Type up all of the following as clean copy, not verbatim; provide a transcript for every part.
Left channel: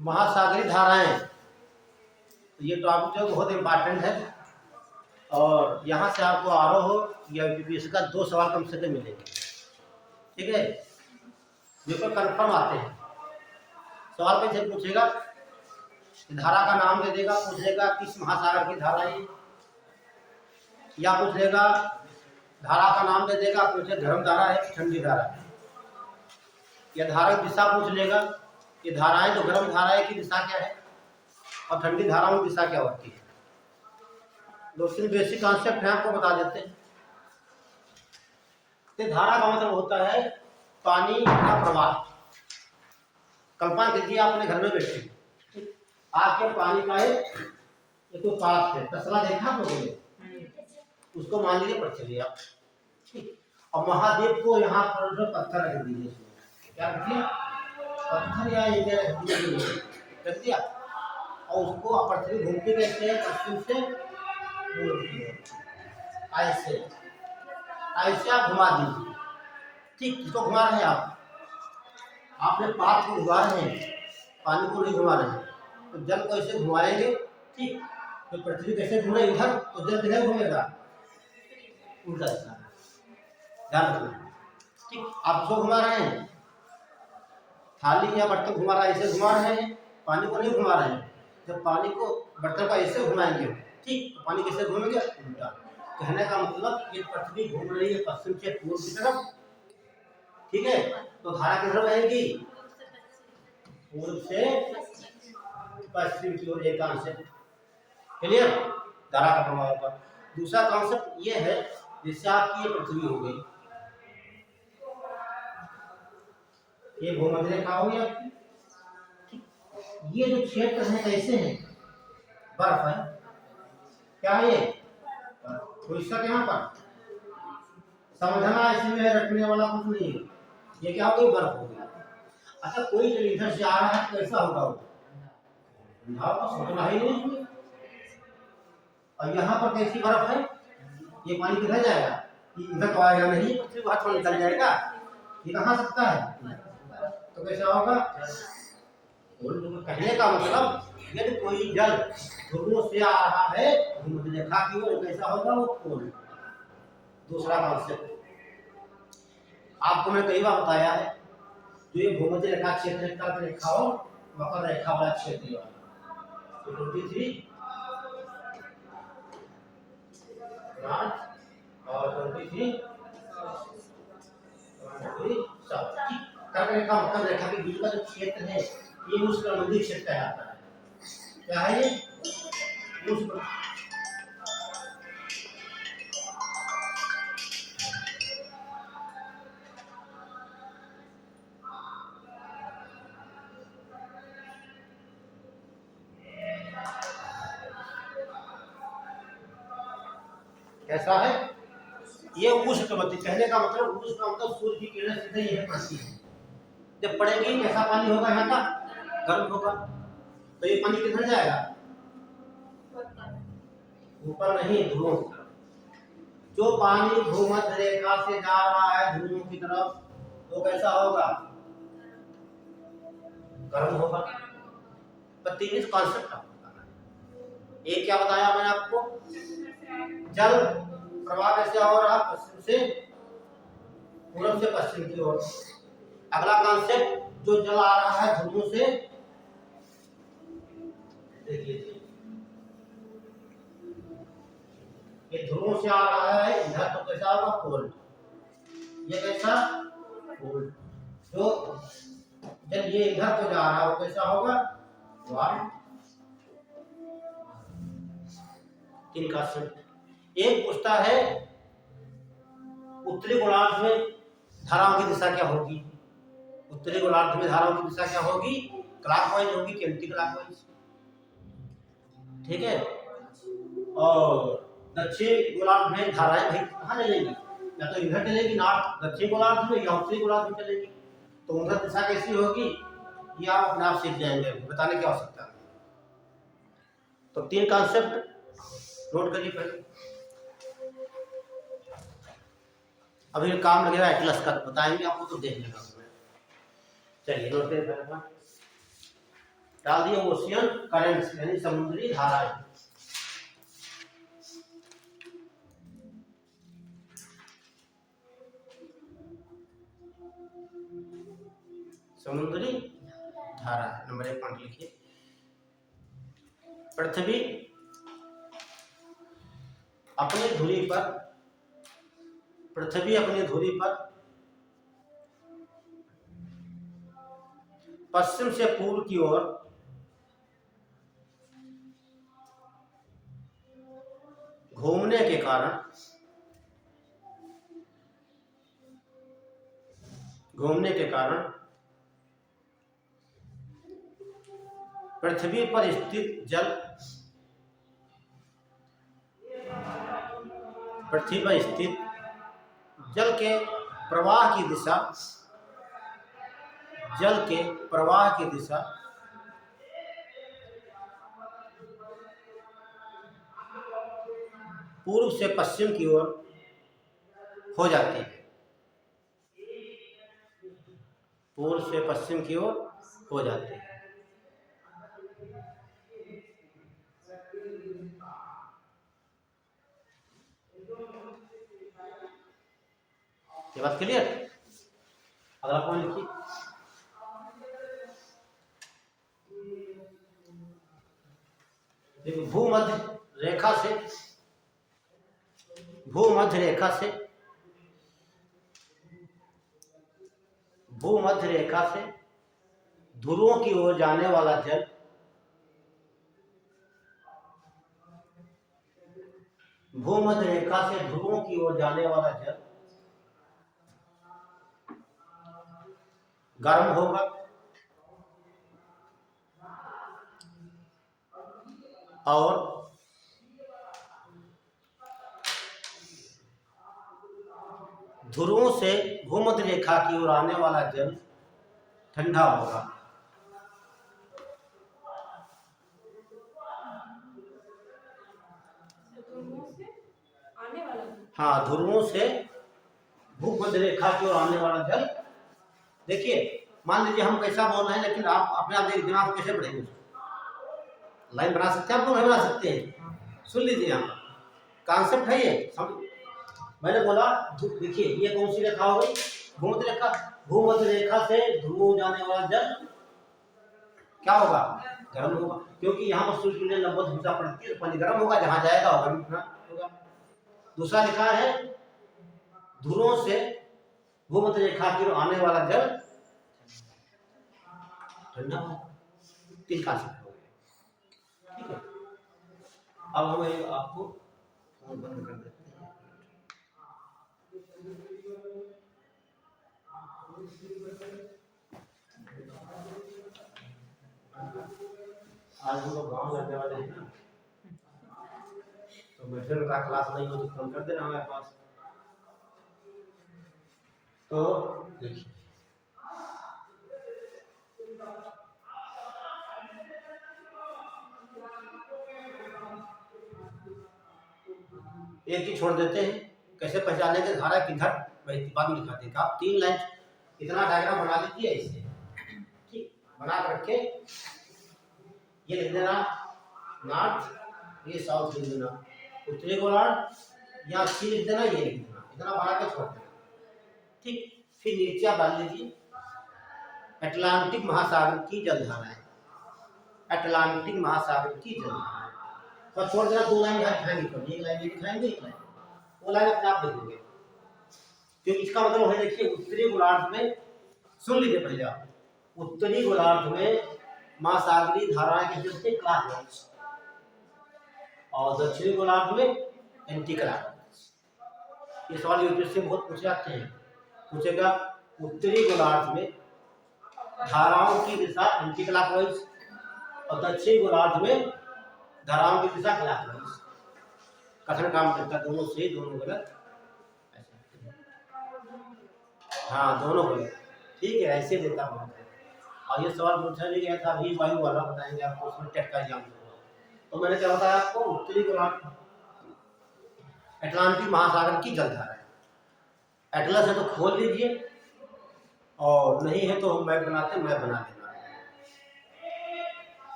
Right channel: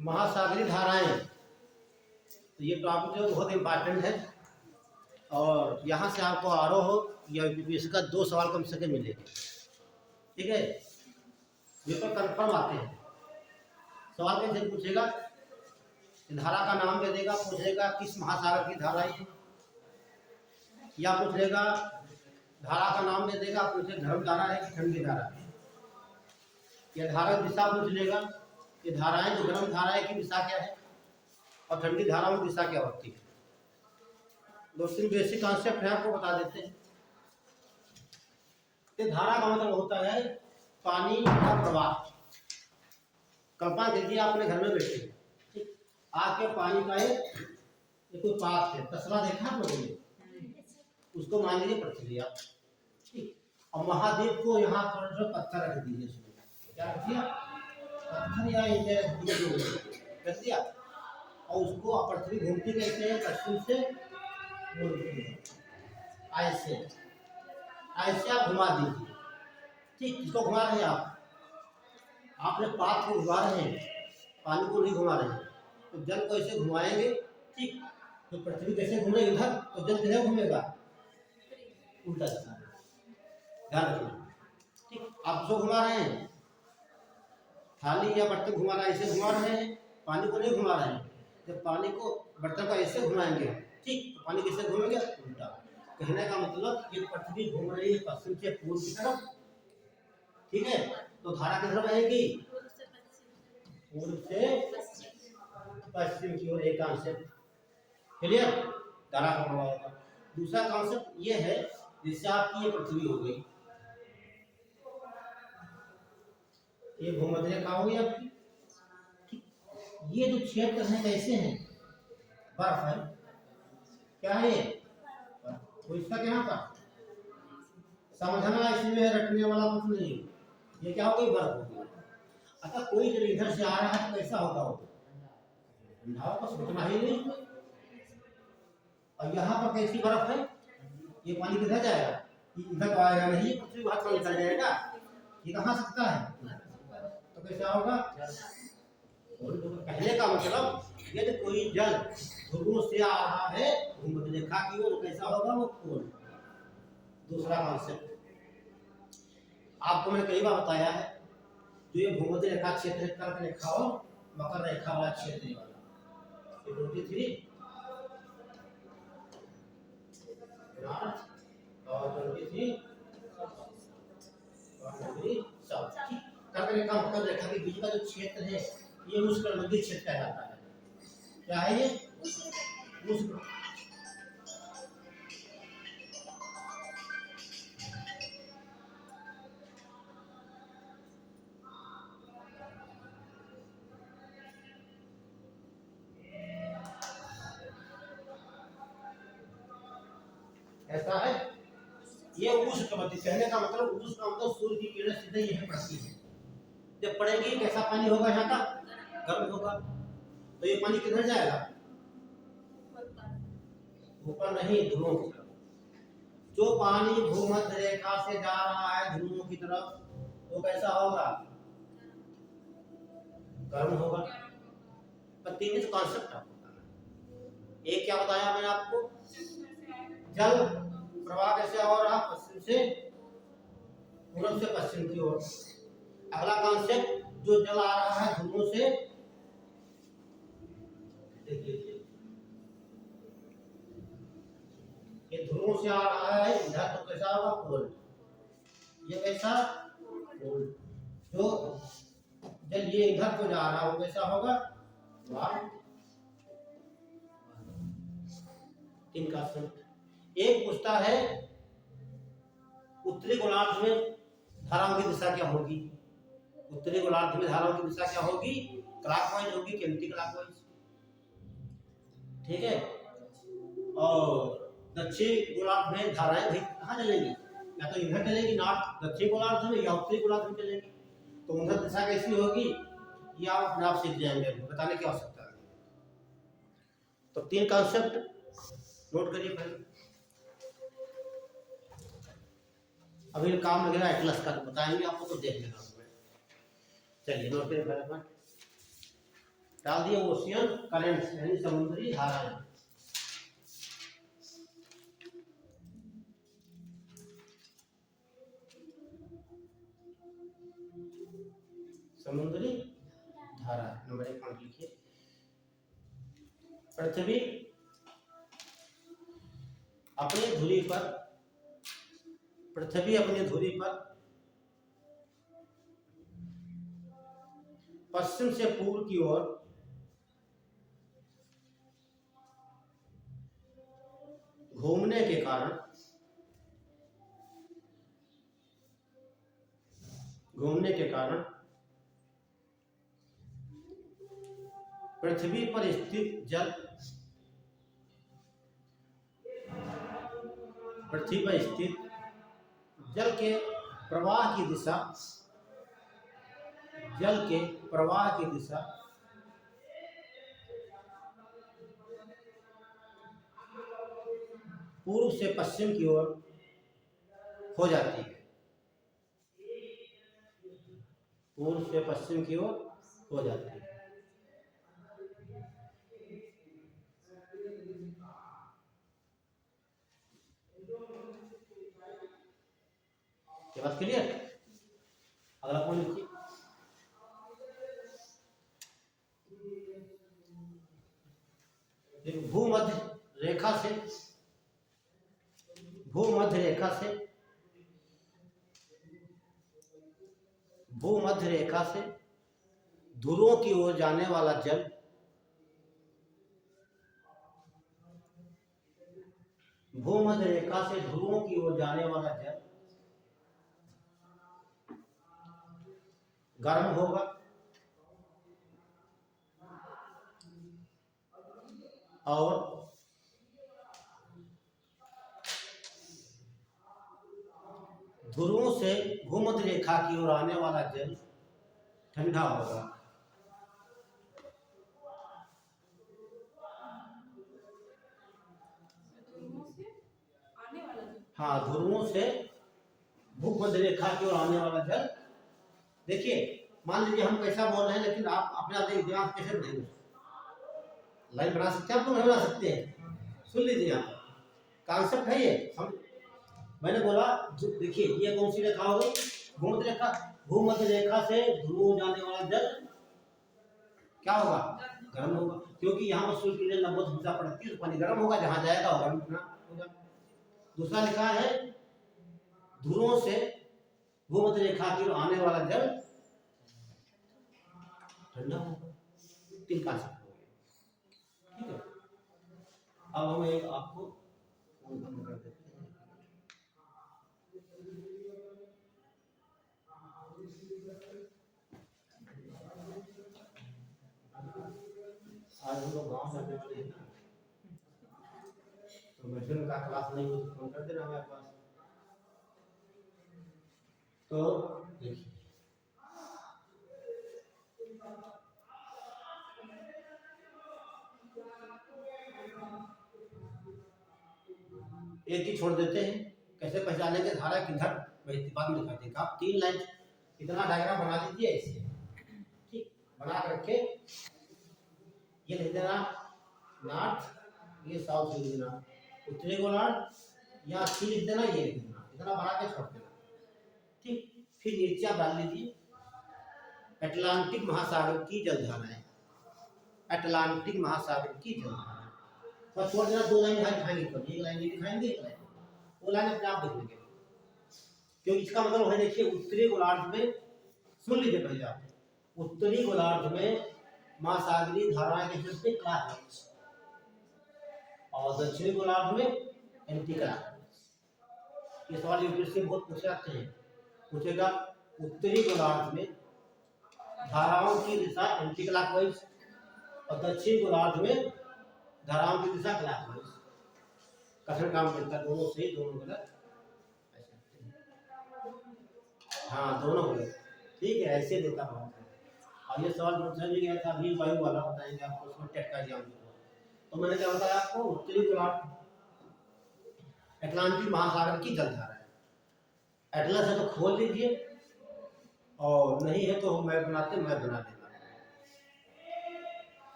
महासागरीय धाराएं, तो ये टॉपिक जो बहुत इम्पोर्टेंट है और यहाँ से आपको आरोह या यूपीएससी का 2 सवाल कम से कम मिलेंगे। ठीक है, बिल्कुल कंफर्म आते हैं। सवाल कैसे पूछेगा, धारा का नाम दे देगा, पूछेगा किस महासागर की धारा है, या पूछेगा धारा का नाम दे देगा, पूछे गर्म धारा है कि ठंडी धारा है, या धारा की दिशा पूछ लेगा, ये धाराएं जो गर्म धारा है की दिशा क्या है और ठंडी धारा में दिशा क्या होती है। 2-3 बेसिक कॉन्सेप्ट है, आपको बता देते हैं। तो धारा का मतलब होता है पानी का प्रवाह। कल्पना कीजिए आपने घर में बैठे आपके पानी का एक कोई पात्र है, तसला देखा आप लोगों ने, उसको मान लीजिए पढ़ चलिए आप, और महादेव को यहाँ पर जो पत्थर रख दीजिए, उसमें क्या रख दिया, पत्थर या रख दिया, और उसको पृथ्वी घूमती कैसे है, पश्चिम से ऐसे ऐसे आप घुमा दीजिए। ठीक, इसको घुमा रहे हैं आपने पात्र को घुमा रहे हैं, पानी को नहीं घुमा रहे हैं, तो जल को ऐसे घुमाएंगे। ठीक, तो पृथ्वी कैसे घूमे इधर, तो जल किधर घूमेगा, उल्टा दिशा में, ध्यान रखना। ठीक, आप इसको घुमा रहे हैं, थाली या बर्तन घुमा रहा है, ऐसे घुमा रहे हैं, पानी को नहीं घुमा रहे हैं। जब पानी को बर्तन को ऐसे घुमाएंगे, ठीक, तो पानी कैसे घूमेंगे, उल्टा। कहने का मतलब ये पृथ्वी घूम रही है पश्चिम से पूर्व की तरफ। ठीक है, तो धारा किधर बहेगी, पूर्व से पश्चिम की ओर। एक कॉन्सेप्ट क्लियर, धारा का प्रभाव होगा। दूसरा कॉन्सेप्ट ये है, जिससे आपकी ये पृथ्वी हो गई, ये भूमध्य रेखा हो गई आपकी। ये जो क्षेत्र है कैसे हैं, बर्फ है, क्या है ये, तो इसका यहाँ पर समझना इसमें रखने वाला कुछ नहीं है, ये क्या हो गई, बर्फ हो गई। अच्छा, कोई जब इधर से आ रहा है तो कैसा होगा, वो ठंडा को सोचना ही नहीं। और यहाँ पर कैसी बर्फ है, ये पानी किधर जाएगा, इधर तो आएगा नहीं, पृथ्वी बाहर थोड़ा निकल जाएगा, ये कहाँ सकता है, तो कैसा होगा। कहने का मतलब यदि कोई जल ध्रुवों से आ रहा है भूमध्य रेखा की ओर, कैसा होगा, वो पोल। दूसरा कॉन्सेप्ट आपको मैं कई बार बताया है, जो ये भूमध्य रेखा क्षेत्र है, कर्क रेखा और मकर रेखा वाला क्षेत्र वाला 23 और 23 सब। कर्क रेखा मकर रेखा के बीच का जो क्षेत्र है, ये उष्णकटिबंधीय क्षेत्र कहलाता है। क्या है ये, कैसा है, ये उष्णकटिबंधीय। कहने का मतलब उष्ण का मतलब सूर्य की किरणें सीधे यहीं पड़ती है, जब पड़ेगी कैसा पानी होगा, यहाँ का गर्म होगा, तो ये पानी किधर जाएगा, ऊपर नहीं, ध्रुवों की तरफ। जो पानी भूमध्य रेखा से जा रहा है ध्रुवों की तरफ, वो कैसा होगा, गर्म होगा। पर 3 कॉन्सेप्ट आपको बताना है। एक क्या बताया मैंने आपको, जल प्रवाह कैसे हो रहा, पश्चिम से पूर्व से पश्चिम की ओर। अगला कॉन्सेप्ट, जो जल आ रहा है ध्रुवों से, देखिए ये ध्रुवों से आ रहा है इधर, तो कैसा होगा, पोल। ये कैसा, पोल। जो जल ये इधर तो जा रहा है, वो कैसा होगा, वार्म। 3 कॉन्सेप्ट। एक पूछता है उत्तरी गोलार्ध में धाराओं की दिशा क्या होगी, उत्तरी गोलार्ध में धाराओं की दिशा क्या होगी, क्लॉकवाइज होगी कि एंटी क्लॉकवाइज। ठीक है, और दक्षिण गोलार्ध में धाराएं भाई कहाँ चलेंगी, या तो इधर चलेगी नॉर्थ दक्षिण गोलार्ध में, या उत्तरी गोलार्ध में चलेगी, तो उधर दिशा कैसी होगी, ये आप अपने आप सीख जाएंगे, बताने की आवश्यकता नहीं। तो 3 कॉन्सेप्ट नोट करिए पहले, अभी काम लगेगा एटलस का, बताएंगे आपको, तो देख लेना। चलिए नोट करिए पहले। डाल दिया ओशियन करंट्स यानी समुद्री धाराएं। समुद्री धारा नंबर 1 पॉइंट लिखिए। पृथ्वी अपनी धुरी पर पश्चिम से पूर्व की ओर घूमने के कारण पृथ्वी पर स्थित जल के प्रवाह की दिशा पूर्व से पश्चिम की ओर हो जाती है। ये बात क्लियर? अगला पॉइंट लिखिए। भूमध्य रेखा से ध्रुवों की ओर जाने वाला जल गर्म होगा और ध्रुवों से भूमध्य रेखा की ओर आने वाला जल ठंडा होगा। हाँ, ध्रुवों से भूमध्य रेखा की ओर आने वाला जल। देखिए, मान लीजिए हम कैसा बोल रहे हैं, लेकिन आप अपने आप दिमाग कैसे बढ़ेंगे? लाइन बना सकते हैं आप लोग? नहीं बना सकते हैं? सुन लीजिए, यहाँ पर कॉन्सेप्ट है ये। मैंने बोला देखिए, ये कौन सी रेखा हो गई? भूमध्य रेखा से ध्रुव जाने वाला जल क्या होगा? गर्म होगा, क्योंकि यहाँ पर सूर्य की किरणें 90 दिशा पड़ती है, तो पानी गर्म होगा, जहाँ जाएगा वो गर्म होगा। दूसरा लिखा है ध्रुवों से भूमध्य रेखा की ओर आने वाला जल ठंडा होगा। 3 कॉन्सेप्ट हो गए, ठीक है। अब हम आपको बंद कर देते हैं। आज हम लोग गाँव जाने वाले हैं ना, तो मेडिसिन का क्लास नहीं हो तो फोन कर देना हमारे पास। तो देखिए, एक ही छोड़ देते हैं। कैसे पहचाने के धारा किधर बहती, बाद में दिखाते हैं। आप 3 लाइन इतना डायग्राम बना लीजिए ऐसे, ठीक, बना कर रखे। ये लिख देना नॉर्थ, ये साउथ लिख देना, उत्तरी गोलार्ध या सी लिख देना, ये लिख देना। इतना बना के छोड़ देना, ठीक। फिर नीचे आप डाल लीजिए अटलांटिक महासागर की जलधाराएं। अटलांटिक महासागर की जलधाराएं और छोड़ देना। 2 लाइन यहाँ दिखाएंगे, एक लाइन ये दिखाएंगे, एक लाइन वो लाइन अपने आप देखेंगे। तो इसका मतलब है, देखिए, उत्तरी गोलार्ध में, सुन लीजिए पहले आप, उत्तरी गोलार्ध में महासागरीय धाराएं के जो थे क्लॉकवाइज, और दक्षिणी गोलार्ध में एंटी क्लॉकवाइज। इस सवाल यूट्यूब से बहुत पूछे जाते हैं। पूछेगा उत्तरी गोलार्ध में धाराओं की दिशा एंटी क्लॉकवाइज और दक्षिणी गोलार्ध में धाराओं की दिशा क्लॉकवाइज। कथन काम करता, दोनों सही दोनों गलत, हाँ दोनों गलत, ठीक है, ऐसे देता हूँ। और ये सवाल पूछा नहीं गया था अभी वायु वाला, बताएंगे आपको, उसमें टेट का एग्जाम। तो मैंने क्या बताया आपको? उत्तरी गोलार्ध अटलांटिक महासागर की जलधारा है। एटलस है तो खोल लीजिए, और नहीं है तो हम मैप बनाते, मैप बना देना।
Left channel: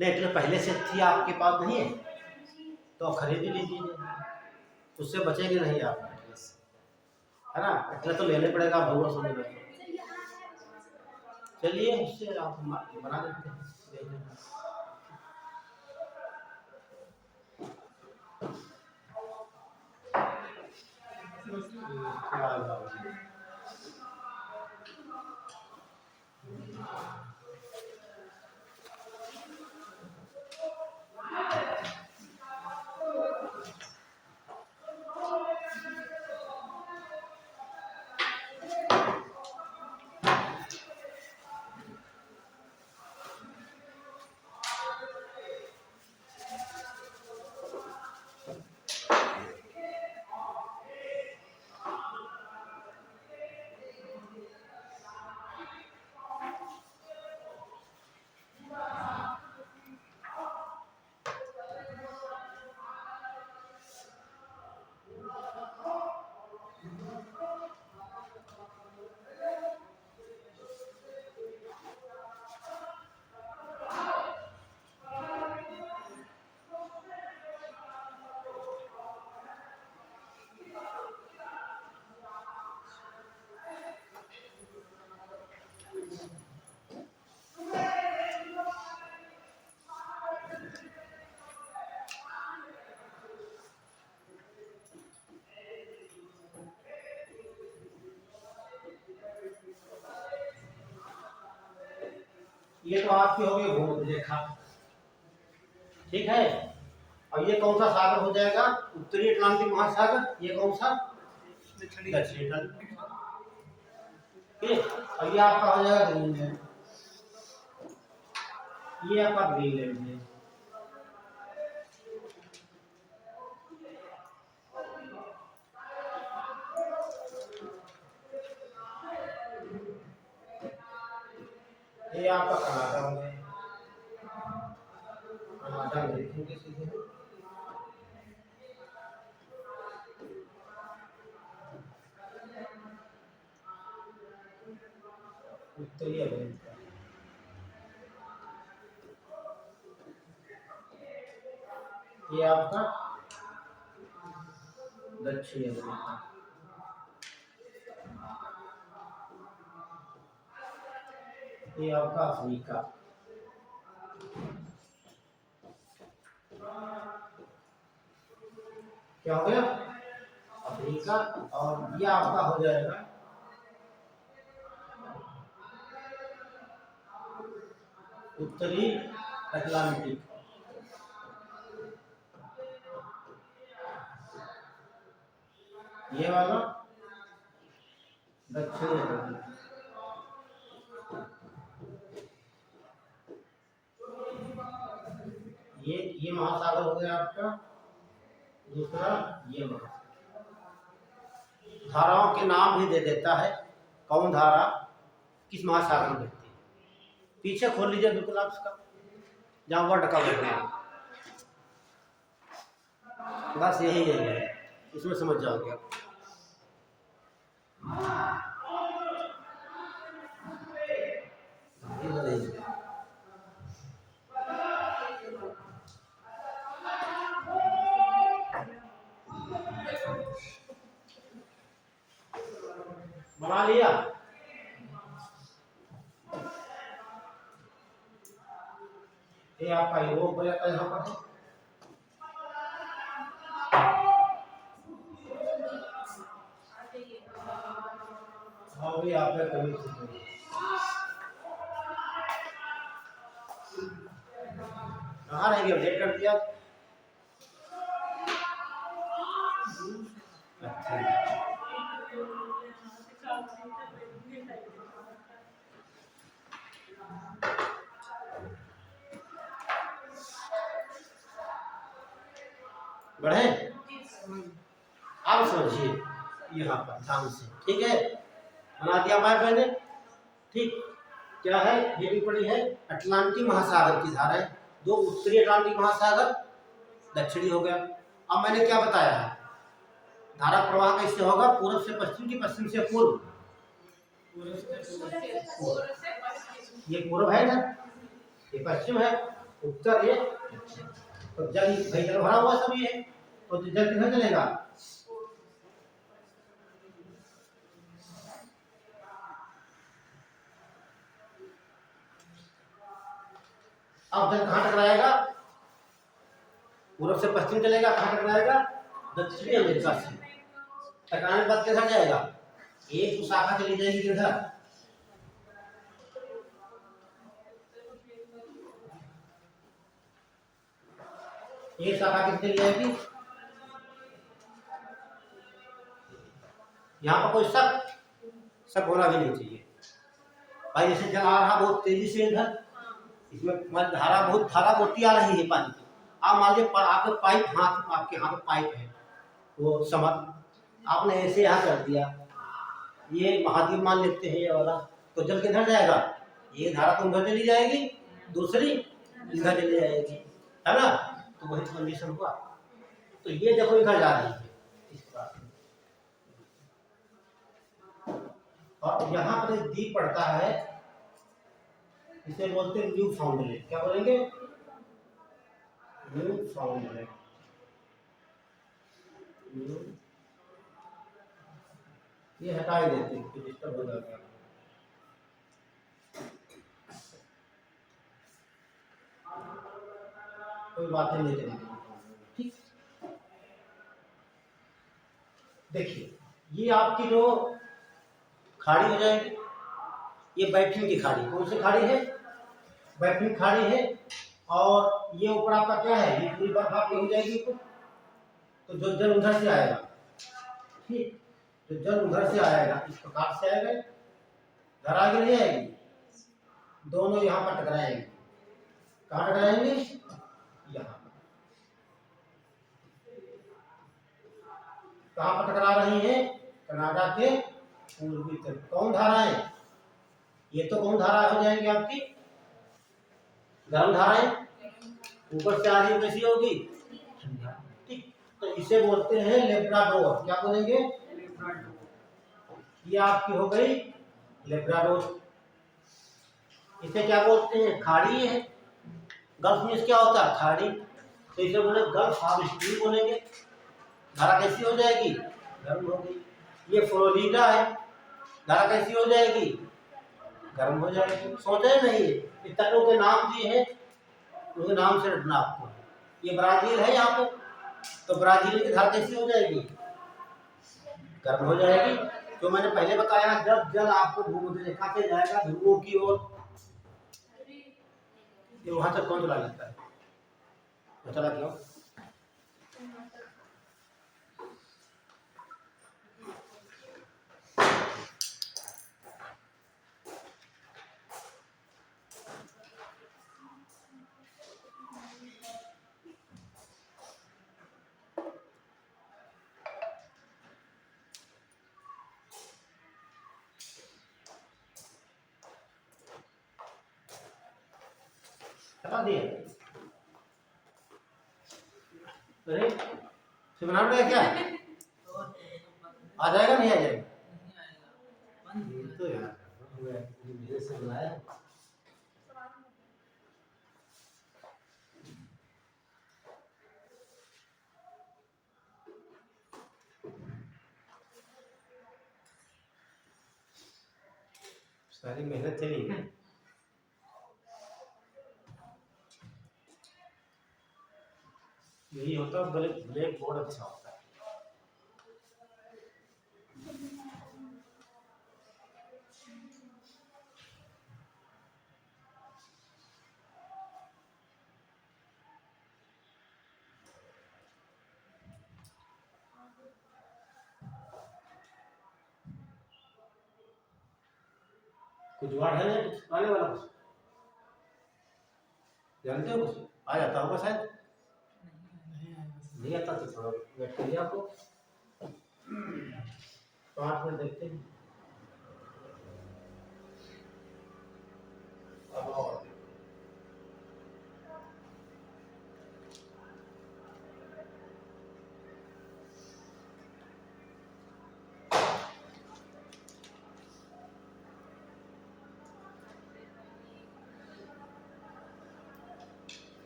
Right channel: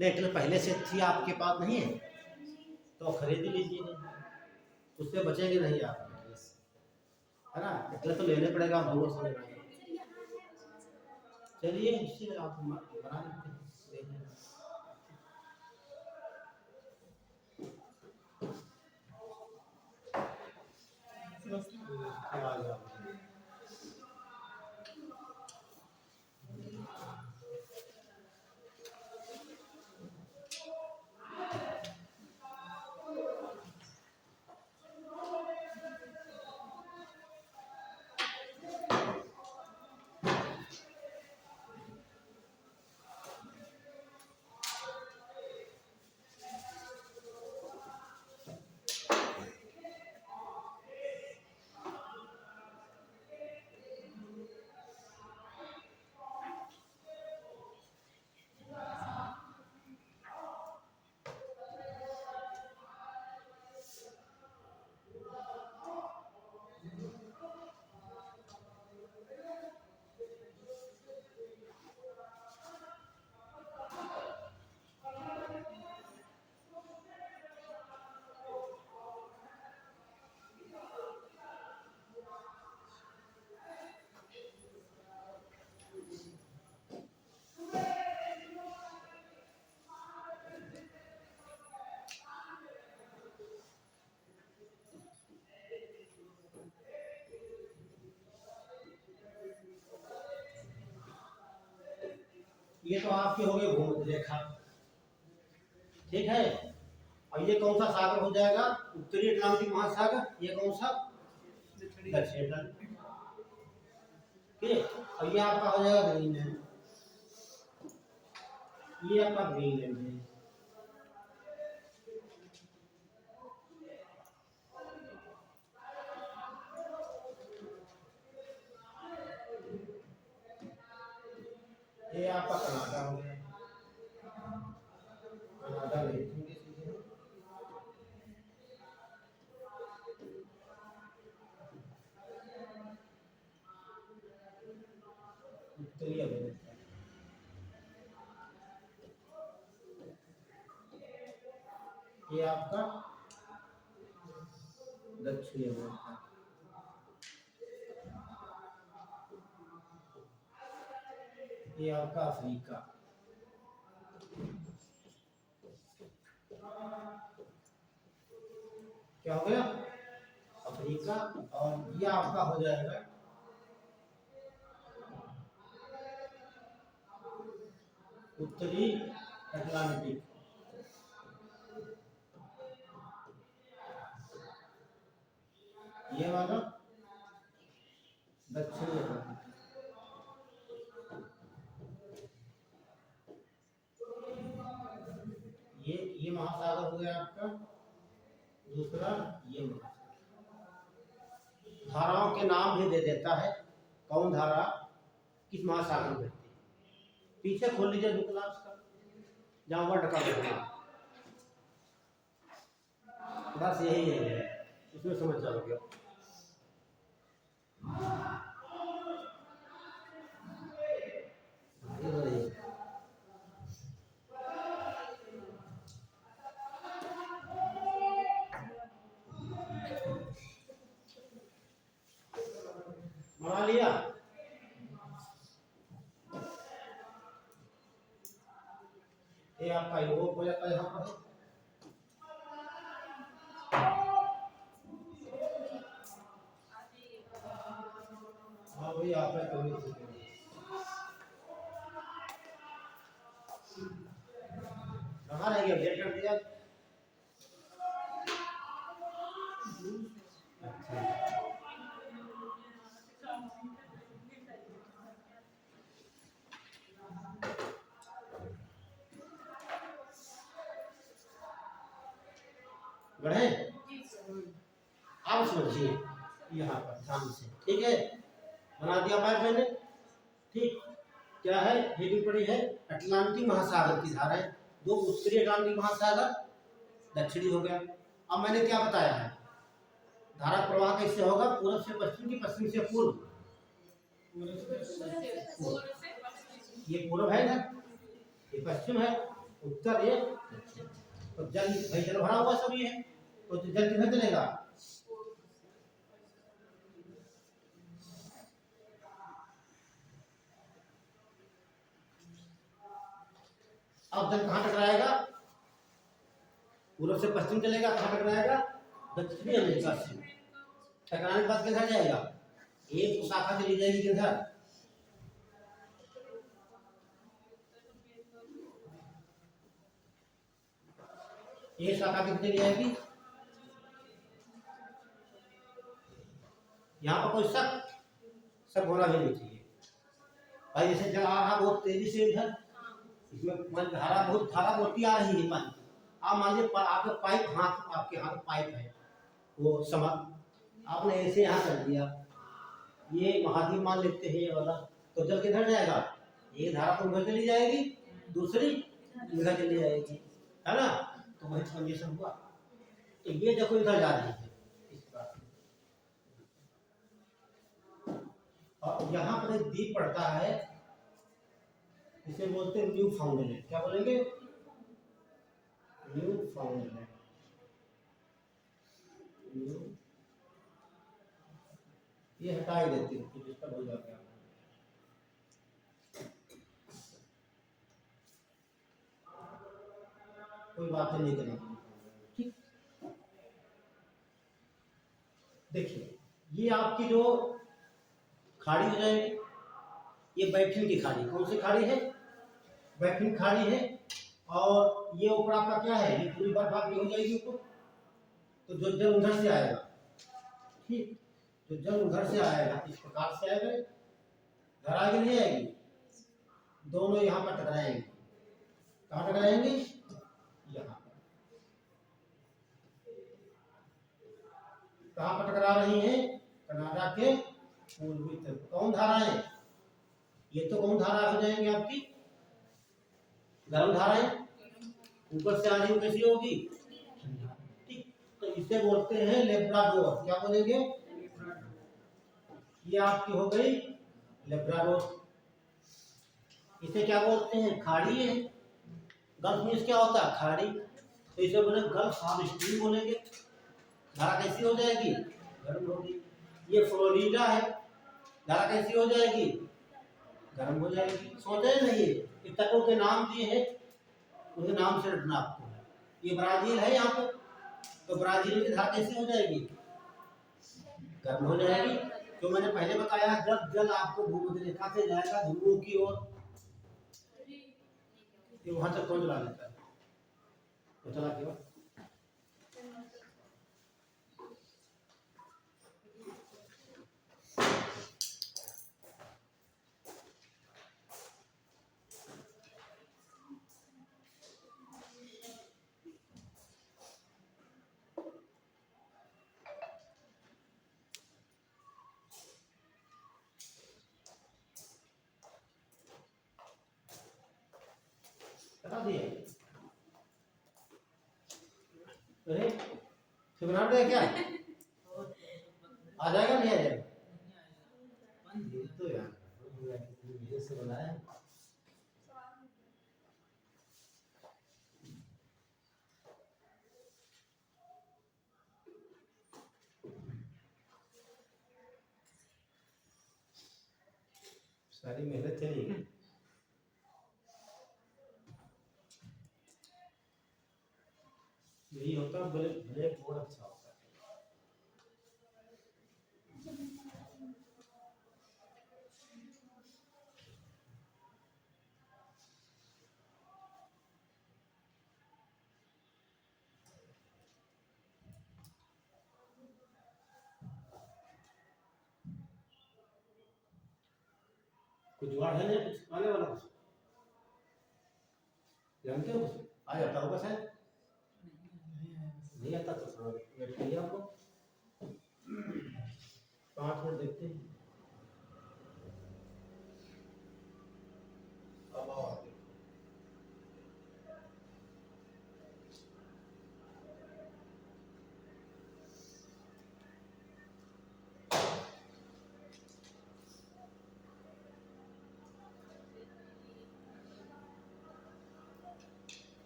नहीं, पहले से थी आपके पास नहीं है तो खरीद ही लीजिए, उससे बचेंगे नहीं आप Atlas से, है ना। Atlas तो लेने पड़ेगा भगवान समझ में। चलिए उससे आप बना देते हैं, देख लेते हैं। क्या होगा? ये तो आपकी हो गई भूमध्यरेखा, ठीक है। और ये कौन सा सागर हो जाएगा? उत्तरी अटलांटिक महासागर। ये कौन सा? दक्षिणी अटलांटिक। ठीक। और ये आपका हो जाएगा ग्रीनलैंड, ये आपका ग्रीनलैंड है। ये आपका कनाडा हो गया, कनाडा में लिखेंगे सीधे। उत्तरी अमेरिका, ये आपका दक्षिणी अमेरिका, ये आपका अफ्रीका, क्या हो गया? अफ्रीका। और ये आपका हो जाएगा उत्तरी अटलांटिक। ये वाला दक्षिणी अटलांटिक। ये महासागर हो गया आपका दूसरा। ये महासागर धाराओं के नाम भी दे देता है, कौन धारा किस महासागर में बहती है। पीछे खोल लीजिए बिल्कुल आप इसका, जहाँ वर्ड का बैठना, बस यही है, इसमें समझ जाओगे आप। बना लिया? ये आपका यूरोप हो जाता है यहाँ पर। हाँ भी आप कमी कहाँ रह गया? अपडेट कर दिया। बढ़े? आप समझिए यहाँ पर ध्यान से, ठीक है। बना दिया मैप मैंने, ठीक। क्या है? ये भी पड़ी है अटलांटिक महासागर की धारा है, दो उत्तरी अटलांटिक महासागर, दक्षिणी हो गया। अब मैंने क्या बताया है? धारा प्रवाह कैसे होगा? पूर्व से पश्चिम की पश्चिम से पूर्व। ये पूर्व है ना, ये पश्चिम है। उत्तर ये। तो जल भाई जल भरा हुआ सब ये, तो जल किधर चलेगा? अब जल कहाँ टकराएगा? पूर्व से पश्चिम चलेगा, कहाँ टकराएगा? दक्षिणी अमेरिका से। टकराने के बाद किधर जाएगा? एक तो शाखा चली जाएगी किधर? एक शाखा कितनी चली जाएगी? यहाँ पर कोई शक होना भी नहीं चाहिए भाई। जैसे जल आ रहा बहुत तेजी से इधर, इसमें धारा मोटी आ रही है पानी की। आप मान लीजिए आपके पाइप हाथ, आपके हाथ पाइप है वो समझ, आपने ऐसे यहाँ कर दिया, ये महाद्वीप मान लेते हैं ये वाला, तो जल किधर जाएगा? ये धारा तो उधर चली जाएगी, दूसरी इधर चली जाएगी, है ना? तो वही कंडीशन हुआ। तो ये देखो इधर जा रही है इस बात में। और यहाँ पर एक द्वीप पड़ता है, इसे बोलते हैं न्यू फाउंडलैंड। क्या बोलेंगे? न्यू फाउंडलैंड। ये हटा ही देते हैं, तो डिस्टर्ब हो जाता है। कोई बातें नहीं करेंगे, ठीक। देखिए ये आपकी जो खाड़ी हो जाएगी, ये बैठिन की खाड़ी। कौन सी खाड़ी है? बैठिन खाड़ी है। और ये ऊपर आपका क्या है? ये पूरी बर्फ आपकी हो जाएगी ऊपर। तो जो जल उधर से आएगा, ठीक, जो जल उधर से आएगा इस प्रकार से आएगा, घर आगे नहीं आएगी, दोनों यहाँ पर टकराएंगे। कहाँ टकराएंगे? यहाँ पर। कहाँ पर टकरा रही है? कनाडा के पूर्वी तट। कौन धाराएं? ये तो कौन धारा हो जाएंगी आपकी? गर्म धाराएं। ऊपर से आ रही कैसी होगी? ठीक। तो इसे बोलते हैं लेब्राडोर। क्या बोलेंगे? ये आपकी हो गई लेब्राडोर। इसे क्या बोलते हैं? खाड़ी है। गल्फ में क्या होता है? खाड़ी। तो इसे बोले गल्फ ऑफ स्ट्रीम बोलेंगे। धारा कैसी हो जाएगी? गर्म होगी। ये फ्लोरिडा है, धारा कैसी हो जाएगी? गर्म हो जाएगी। सोचे नहीं, ये तटों के नाम दिए हैं, उनके नाम से रटना आपको। ये ब्राजील है यहाँ पे, तो ब्राजील की धारा कैसी हो जाएगी? गर्म हो जाएगी। तो मैंने पहले बताया, जब जल आपको भूमध्य रेखा से जाएगा ध्रुवों की ओर, ये वहां तक कौन चला जाता है? वो चला क्यों? चला दिया। अरे शिवनाम ने क्या आ जाएगा? नहीं आ जाएगा? तो यार विदेश से बुलाया। सारी मेहनत चली गई। यही होता है, ब्लैक बोर्ड अच्छा होता है। कुछ जुगाड़ है ना? कुछ आने वाला? कुछ जानते हो? कुछ आ जाता होगा शायद। नहीं आता तो थोड़ा वेट करिए आपको, 5 मिनट देखते हैं। अब और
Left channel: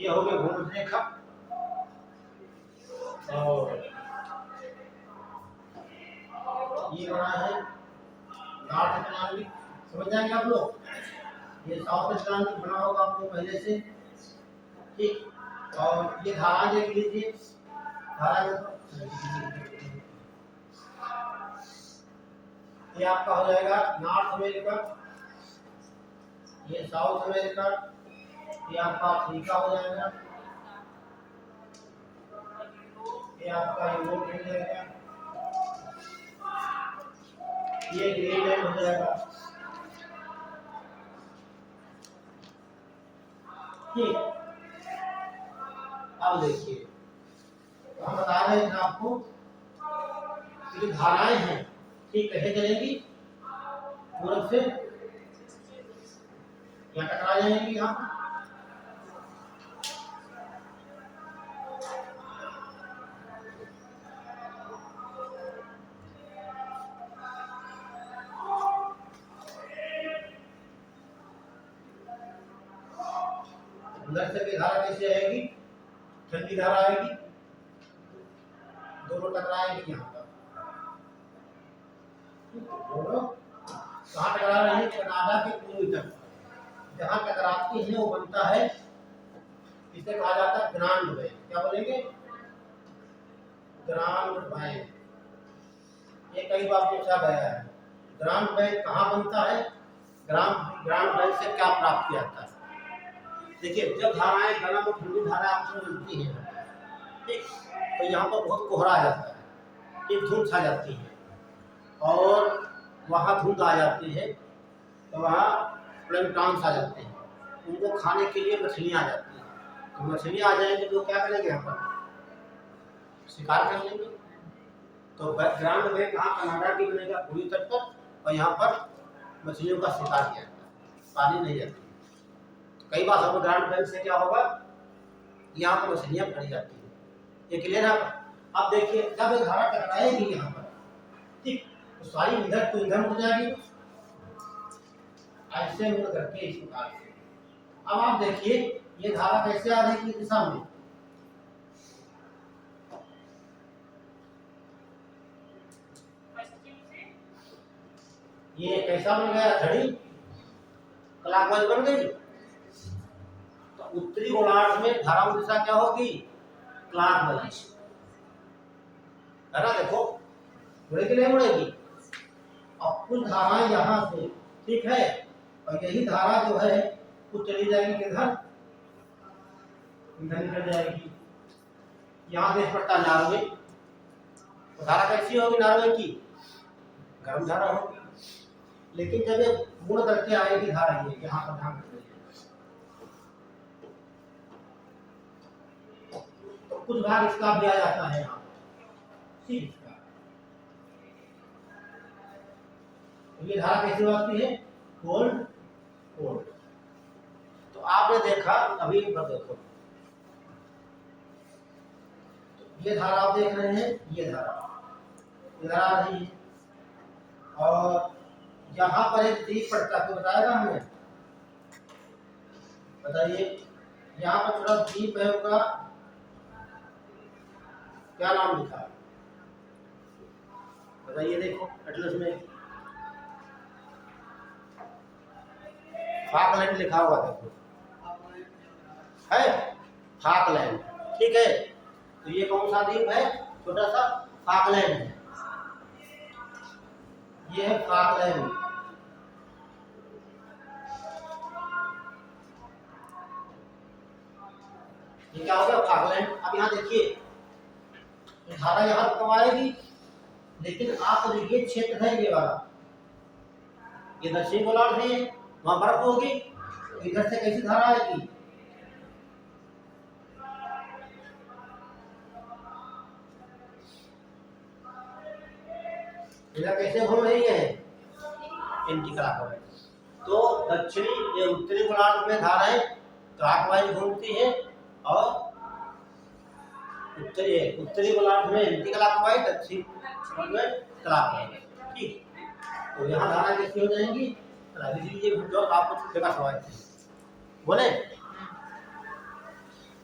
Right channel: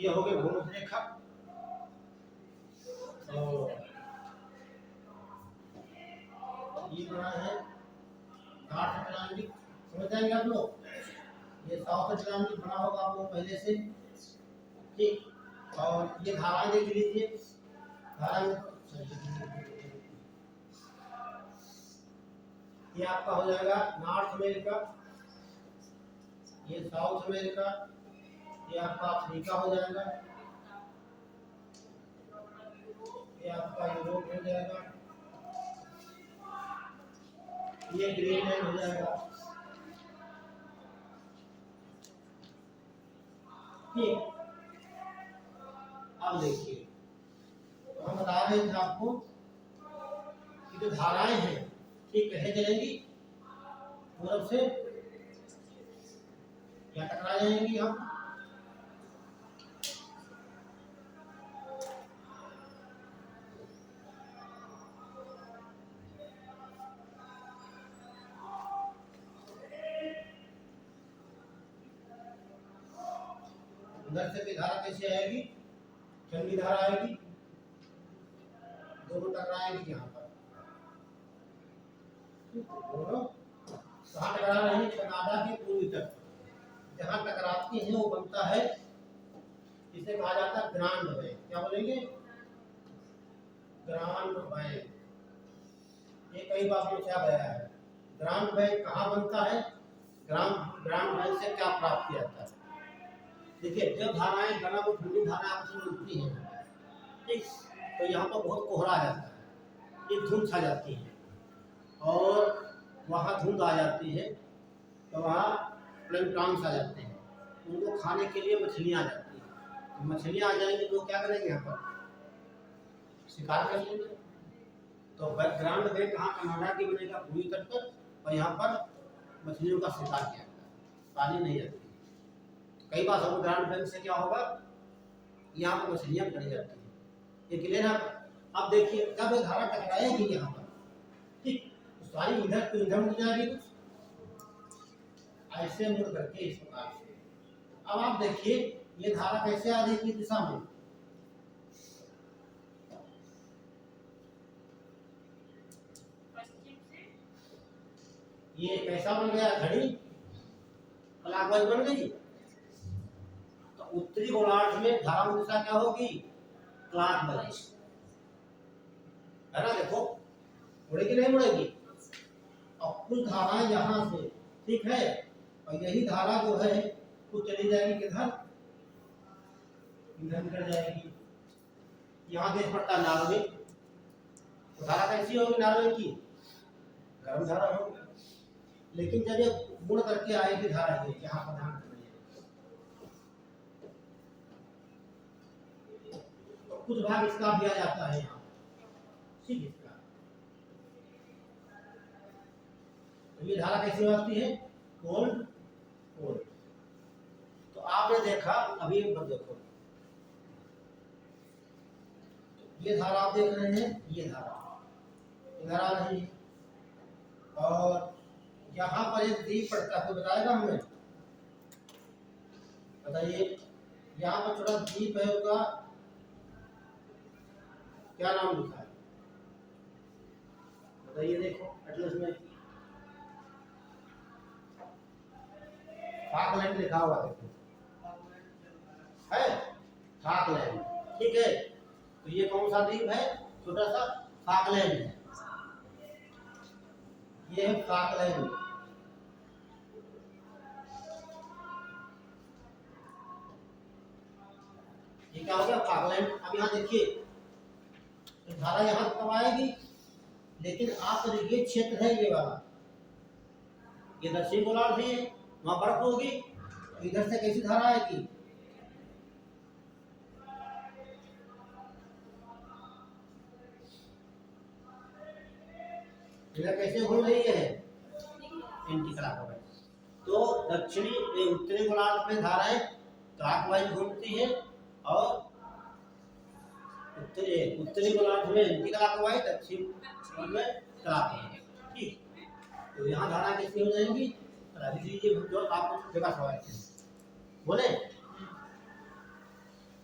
ये हो गया भूमध्य रेखा। और ये बना है नॉर्थ अटलांटिक, समझ जाएंगे आप लोग। ये साउथ अटलांटिक बना होगा आप लोग पहले से, ठीक। और ये धारा देख लीजिए, धारा ये आपका हो जाएगा नॉर्थ अमेरिका, ये साउथ अमेरिका, ये आपका अफ्रीका हो जाएगा, ये आपका यूरोप हो जाएगा, ये ग्रीनलैंड हो जाएगा, ठीक। अब देखिए, तो हम बता रहे थे आपको कि धाराएं हैं, ठीक, कैसे चलेंगी, पूरब से या टकरा जाएंगी यहाँ, अंदर से की धारा कैसे आएगी, ठंडी धारा आएगी, दोनों टकराएंगी यहाँ पर, दोनों कहाँ टकरा रही है, कनाडा के पूर्वी तट, जहाँ टकराती है वो बनता है, इसे कहा जाता है ग्रांड बैंक। क्या बोलेंगे, ग्रांड बैंक। ये कई बार पूछा गया है, ग्रांड बैंक कहाँ बनता है, ग्रांड बैंक से क्या प्राप्त किया जाता है। देखिए, जब धाराएं गर्म और ठंडी धारा आपस में मिलती हैं, ठीक, तो यहाँ पर बहुत कोहरा आ जाता है, एक धुंध छा जाती है, और वहाँ धुंध आ जाती है, तो वहाँ प्लैंक्टन्स आ जाते हैं, उनको खाने के लिए मछलियाँ आ जाती हैं, तो मछलियाँ आ जाएंगी तो क्या करेंगे, यहाँ पर शिकार कर लेंगे। तो ग्रांड बैंक कहाँ, कनाडा की बनेगा पूर्वी तट पर, और यहाँ पर मछलियों का शिकार किया जाता है, पानी नहीं जाती। कई बार हम ग्रांड बैंक से क्या होगा, यहाँ पर मछलियाँ पकड़ी जाती है, ये क्लियर है। अब देखिए, जब ये धारा टकराएगी यहाँ पर, ठीक, तो सारी इधर तो इधर मुड़ जाएगी, ऐसे मुड़ करके इस प्रकार से। अब आप देखिए, ये धारा कैसे आ रही है दिशा में, ये कैसा बन गया, घड़ी क्लॉकवाइज बन गई, तो उत्तरी गोलार्ध में धारा दिशा क्या होगी, क्लॉकवाइज, है ना। देखो, मुड़ेगी नहीं मुड़ेगी। अब कुछ धाराएं यहाँ से, ठीक है, और यही धारा जो है वो चली जाएगी किधर, इधर निकल जाएगी, यहाँ देश पड़ता नॉर्वे, तो धारा कैसी होगी नॉर्वे की, गर्म धारा होगी। लेकिन जब ये मुड़ करके आएगी धारा, ये यहाँ पर ध्यान रखिए, तो कुछ भाग इसका भी आ जाता है यहाँ, ठीक, इसका, तो ये धारा कैसे होती है, कोल्ड कोल्ड। तो आपने देखा, अभी एक बार देखो, ये धारा आप देख रहे हैं, ये धारा इधर आ रही है, और यहाँ पर एक द्वीप पड़ता है, तो बताएगा हमें, बताइए, यहाँ पर छोटा द्वीप है, उसका क्या नाम लिखा है, बताइए, देखो एटलस में फाकलैंड लिखा हुआ, देखो है, फाकलैंड, ठीक है। तो ये कौन सा द्वीप है, छोटा सा फाकलैंड है, ये है फाकलैंड। ये क्या हो गया, फाकलैंड। अब यहाँ देखिए, धारा यहाँ कब आएगी, लेकिन आप ये क्षेत्र है, ये वाला, ये दक्षिण गोलार्ध है, वहां बर्फ होगी, तो इधर से कैसी धारा आएगी, इधर कैसे घूम रही है, एंटी क्लॉकवाइज। तो दक्षिणी उत्तरी गोलार्ध में धाराएं क्लॉकवाइज घूमती है, और उत्तरी गोलार्ध में एंटी क्लॉकवाइज, दक्षिण में क्लॉकवाइज, ठीक। तो यहाँ धारा कैसी हो जाएंगी, लीजिए जो आपको जगह सवाल थे, बोले।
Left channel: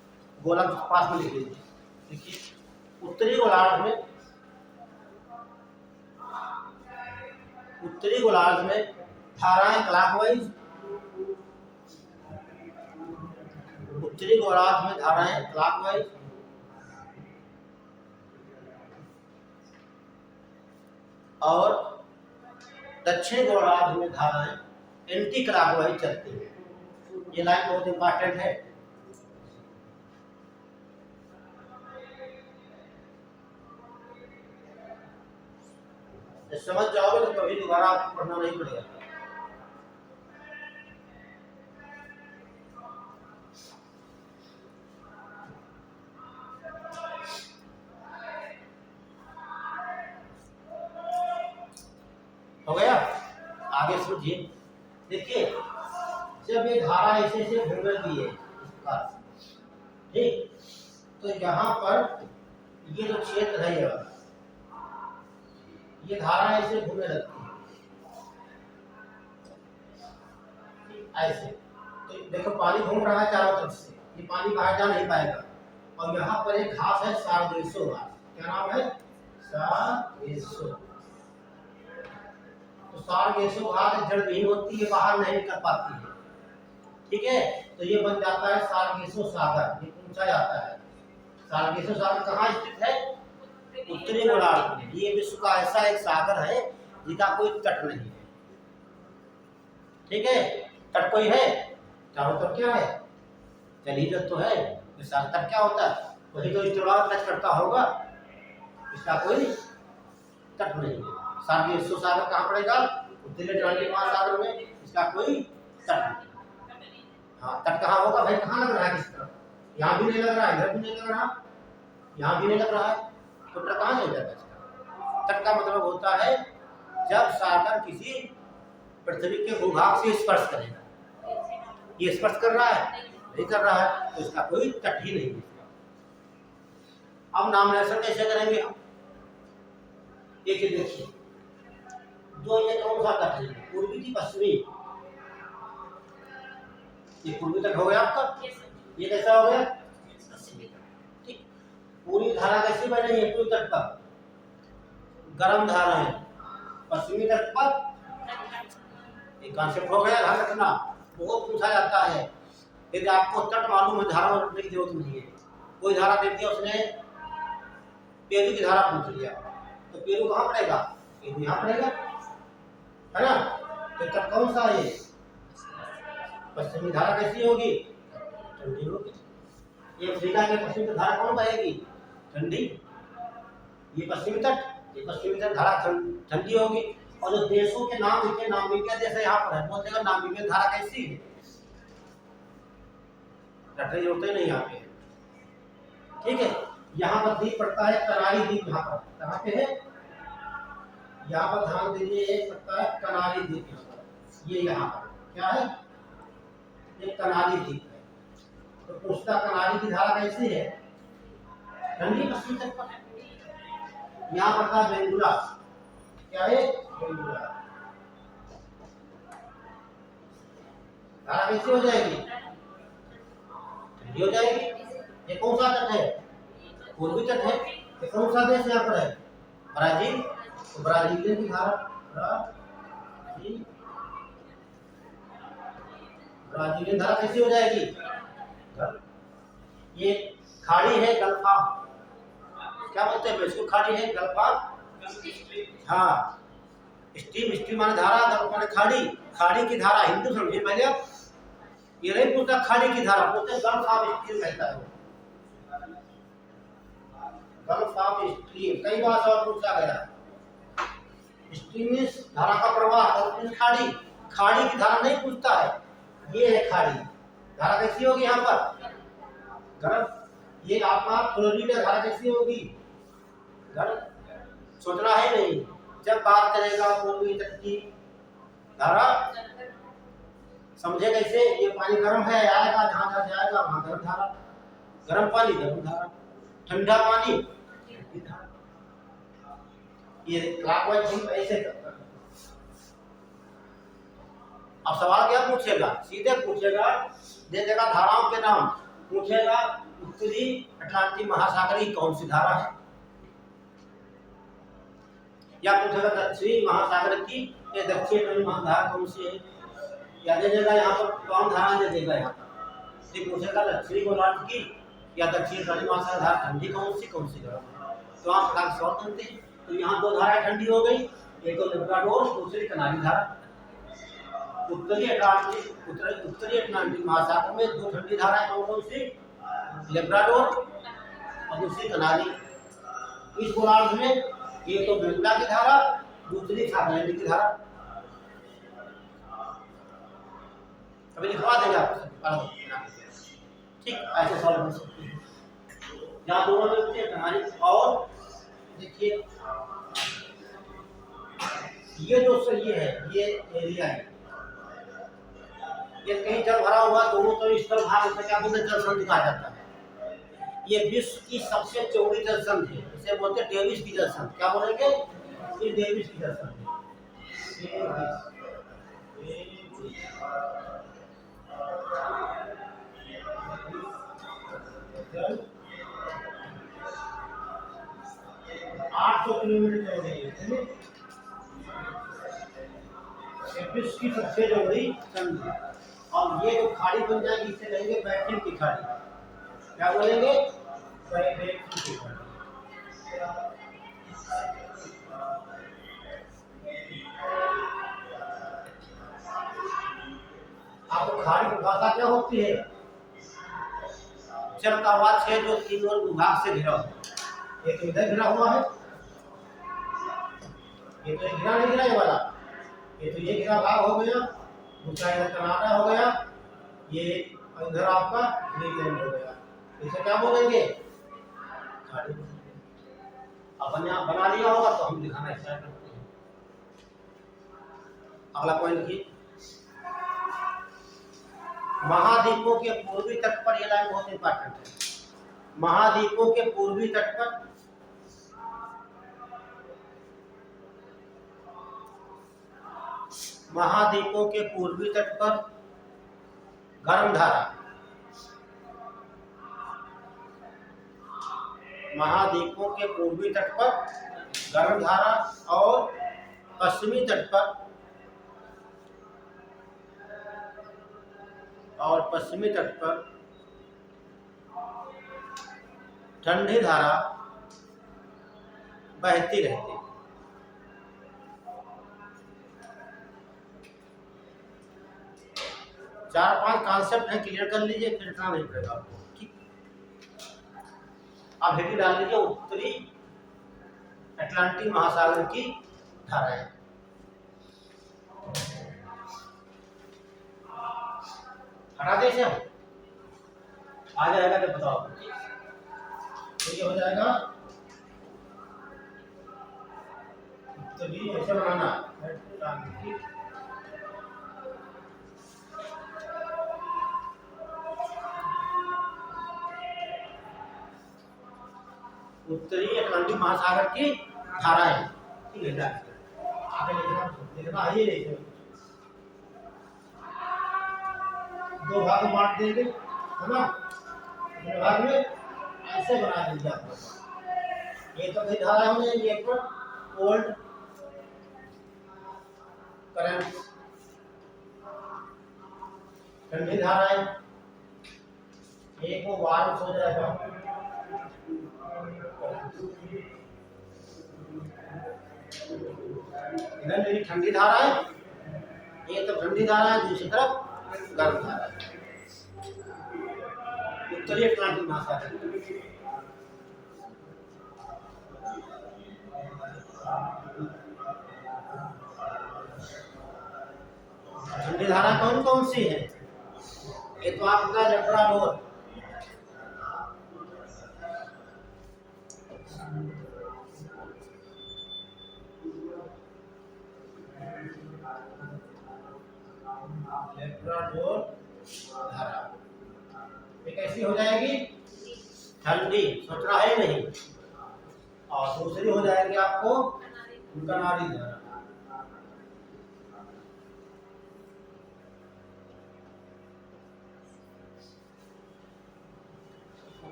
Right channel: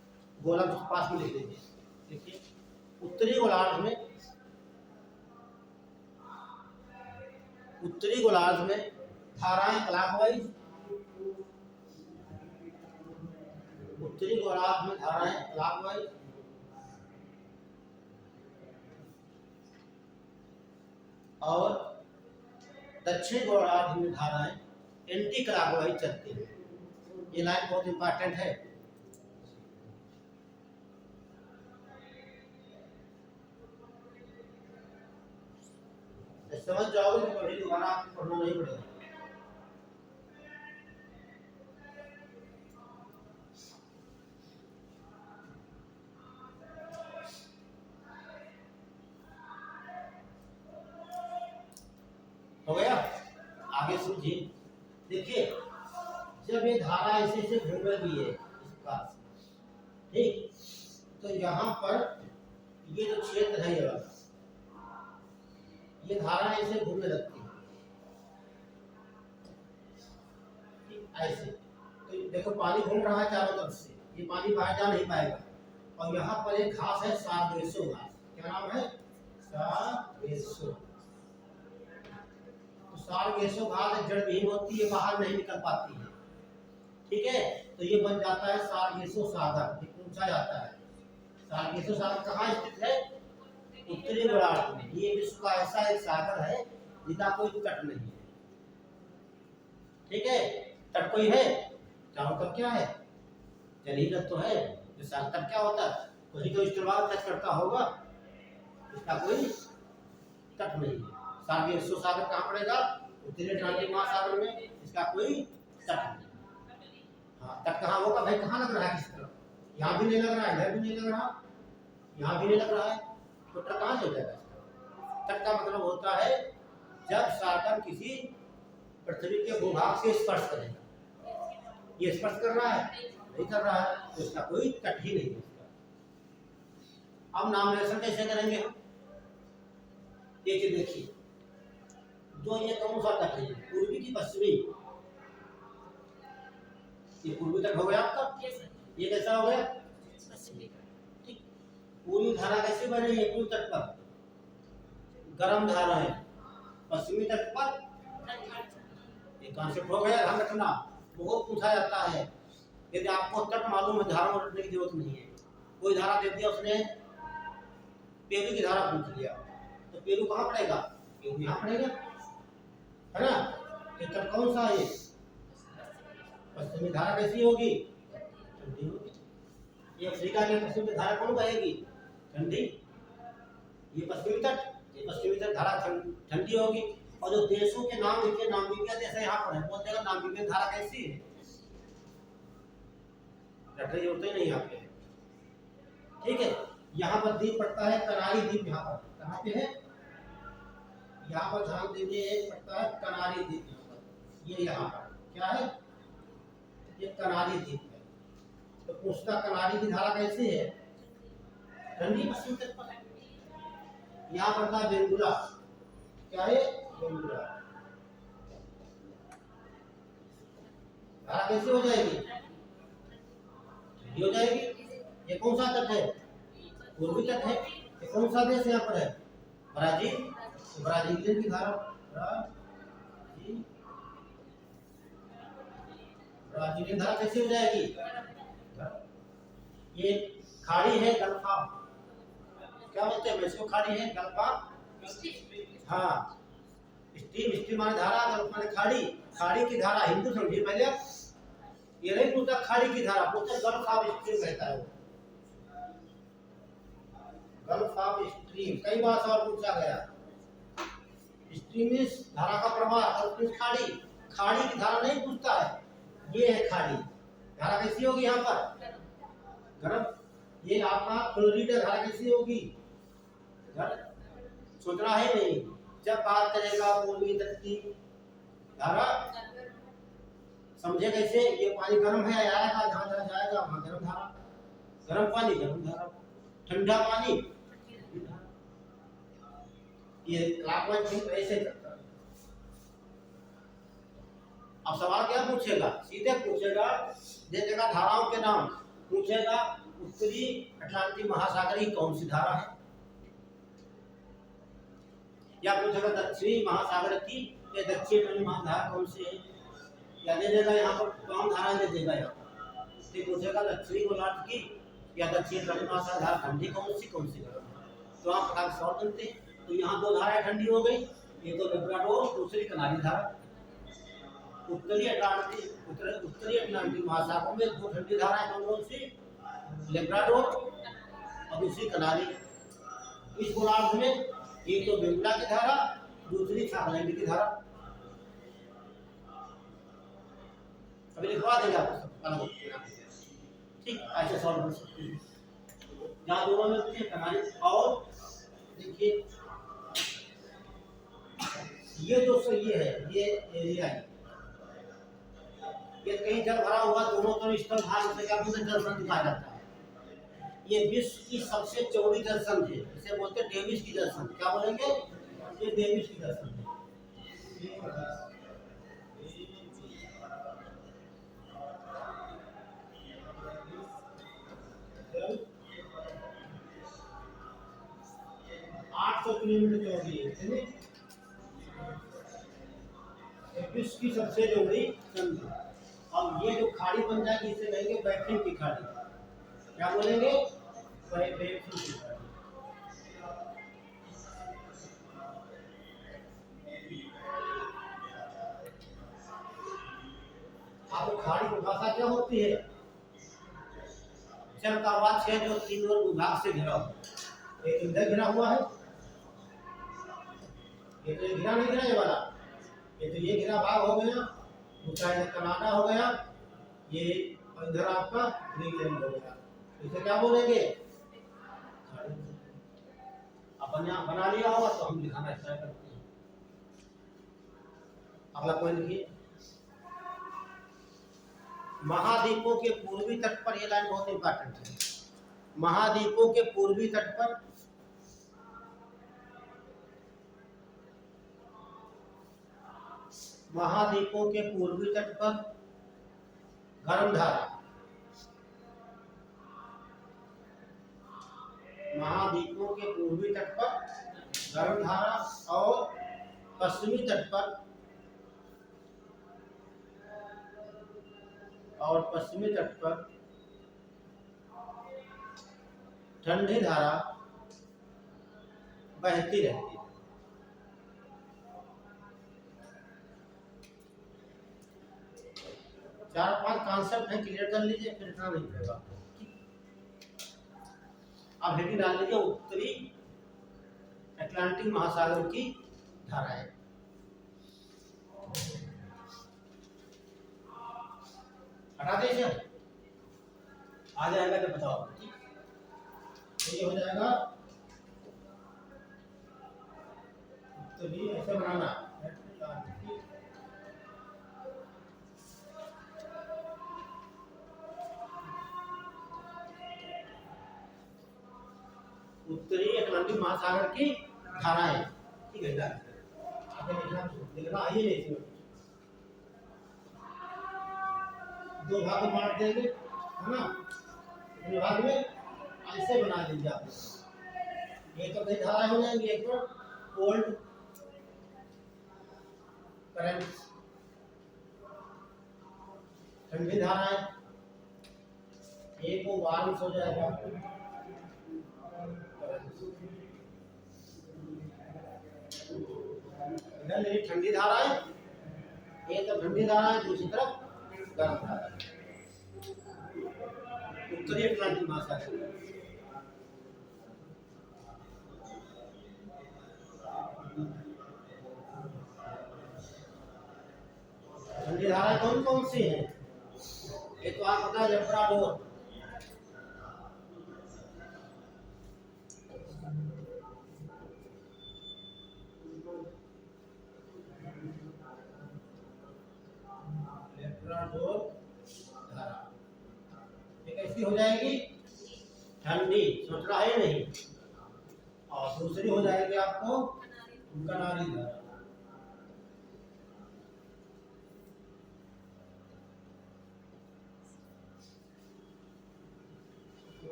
गोलक पास में लिख लीजिए। देखिए उत्तरी गोलार्ध में धाराएं क्लॉकवाइज, उत्तरी गोलार्ध में धाराएं क्लॉकवाइज और दक्षिण गोलार्ध में धाराएं एंटी क्लॉकवाइज चलती है। ये लाइन बहुत इंपॉर्टेंट है। समझ जाओगे तो कभी दोबारा आपको पढ़ना नहीं पड़ेगा। हो गया? आगे समझिए। देखिए जब ये धारा ऐसे ऐसे घूमेगी है इस प्रकार से, ठीक, तो यहाँ पर ये जो क्षेत्र है ये धारा ऐसे घूमने लगती है ऐसे। तो देखो पानी घूम रहा है चारों तरफ से, ये पानी बाहर जा नहीं पाएगा। और यहाँ पर एक घास है सारगेसो घास। क्या नाम है? सारगेसो। तो सारगेसो घास जड़ विहीन होती है, बाहर नहीं निकल पाती है, ठीक है। तो ये बन जाता है सारगेसो सागर। ये पूछा जाता है सारगेसो सागर कहाँ स्थित है? उत्तरी गोलार्ध में। ये विश्व का ऐसा एक सागर है जिसका कोई तट नहीं है, ठीक है। तट कोई है? चारों तरफ क्या है? जलीय तो है। इसका तट क्या होता है? वही तो इस्तेमाल टच करता होगा, इसका कोई तट नहीं है। सारगेसो सागर कहाँ पड़ेगा? उत्तरी अटलांटिक महासागर में। इसका कोई तट नहीं। हाँ, तट कहाँ होगा भाई? कहाँ लग रहा है? किस तरफ? यहाँ भी नहीं लग रहा है, इधर भी नहीं लग रहा, यहाँ भी नहीं लग रहा है, तो तट कहाँ नहीं लगा? तट का मतलब होता है जब सागर किसी पृथ्वी के भूभाग से स्पर्श करेगा। ये स्पर्श कर रहा है? नहीं कर रहा है, तो इसका कोई तट ही नहीं है। अब नामकरण कैसे करेंगे हम? ये चीज देखिए, जो ये कौन सा तट है? पूर्वी की पश्चिमी? ये पूर्वी तट हो गया आपका। ये कैसा हो गया? ठीक। पूरी धारा कैसी बह रही है पूर्वी तट पर? गर्म धारा है। पश्चिमी तट पर एक कॉन्सेप्ट हो गया, ध्यान रखना। बहुत पूछा जाता है। यदि आपको तट मालूम है, धारा रखने की जरूरत नहीं है। कोई धारा दे दिया उसने, पेरू की धारा पूछ लिया, तो पेरू कहाँ पड़ेगा? पेरू यहाँ पड़ेगा, है ना। तो तट कौन सा है? पश्चिमी धारा कैसी होगी? ठंडी होगी। ये अफ्रीका के पश्चिमी धारा कौन बहेगी? ठंडी। ये पश्चिमी तट, ये पश्चिमी तट धारा ठंडी होगी। और जो देशों के नाम लिखे, नामीबिया देश यहाँ पर है, बोलते हैं नामीबिया धारा कैसी है? रटने की जरूरत नहीं यहाँ पे, ठीक है। यहाँ पर द्वीप पड़ता है कनारी द्वीप। यहाँ पर कहाँ पे है? यहाँ पर ध्यान दीजिए, एक पड़ता है कनारी द्वीप। यहाँ पर, ये यहाँ पर क्या है? ये कनारी द्वीप है। तो पूछता कनारी की धारा कैसी है? ठंडी पश्चिमी तट पर है। यहाँ पड़ता है बेंगुला। क्या है? बेंगुला। धारा कैसी हो जाएगी? ठंडी हो जाएगी। ये कौन सा तट है? पूर्वी तट है। ये कौन सा देश यहाँ पर है? ब्राजील। तो ब्राजीलियन की धारा, ब्राजीलियन धारा कैसी हो जाएगी? ये खाड़ी है गल्फा, क्या बोलते हैं इसको? खाड़ी है गल्फा। हाँ, स्ट्रीम, स्ट्रीम माने धारा, गल्फ माने खाड़ी। खाड़ी की धारा हिंदू समझिए पहले आप। ये नहीं पूछता खाड़ी की धारा, पूछते गल्फ ऑफ स्ट्रीम कहता है। गल्फ ऑफ स्ट्रीम कई बार और पूछा गया। स्ट्रीम में धारा का प्रवाह, गल्फ में खाड़ी। खाड़ी की धारा नहीं पूछता है। ये है खाड़ी। धारा कैसी होगी यहाँ पर? गर्म। ये आपका फ्लोरिडा धारा कैसी होगी? गर्म। सोचना है नहीं। जब बात करेगा पूर्वी तट की धारा, समझे कैसे? ये पानी गर्म है, आएगा जहाँ जहाँ जाएगा वहाँ गर्म धारा। गर्म पानी गर्म धारा, ठंडा पानी ठंडी धारा। ये क्लॉकवाइज ऐसे करता है। अब सवाल क्या पूछेगा? सीधे पूछेगा, दे देगा धाराओं के नाम, पूछेगा उत्तरी अटलांटिक महासागर की कौन सी धारा है? या पूछेगा दक्षिणी महासागर की या दक्षिण अटलांटिक महासागर कौन सी है? या दे देगा यहाँ पर कौन धारा दे देगा यहाँ पर। ये पूछेगा दक्षिणी गोलार्ध की या दक्षिण अटलांटिक महासागर धारा ठंडी कौन सी गर्म है। तो आप फटाक सॉल्व करते हैं। तो यहाँ दो धाराएं ठंडी हो गई, एक तो लिब्राडोर, दूसरी कनारी धारा। उत्तरी अटलांटिक महासागर में दो ठंडी धाराएं कौन सी? लिब्राडोर और दूसरी कनारी। इस गोलार्ध में एक तो बेंगुला की धारा, दूसरी फार्लैंड की धारा। अभी लिखवा देंगे आपको, ठीक, ऐसे सॉल्व कर सकते हैं। यहाँ दोनों मिलते हैं कनारी। और देखिए ये जो ये है, ये एरिया है, ये कहीं जल भरा हुआ दोनों तरफ स्थल भाग से क्या बोलते हैं, जल संधि कहा जाता है। ये विश्व की सबसे चौड़ी जल संधि है, इसे बोलते हैं डेविस की जल संधि। क्या बोलेंगे? ये डेविस की जल संधि। 800 किलोमीटर चौड़ी है, विश्व की सबसे चौड़ी संधि। और ये जो खाड़ी बन जाएगी इसे कहेंगे बैठन की खाड़ी। क्या बोलेंगे? बैठन की खाड़ी। आपको खाड़ी की भाषा क्या होती है? जल का वह क्षेत्र जो तीन और विभाग से घिरा हुआ। एक इधर घिरा हुआ है, ये तो घिरा नहीं, घिरा ये वाला, ये तो ये घिरा भाग हो गया, दूसरा इधर कनाडा हो गया, ये इधर आपका ग्रीनलैंड हो गया। इसे क्या बोलेंगे? खाड़ी। अपन यहाँ बना लिया होगा तो हम दिखाना स्टार्ट करते हैं। अगला पॉइंट लिखिए, महाद्वीपों के पूर्वी तट पर, यह लाइन बहुत इंपॉर्टेंट है। महाद्वीपों के पूर्वी तट पर गर्म धारा, महाद्वीपों के पूर्वी तट पर गर्म धारा और पश्चिमी तट पर ठंडी धारा बहती रहती है। चार पांच कॉन्सेप्ट है, क्लियर कर लीजिए, फिर इतना नहीं पड़ेगा आपको। ठीक, अब हेडिंग डाल लीजिए उत्तरी अटलांटिक महासागर की धाराएं। हटा दे इसे, आ जाएगा तो बताओ। ठीक, तो ये हो जाएगा उत्तरी, ऐसे बनाना उत्तरी अटलांटिक महासागर की धाराएं। ठीक है, आगे लिखना आइए नहीं, दो भाग में बांट देंगे, है ना। दो भाग में ऐसे बना दीजिए आप। ये तो कई धारा हो जाएंगी, एक पर कोल्ड करंट ठंडी धाराएं, एक वो वार्म हो जाएगा, इधर मेरी ठंडी धारा है, ये तो ठंडी धारा है, दूसरी तरफ गर्म धारा है। उत्तरी अटलांटिक महासागर ठंडी धारा कौन कौन सी है? ये तो आपका लिब्राडोर, धारा ये कैसी हो जाएगी? ठंडी, सोच रहा है नहीं। और दूसरी हो जाएगी आपको कनारी धारा।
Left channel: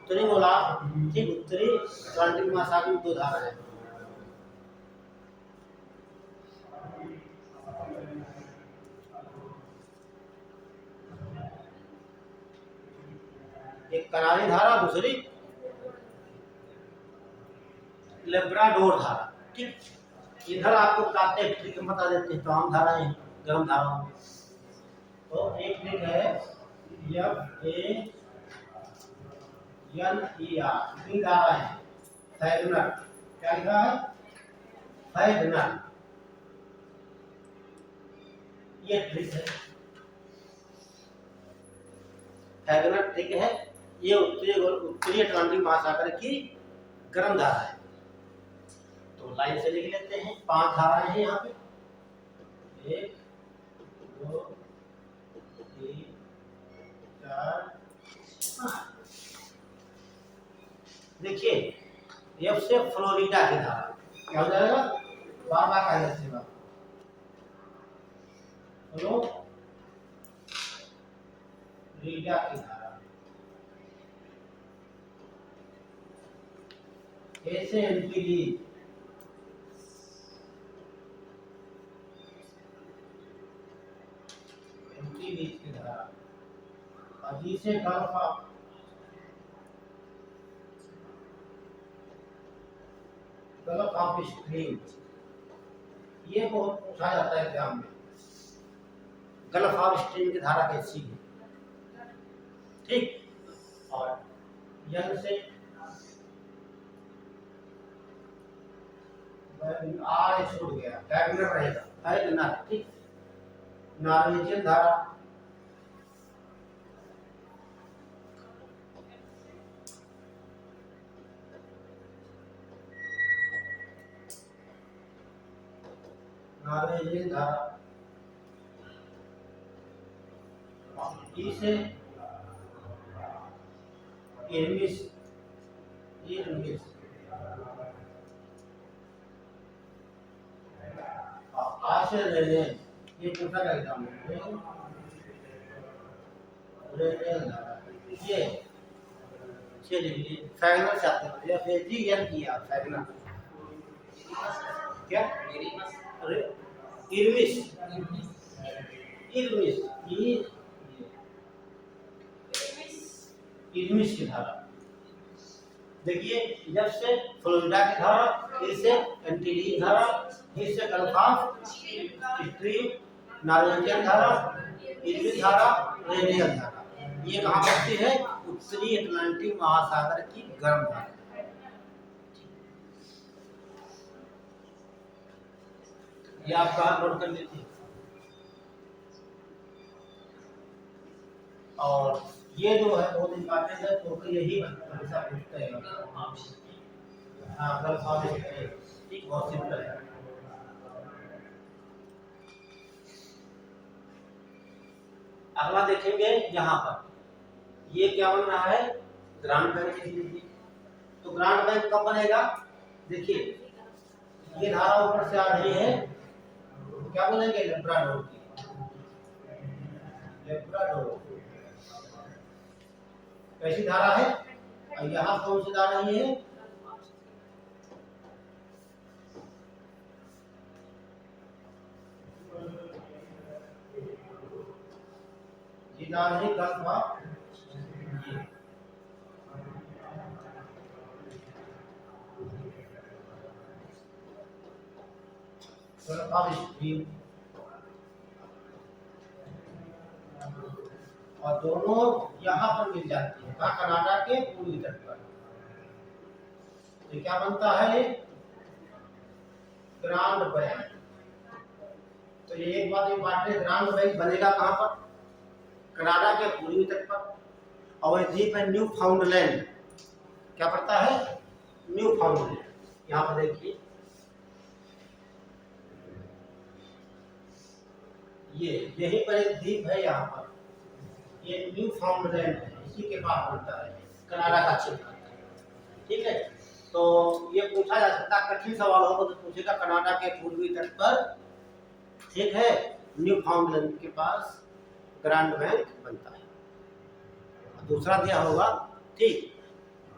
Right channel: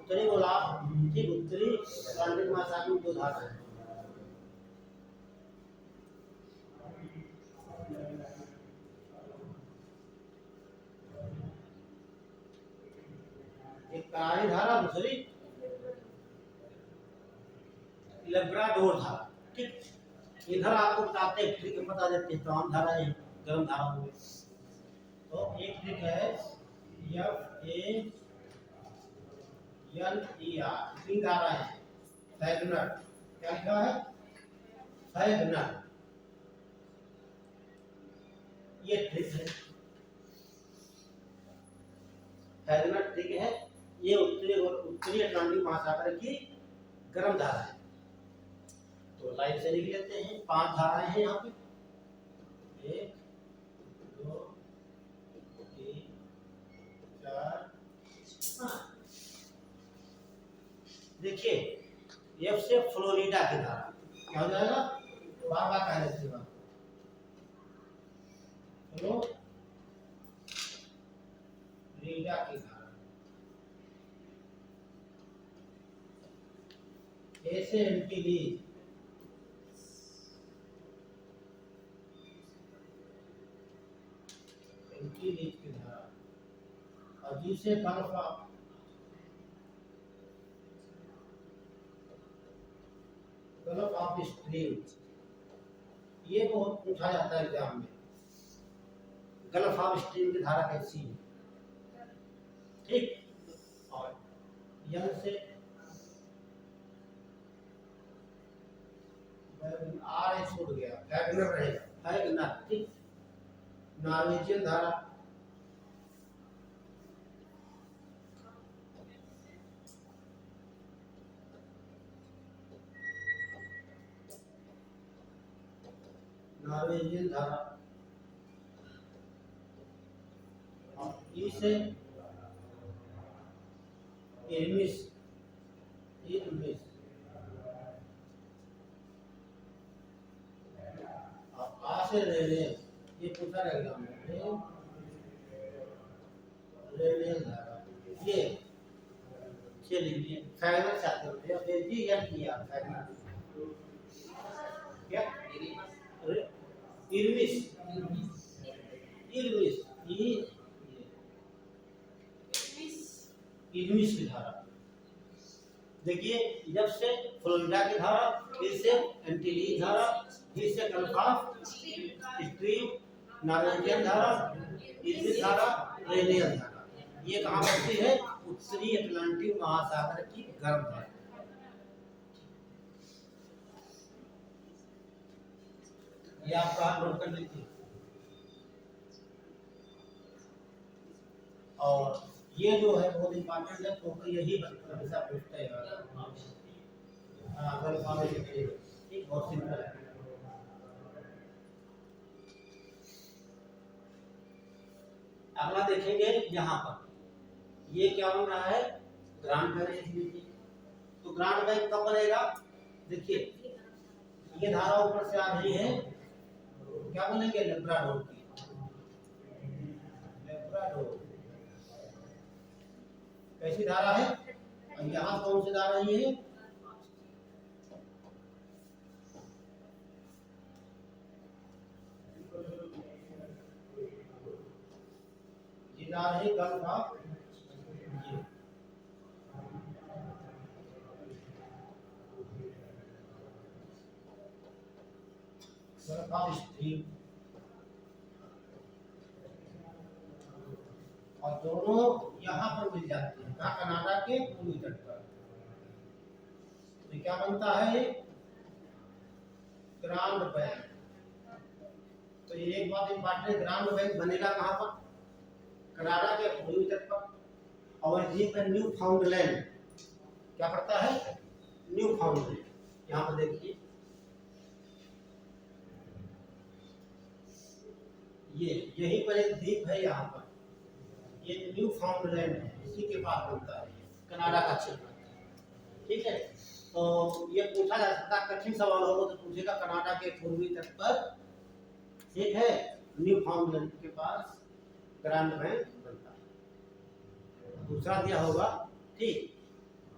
उत्तरी गोलार्ध, ठीक, उत्तरी अटलांटिक महासागर में 2 धारा है। एक करारी धारा, दूसरी लेब्राडोर धारा, ठीक। इधर आपको बताते हैं, ट्रिक बता देते हैं, तमाम धाराएं गर्म धाराओं में। तो एक ट्रिक है FANER, कितनी धारा है? फैगनर, क्या लिखा है? फैगनर, ये ट्रिक है, फैगनर ट्रिक है। ये उत्तरी अटलांटिक महासागर की गर्म धारा है। तो लाइन से लिख लेते हैं, 5 धाराएं हैं यहाँ पे, 1 2 3 4 5। देखिए एफ से फ्लोरिडा की धारा क्या हो जाएगा? बाबा का से फ्लोरिडा की धारा, ए से एंटीलीज, की धारा, और जी से गल्फ ऑफ स्ट्रीम। ये बहुत पूछा जाता है एग्जाम में, गल्फ ऑफ स्ट्रीम की धारा कैसी है, ठीक। और यन से आर छूट गया, फैगनर रहेगा, फैगनर, ठीक। नॉर्वेजियन धारा, नॉर्वेजियन धारा, ई से इरमिस, इरमिस, आ से रेनेल, ये पूछा गया एग्जाम में, रेनेल धारा, ये चलिए फैगनर चाहते हैं, या फिर जी एन किया फैगनर, क्या इरमिस, इरमिस, इरमिस की धारा। देखिए जब से फ्लोरिडा की धारा, इससे एंटीलीज धारा, इससे गल्फ ऑफ स्ट्रीम, नॉर्वेजियन धारा, इरमिस धारा, रेनियल धारा। ये कहाँ बसती है? उत्तरी अटलांटिक महासागर की गर्म धारा। ये आप कहाँ नोट कर लीजिए। और ये जो है बहुत इंपॉर्टेंट है, तो यही हमेशा पूछते हैं। हाँ, गल्फ ऑफ स्ट्रीम, ठीक, बहुत सिंपल है। अगला देखेंगे यहाँ पर, ये क्या बन रहा है? ग्रांड बैंक लिख लीजिए। तो ग्रांड बैंक कब बनेगा? देखिए ये धारा ऊपर से आ रही है, क्या बोलेंगे? लेब्राडोर की, लेब्राडोर कैसी धारा है? और यहाँ कौन सी धारा है? ये नाम है गल्फ ऑफ स्ट्रीम, और दोनों यहाँ पर मिल जाती है, कनाडा के पूर्वी तट पर। तो क्या बनता है? Grand bank. तो ये एक बात इंपॉर्टेंट, ग्रांड बैंक बनेगा कहाँ पर? कनाडा के पूर्वी तट पर। और द्वीप है न्यू फाउंडलैंड, क्या पड़ता है? न्यू फाउंडलैंड। यहाँ पर देखिए ये यही पर एक द्वीप है, यहाँ पर ये न्यू फाउंडलैंड है, इसी के पास बनता है, कनाडा का क्षेत्र, ठीक है। तो ये पूछा जा सकता, कठिन सवाल होगा तो पूछेगा कनाडा के पूर्वी तट पर, ठीक है, न्यू फाउंडलैंड के पास ग्रांड बैंक बनता है। दूसरा दिया होगा, ठीक,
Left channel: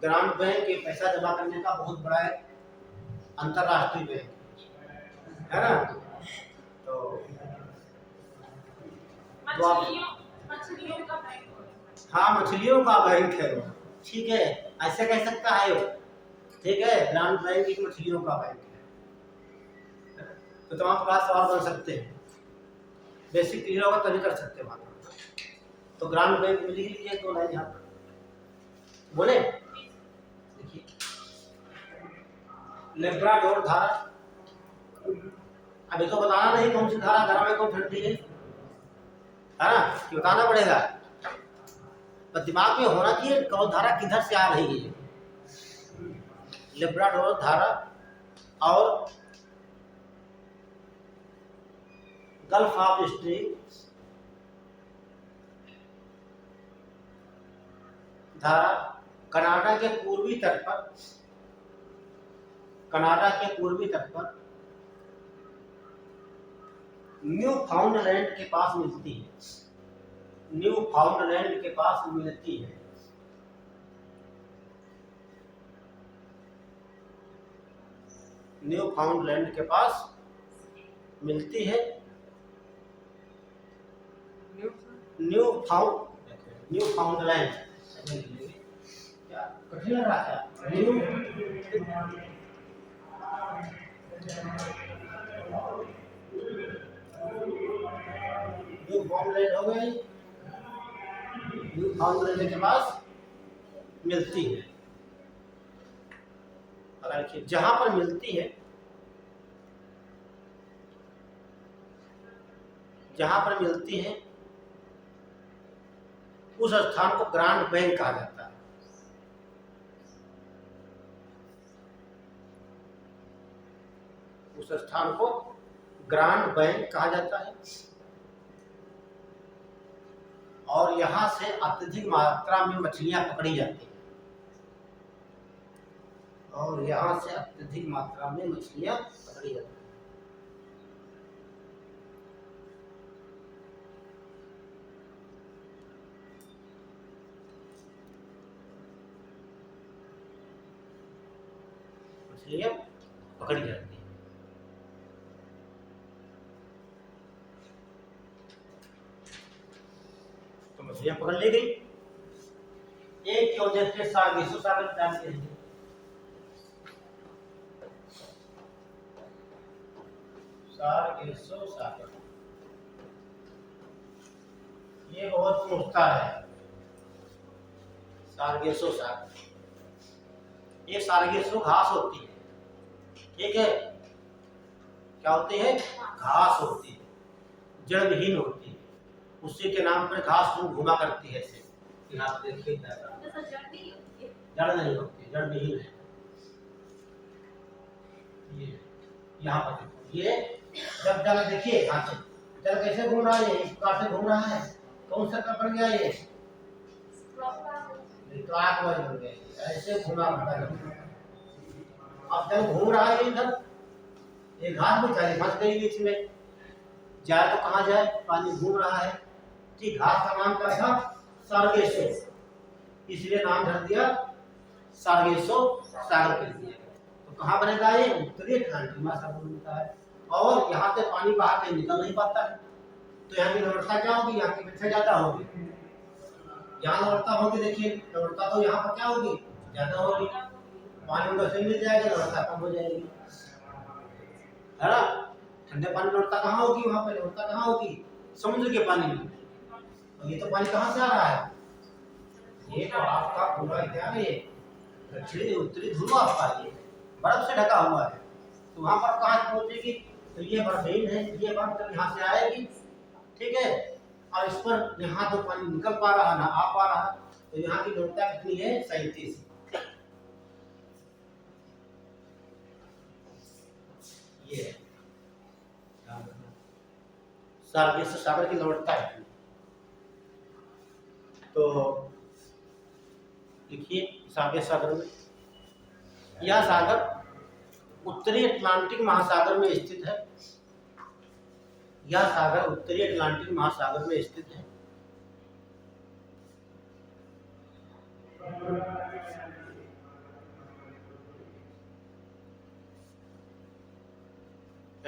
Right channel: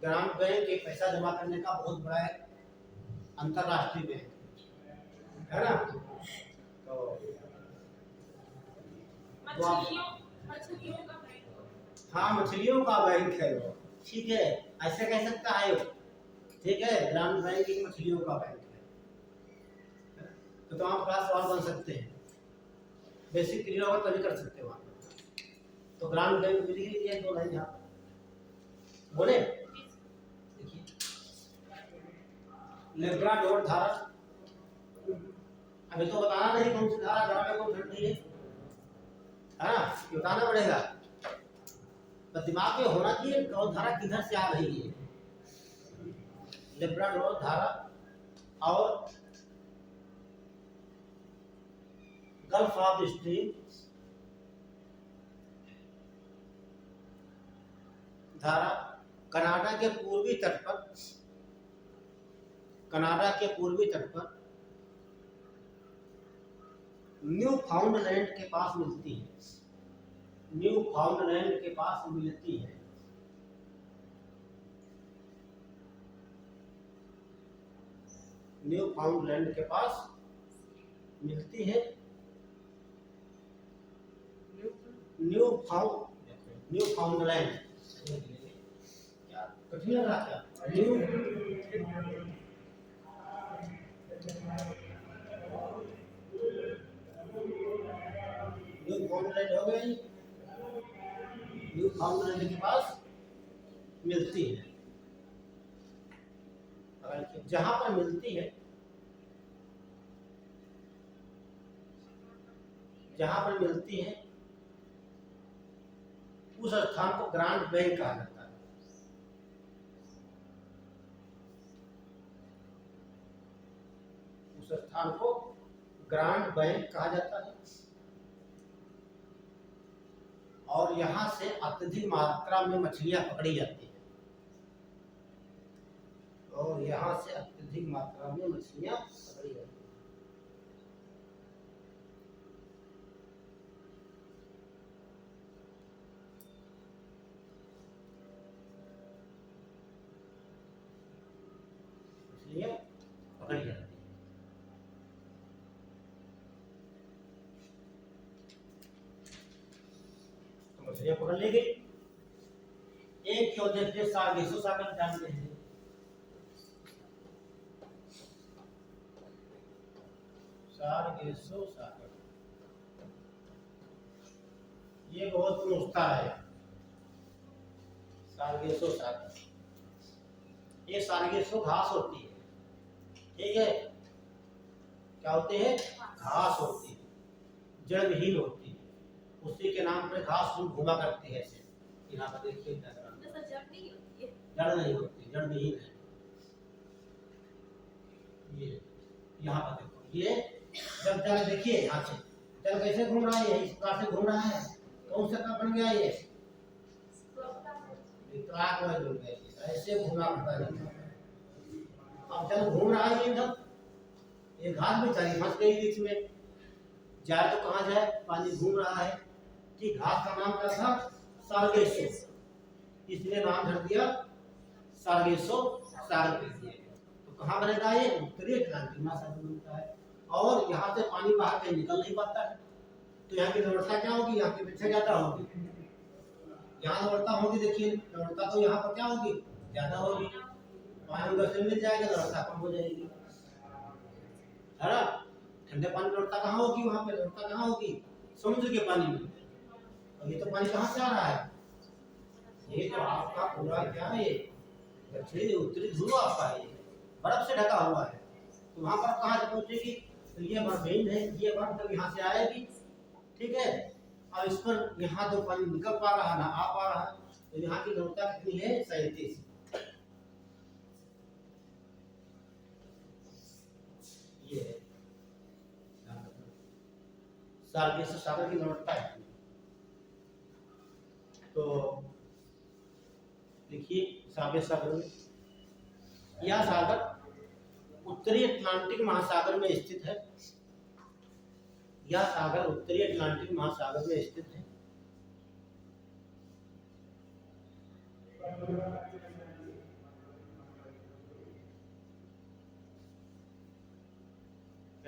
ग्रामीण बैंक ये पैसा जमा करने का बहुत बड़ा है अंतरराष्ट्रीय बैंक है ना। तो मछलियों का बैंक। हाँ, मछलियों का बैंक है वो, ठीक है, ऐसे कह सकता है वो, ठीक है। ग्रामीण बैंक एक मछलियों का बैंक है। तो तमाम क्लास सवाल बन सकते हैं, बेसिक क्लियर होगा तभी कर सकते हैं वहाँ पर। तो ग्रामीण बैंक में लिख लीजिए 2 लाइन यहाँ पर, बोले देखिए। लेब्राडोर धारा, अभी तो बताना नहीं कौन सी धारा गर्म है कौन ठंडी है ना, कि बताना पड़ेगा। तो दिमाग में होना चाहिए कौन धारा किधर से आ रही है। लेब्राडोर धारा और गल्फ ऑफ स्ट्रीम धारा कनाडा के पूर्वी तट पर, कनाडा के पूर्वी तट पर न्यू फाउंडलैंड के पास मिलती है, न्यू फाउंडलैंड के पास मिलती है। न्यू फाउंडलैंड के पास मिलती है। न्यू फाउंडलैंड क्या कठिन लग रहा क्या? न्यू फाउंडलैंड हो गई, न्यू फाउंडलैंड के पास मिलती है। अगर जहां पर मिलती है, जहां पर मिलती है उस स्थान को ग्रांड बैंक कहा जाता है। उस स्थान को ग्रांड बैंक कहा जाता है। और यहां से अत्यधिक मात्रा में मछलियां पकड़ी जाती हैं, और यहां से अत्यधिक मात्रा में मछलियां पकड़ी जाती हैं। मछलियां पकड़ी जाती हैं। तो मछलियां पकड़ ली गई। एक की वजह से सार्गेसो सागर जानते हैं, सार्गेसो सागर ये बहुत पूछता है। सार्गेसो सागर, ये सार्गेसो घास होती है, ठीक है। क्या होती है? घास होती है, जड़ विहीन होती है, उसी के नाम पर घास घुमा करती है ऐसे। यहाँ पे देखिए जड़ नहीं होती, जड़ विहीन है। ये यहाँ पर देखो, ये जब जल देखिए यहाँ से जल कैसे घूम रहा है, इस प्रकार से घूम रहा है। कौन सा कब बन गया ये? क्लॉकवाइज बन गया, ऐसे घूमा करता है। अब जल घूम रहा है इधर, एक घास भी चाहे फंस गई बीच में, जाए तो कहाँ जाए, पानी घूम रहा है। ठीक, घास का नाम क्या था? सार्गेसो, इसलिए नाम धर दिया सार्गेसो सागर कर दिया। तो कहाँ बनेगा ये? उत्तरी अटलांटिक महासागर बनता है। और यहाँ से पानी बाहर के निकल नहीं पाता है, तो यहाँ की लवणता क्या होगी? यहाँ की अपेक्षा ज्यादा होगी। यहाँ लवणता होगी, देखिए लवणता तो यहाँ पर क्या होगी? ज्यादा होगी। पानी उधर से मिल जाएगा, लवणता कम हो जाएगी, है ना। ठंडे पानी लवणता कहाँ होगी? वहाँ पे लवणता कहाँ होगी? समुद्र के पानी में। और ये तो पानी कहाँ से आ रहा है? ये तो आपका पूरा क्या है, ये दक्षिणी उत्तरी ध्रुव आपका ये बर्फ से ढका हुआ है। तो वहां पर कहाँ से पहुंचेगी? तो ये बर्फहीन है, ये बर्फ जब यहाँ से आएगी, ठीक है, और इस पर यहाँ जो पानी निकल पा रहा ना आ पा रहा, तो यहाँ की लवणता कितनी है? 37। ये है सार्गेसो सागर की लवणता है। तो देखिए सार्गेसो सागर में, यह सागर उत्तरी अटलांटिक महासागर में स्थित है। यह सागर उत्तरी अटलांटिक महासागर में स्थित है।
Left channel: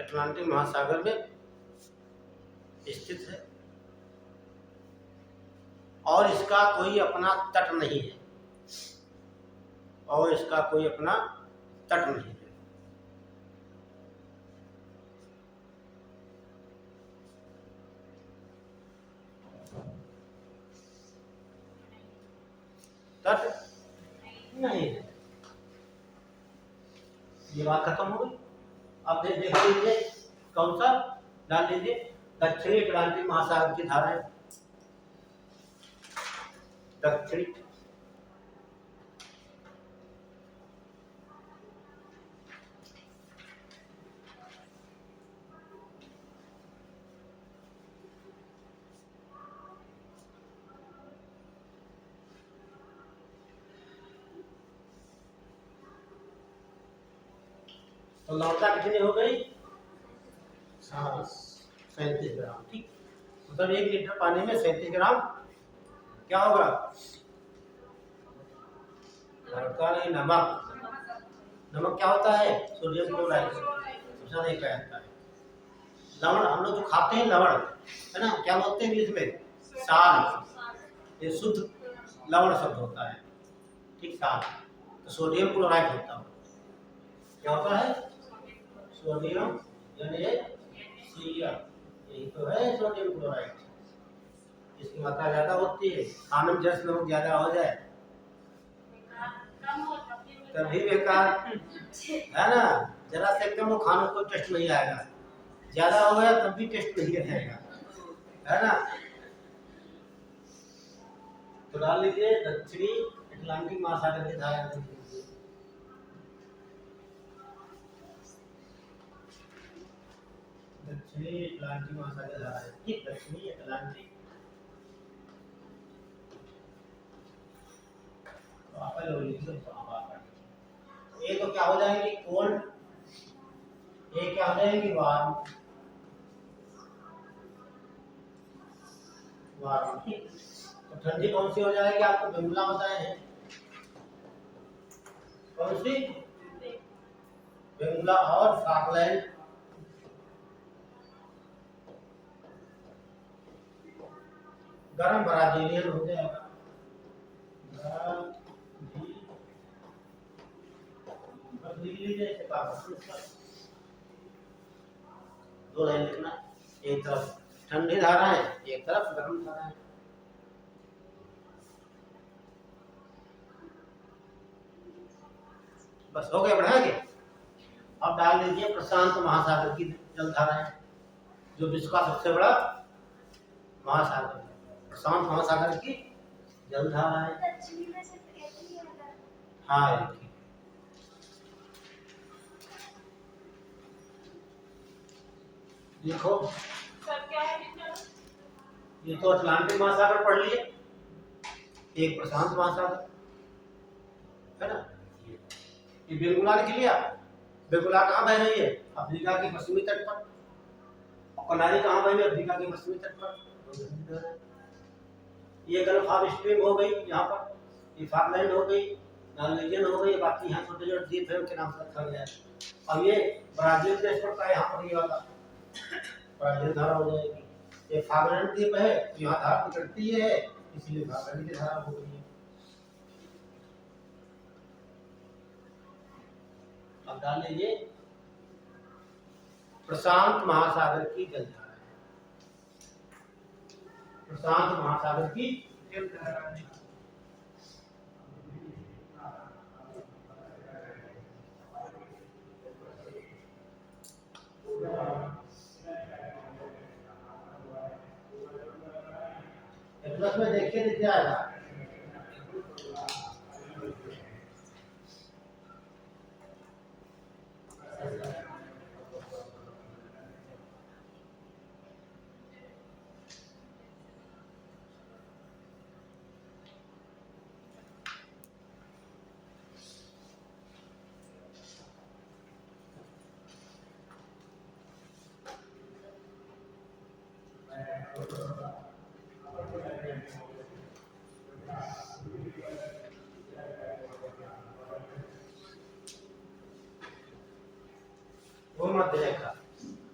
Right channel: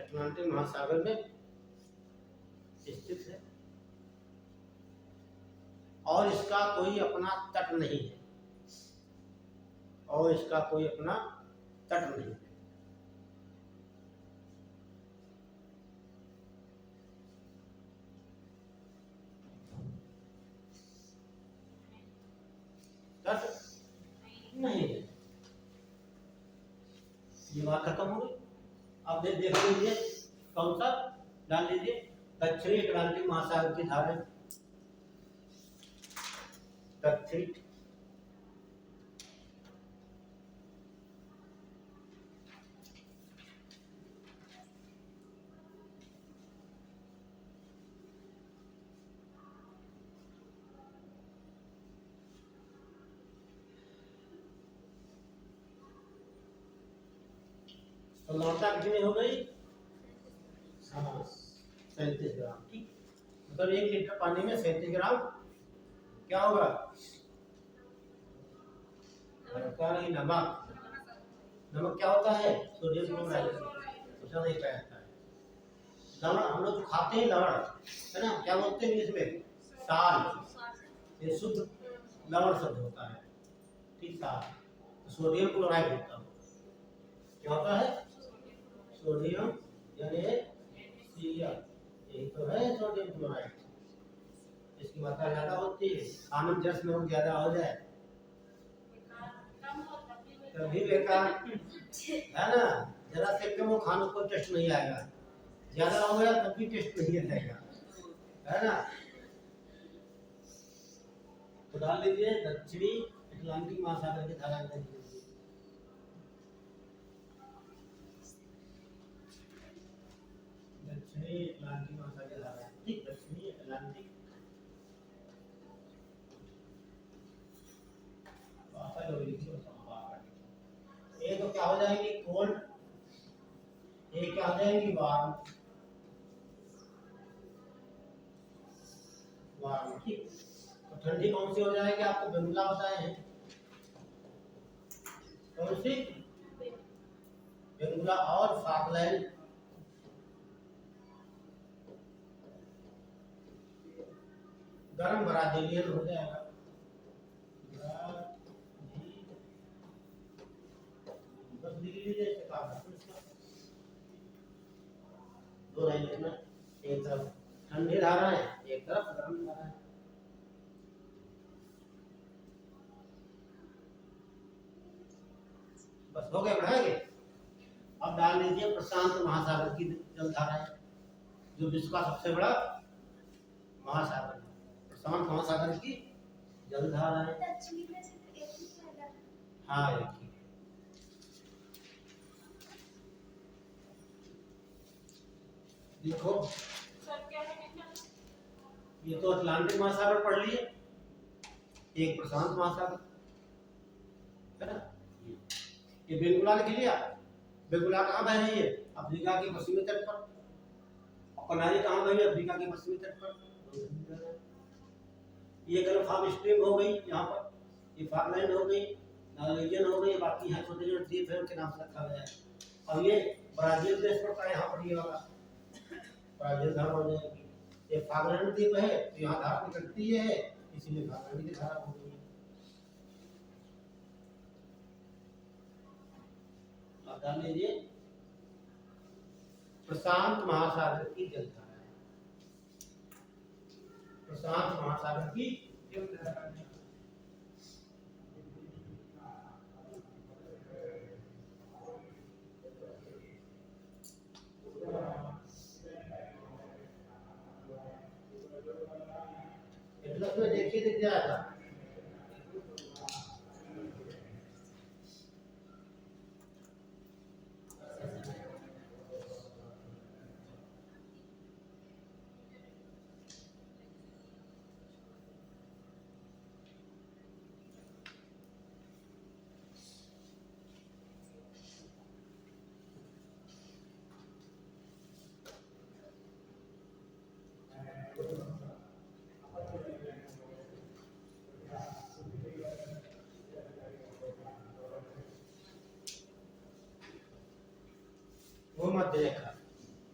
अटलांटिक महासागर में स्थित है और इसका कोई अपना तट नहीं है। और इसका कोई अपना तट नहीं है। तट नहीं है। ये बात खत्म हो गई। अब देख लीजिए कौन सा डाल लीजिए, दक्षिणी अटलांटिक महासागर की धाराएं। दक्षिणी तो लवणता कितनी हो गई? 37 ग्राम। ठीक, मतलब 1 लीटर पानी में 37 ग्राम क्या होगा? लवणता नहीं, नमक। नमक क्या होता है? Sodium chloride. सबसे ज्यादा एक रहता है। लवण हम लोग जो खाते हैं लवण, है ना, क्या बोलते हैं इंग्लिश में? साल। ये शुद्ध लवण शब्द होता है। ठीक, साल। तो सोडियम क्लोराइड होता है। क्या होता है? सोडियम NaCl, यही तो है सोडियम क्लोराइड। इसकी मात्रा ज्यादा होती है। खाने में जैसे नमक ज्यादा हो जाए तभी बेकार, है ना। जरा से कम हो खाने को टेस्ट नहीं आएगा, ज्यादा हो गया तब भी टेस्ट नहीं आएगा, है ना। तो डाल लीजिए दक्षिणी अटलांटिक महासागर के धारा। दक्षिणी अटलांटिक महासागर धारा है। ठीक, दक्षिणी अटलांटिक। तो आप ये तो क्या हो जाएंगे? कोल्ड। ये क्या हो जाएंगी? वार्म। वार्म। ठीक, तो ठंडी कौन सी हो जाएगी? आपको बेंगुला बताए हैं। कौन सी? बेंगुला और फॉकलैंड। गरम ब्राजीलियन हो जाएगा। बस लिख लीजिए इसे, दो लाइन लिखना। एक तरफ ठंडी धारा है, एक तरफ गर्म धारा है। बस हो गया, बढ़ाएंगे। अब डाल लीजिए प्रशांत महासागर की जलधारा है, जो विश्व का सबसे बड़ा महासागर है। प्रशांत महासागर की जलधारा है। हाँ, एक ही। देखो सर क्या है टीचर? ये तो अटलांटिक महासागर पढ़ लिए, एक प्रशांत महासागर, है ना। ये बेंगुला लिख लिया। बेंगुला कहाँ बह रही है? अफ्रीका के पश्चिमी तट पर। और कनारी कहाँ बह रही है? अफ्रीका के पश्चिमी तट पर। ये गल्फ ऑफ स्ट्रीम हो गई यहाँ पर, ये फॉकलैंड हो गई, नॉर्वेजियन हो गई, बाकी यहाँ छोटे छोटे द्वीप है उनके नाम से रखा गया है। अब ये ब्राजील देश पड़ता है यहाँ पर, ये वाला ब्राजील धारा हो जाएगी। ये फॉकलैंड द्वीप है तो यहाँ धारा निकलती है, इसीलिए फॉकलैंड की धारा हो गई है। अब डाल लीजिए प्रशांत महासागर की जलधारा है। प्रशांत महासागर की जलधारा है। प्लस में देखिए दिख जाएगा। वो मत देखा।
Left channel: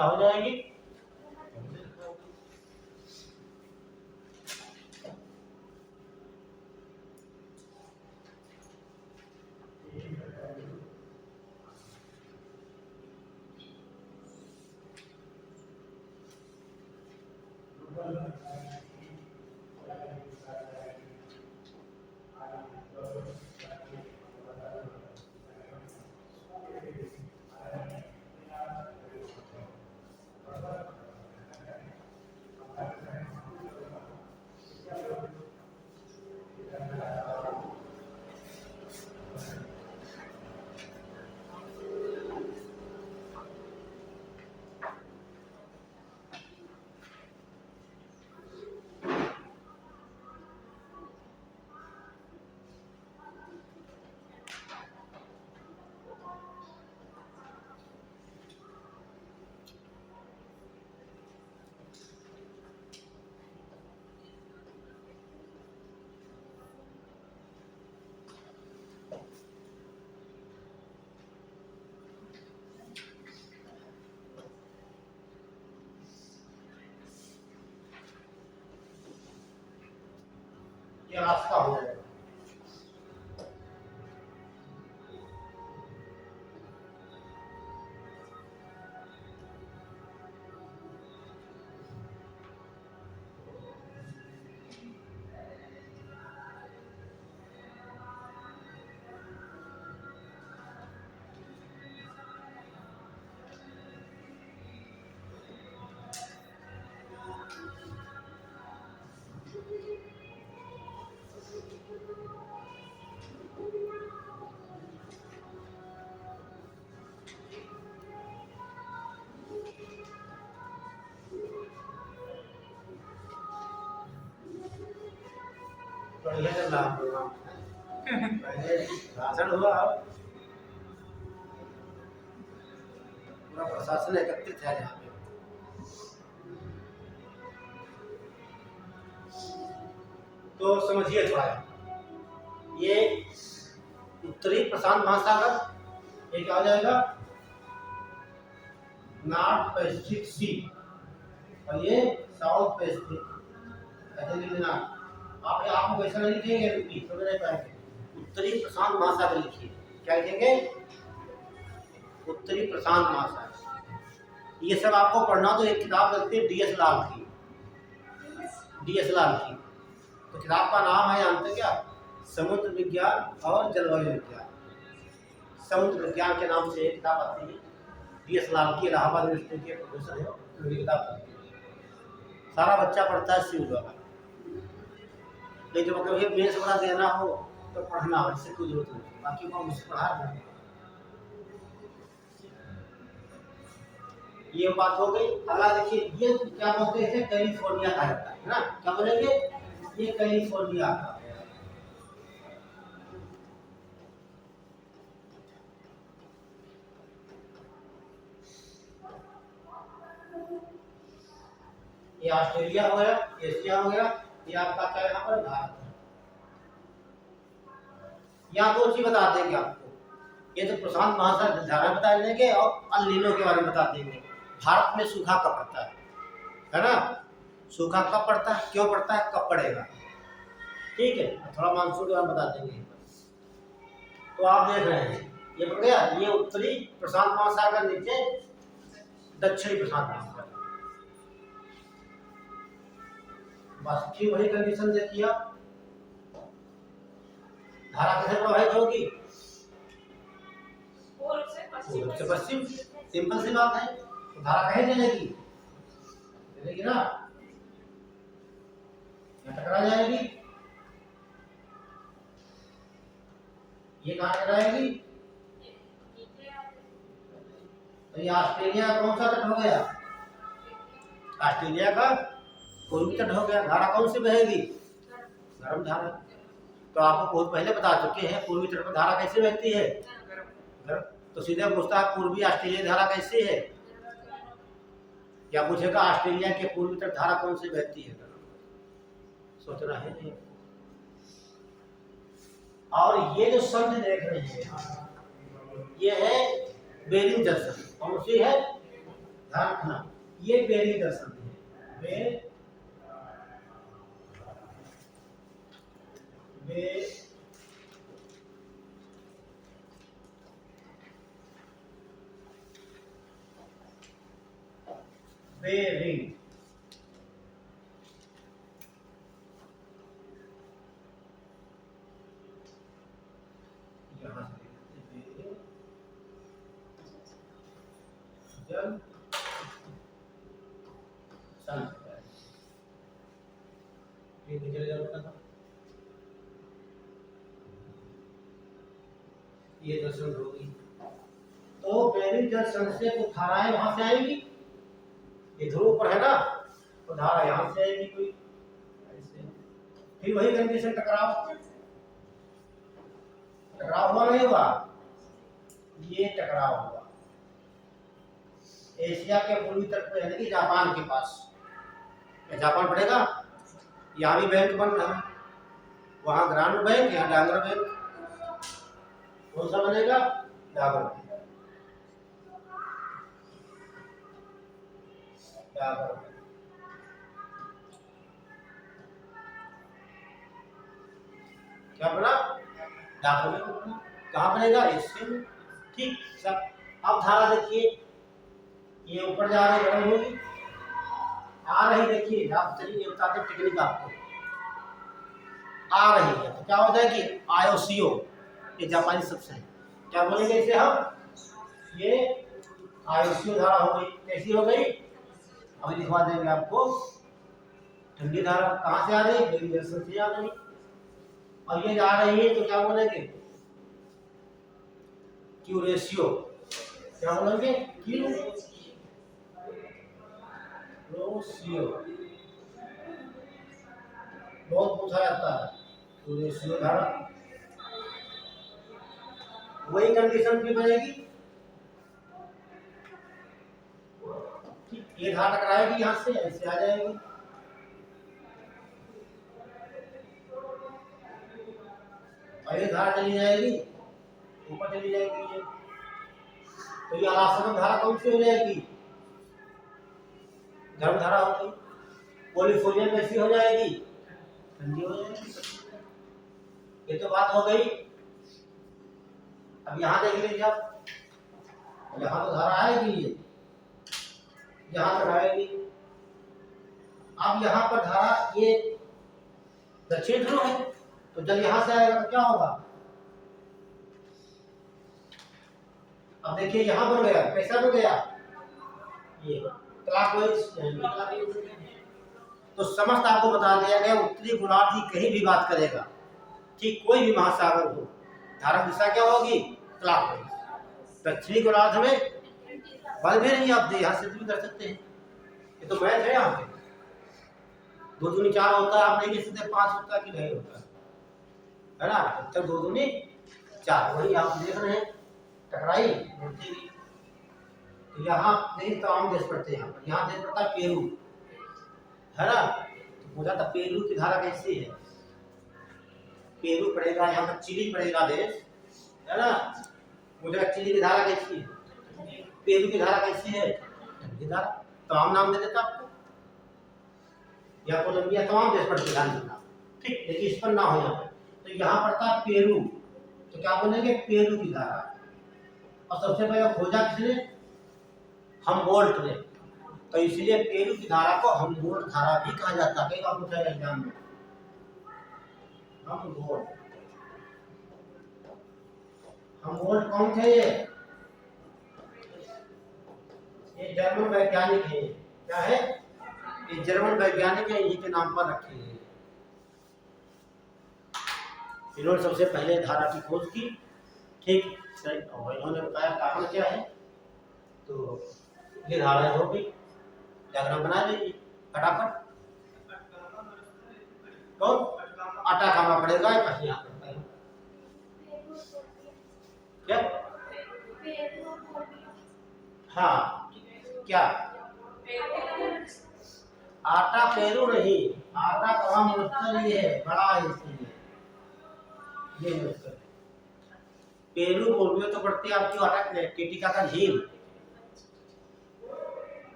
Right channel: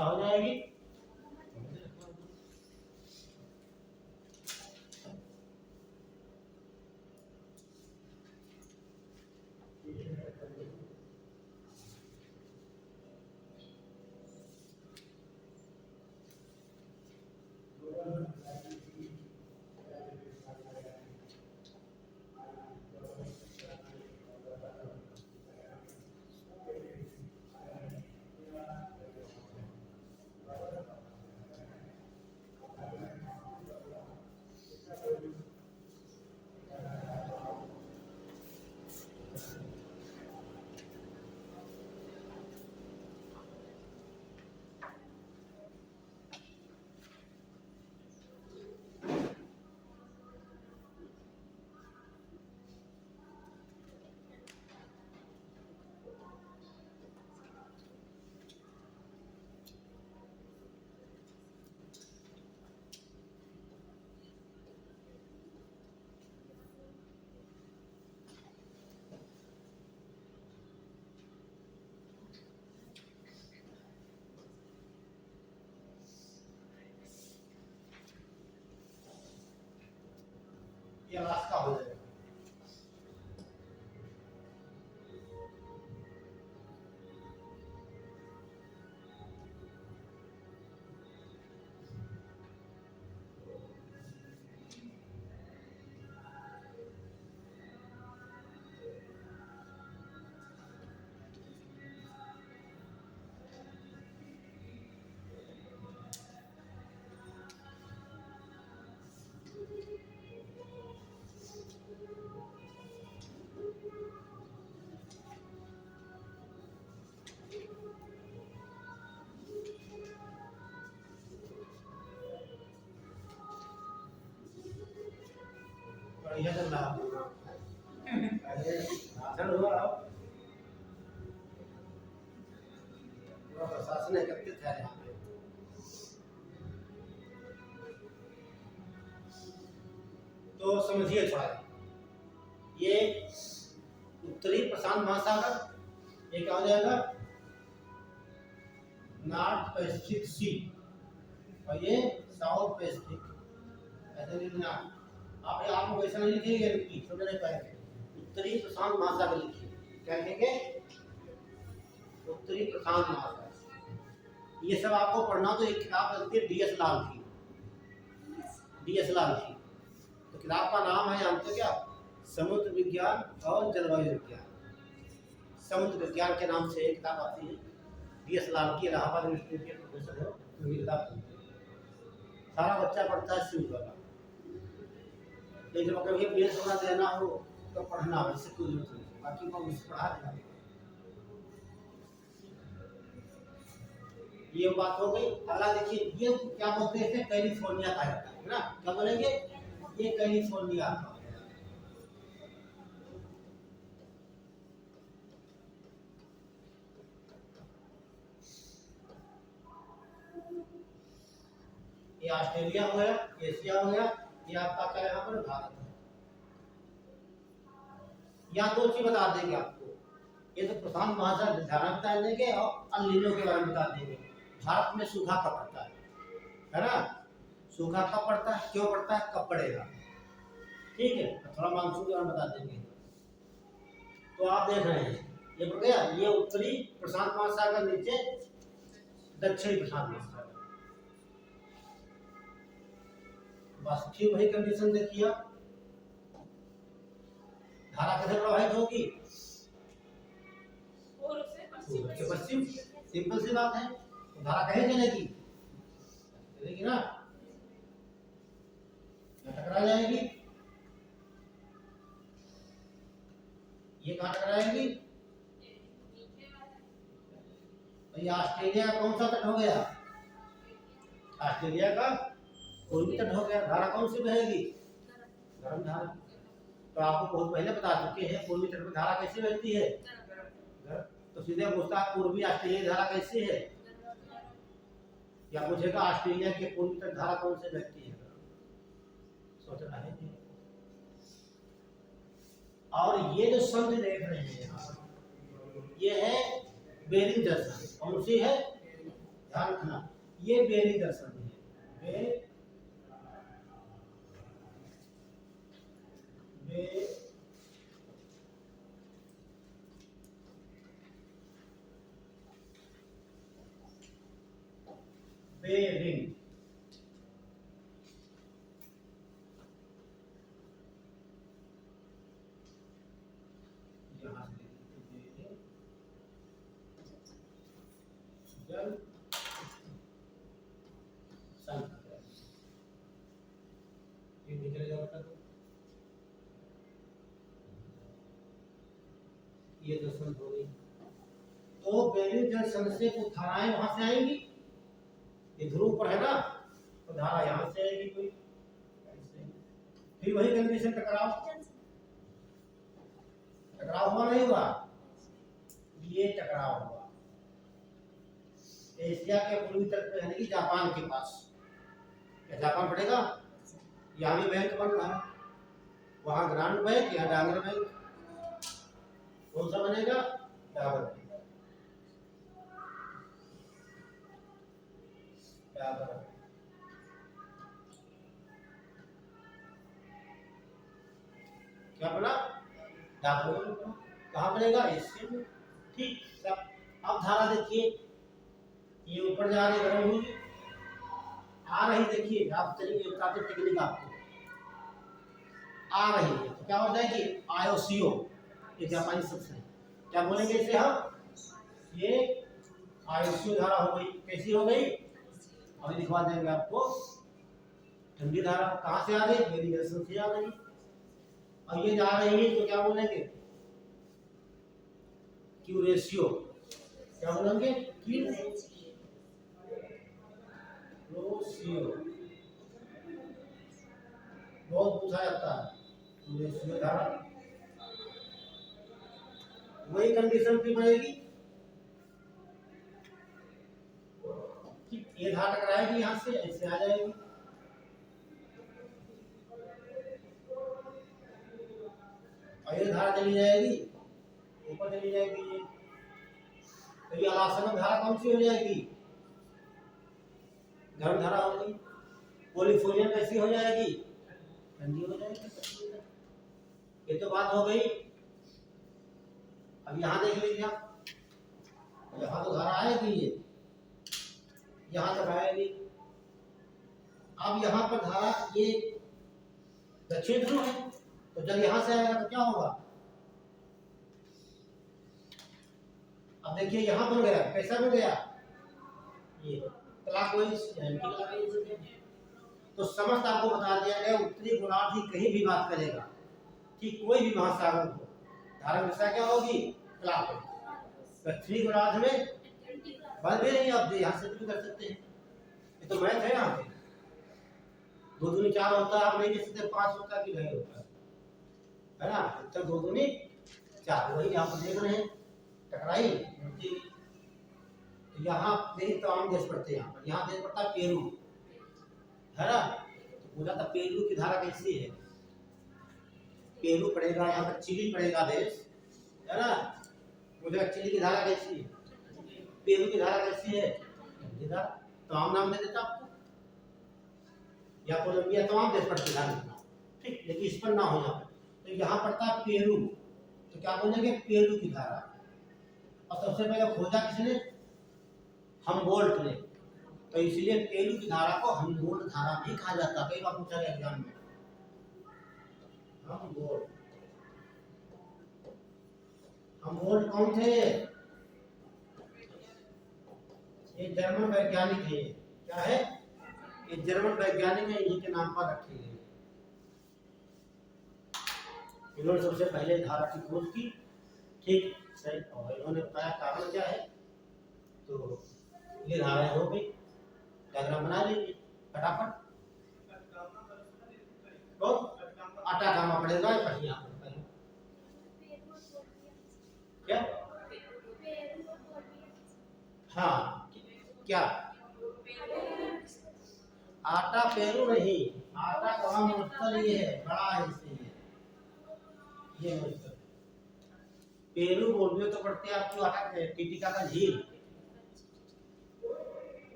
क्या हो जाएगी? ये रास्ता हो जाएगा। बढ़िया चल रहा प्रोग्राम। पहले भाषण हुआ, अब पूरा प्रशासन एकत्रित है यहाँ पे। तो समझिए थोड़ा, ये उत्तरी प्रशांत महासागर, ये क्या हो जाएगा? नॉर्थ पैसिफिक सी, और ये साउथ पैसिफिक। ऐसे लिख देना आप, आपको वैसा नहीं लिखेंगे, रुकिए समझ नहीं पाएंगे। उत्तरी प्रशांत महासागर लिखिए। क्या लिखेंगे? उत्तरी प्रशांत महासागर। ये सब आपको पढ़ना, तो एक किताब लगती है DS लाल की, DS लाल की। तो किताब का नाम है, जानते क्या? समुद्र विज्ञान और जलवायु विज्ञान। समुद्र विज्ञान के नाम से एक किताब आती है, DS लाल की, इलाहाबाद यूनिवर्सिटी के प्रोफेसर है, उनकी किताब पढ़ती है। सारा बच्चा पढ़ता है सिविल वाला, लेकिन जब कभी मेंस वाला देना हो तो पढ़ना हो, इससे कोई जरूरत नहीं, बाकी वो मुझसे पढ़ा देना। ये बात हो गई। अगला देखिए, ये क्या बोलते हैं? कैलिफोर्निया कहा जाता है ना? क्या बोलेंगे? ये कैलिफोर्निया का है। ये ऑस्ट्रेलिया हो गया, एशिया हो गया, ये आपका क्या यहाँ पर? भारत है। यहाँ दो चीज बता देंगे आपको, ये तो प्रशांत महासागर धारा बता देंगे और अल नीनो के बारे में बता देंगे। भारत में सूखा कब पड़ता है ना? सूखा कब पड़ता है, क्यों पड़ता है, कब पड़ेगा, ठीक है? थोड़ा मानसून के बारे में बता देंगे। तो आप देख रहे हैं, ये पड़ गया, ये उत्तरी प्रशांत महासागर, नीचे दक्षिणी प्रशांत महासागर। बस ठीक वही कंडीशन देखिए आप। धारा कैसे प्रभावित होगी? पूर्व से पश्चिम, सिंपल सी बात है। तो धारा कहीं चलेगी? चलेगी ना, टकरा जाएगी। ये कहाँ टकराएगी? तो ये ऑस्ट्रेलिया का कौन सा तट हो गया? ऑस्ट्रेलिया का पूर्वी तट हो गया। धारा कौन सी बहेगी? गर्म धारा। तो आपको बहुत पहले बता चुके हैं, पूर्वी तट पर धारा कैसे बहती है? गर्म। तो सीधे पूछता है, पूर्वी ऑस्ट्रेलिया धारा कैसी है? या पूछेगा ऑस्ट्रेलिया के पूर्वी तट धारा कौन सी बहती है? सोचना है नहीं। और ये जो समझ देख रहे हैं, ये है बेरिंग जंक्शन। कौन सी है? ध्यान रखना, ये बेरी दर्शन है। बे बेरिंग, यहाँ से जल ये निकल जाता, ये दर्शन होगी। तो बेरी जल संचय को धाराएं वहां से आएंगी, ये ध्रुव पर है ना, तो धारा यहाँ से आएगी कोई ऐसे, फिर वही कंडीशन टकराव, टकराव हुआ नहीं हुआ, ये टकराव हुआ एशिया के पूर्वी तट पे, यानी कि जापान के पास। जापान पड़ेगा, यहाँ भी बैंक बन रहा है, वहाँ ग्रांड बैंक, यहाँ डांगर बैंक, कौन सा बनेगा? डाबर बैंक। डाबर बैंक क्या बना? डाबर बैंक बना। कहाँ बनेगा? एशिया में। ठीक सब। अब धारा देखिए, ये ऊपर जा रही गर्म होगी, आ रही, देखिए आप चलिए बताते टेक्निक आपको, आ रही है तो क्या हो जाएगी? आयोसीओ, ये जापानी शब्द है, क्या बोलेंगे इसे हम? ये आयोसीओ धारा हो गई। कैसी हो गई? अभी दिखवा देंगे आपको। ठंडी धारा कहाँ से आ रही है? बेरी जंक्शन से आ रही, और ये जा रही है तो क्या बोलेंगे? क्यू रेशियो, क्या बोलेंगे? क्यू रेशियो, बहुत पूछा जाता है क्यू रेशियो धारा। वही कंडीशन भी बनेगी, ये धारा टकराएगी यहाँ से, ऐसे आ जाएगी, और ये धारा चली जाएगी ऊपर, चली जाएगी ये, तो ये आसवन धारा कौन सी हो जाएगी? गर्म धारा होगी। पोलिफोनियम कैसी हो जाएगी? ठंडी हो जाएगी। ये तो बात हो गई। अब यहाँ देख लीजिए आप, यहाँ तो धारा आएगी, ये यहाँ तक आएगी। अब यहाँ पर धारा, ये दक्षिण ध्रुव है, तो जल यहाँ से आएगा तो क्या होगा? अब देखिए यहाँ बन गया, कैसा बन गया? ये क्लॉकवाइज। तो समस्त आपको बता दिया गया, उत्तरी गोलार्ध की कहीं भी बात करेगा, ठीक कोई भी महासागर हो, धारा दिशा क्या होगी? क्लॉकवाइज। दक्षिणी गोलार्ध में बल भी नहीं, आप यहाँ से भी कर सकते हैं, ये तो मैथ है। यहाँ पे 2 दूनी 4 होता है, आप नहीं कह सकते 5 होता है कि नहीं होता है ना? जब तक 2 दूनी 4, वही आप देख रहे हैं, टकराई बोलती हुई। तो यहाँ देखिए तमाम देश पड़ते हैं, यहाँ देश पड़ता है पेरू, है ना? तो पूछा था पेरू की धारा कैसी है? पेरू पड़ेगा, यहाँ पर चिली पड़ेगा देश, है ना? मुझे चिली की धारा कैसी है? पेरू की धारा कैसी है? ठंडी धारा। तमाम नाम दे देता आपको, या कोलंबिया, तमाम देश पड़ते ध्यान रखना, ठीक, लेकिन इस पर ना हो यहाँ पर। तो यहाँ पड़ता है पेरू, तो क्या बोलेंगे? पेरू की धारा। और सबसे पहले खोजा किसने? हमबोल्ट ने, तो इसलिए पेरू की धारा को हमबोल्ट धारा भी कहा जाता है। कई बार पूछा गया एग्जाम में, हमबोल्ट। हमबोल्ट कौन थे? ये जर्मन वैज्ञानिक है। क्या है? ये जर्मन वैज्ञानिक है, इन्हीं के नाम पर रखे हैं। इन्होंने सबसे पहले धारा की खोज की, ठीक सही, और इन्होंने बताया कारण क्या है। तो ये धारा हो गई, डायग्राम बना लीजिए फटाफट। तो अटाकामा पड़ेगा, यहाँ पर क्या? हाँ, क्या? आटा पेरू नहीं, आटा कहाँ मुश्किल ये है, बड़ा है इसलिए ये मुश्किल। पेरू बोलियो तो पड़ती है आपकी आटा टिटिका का झील,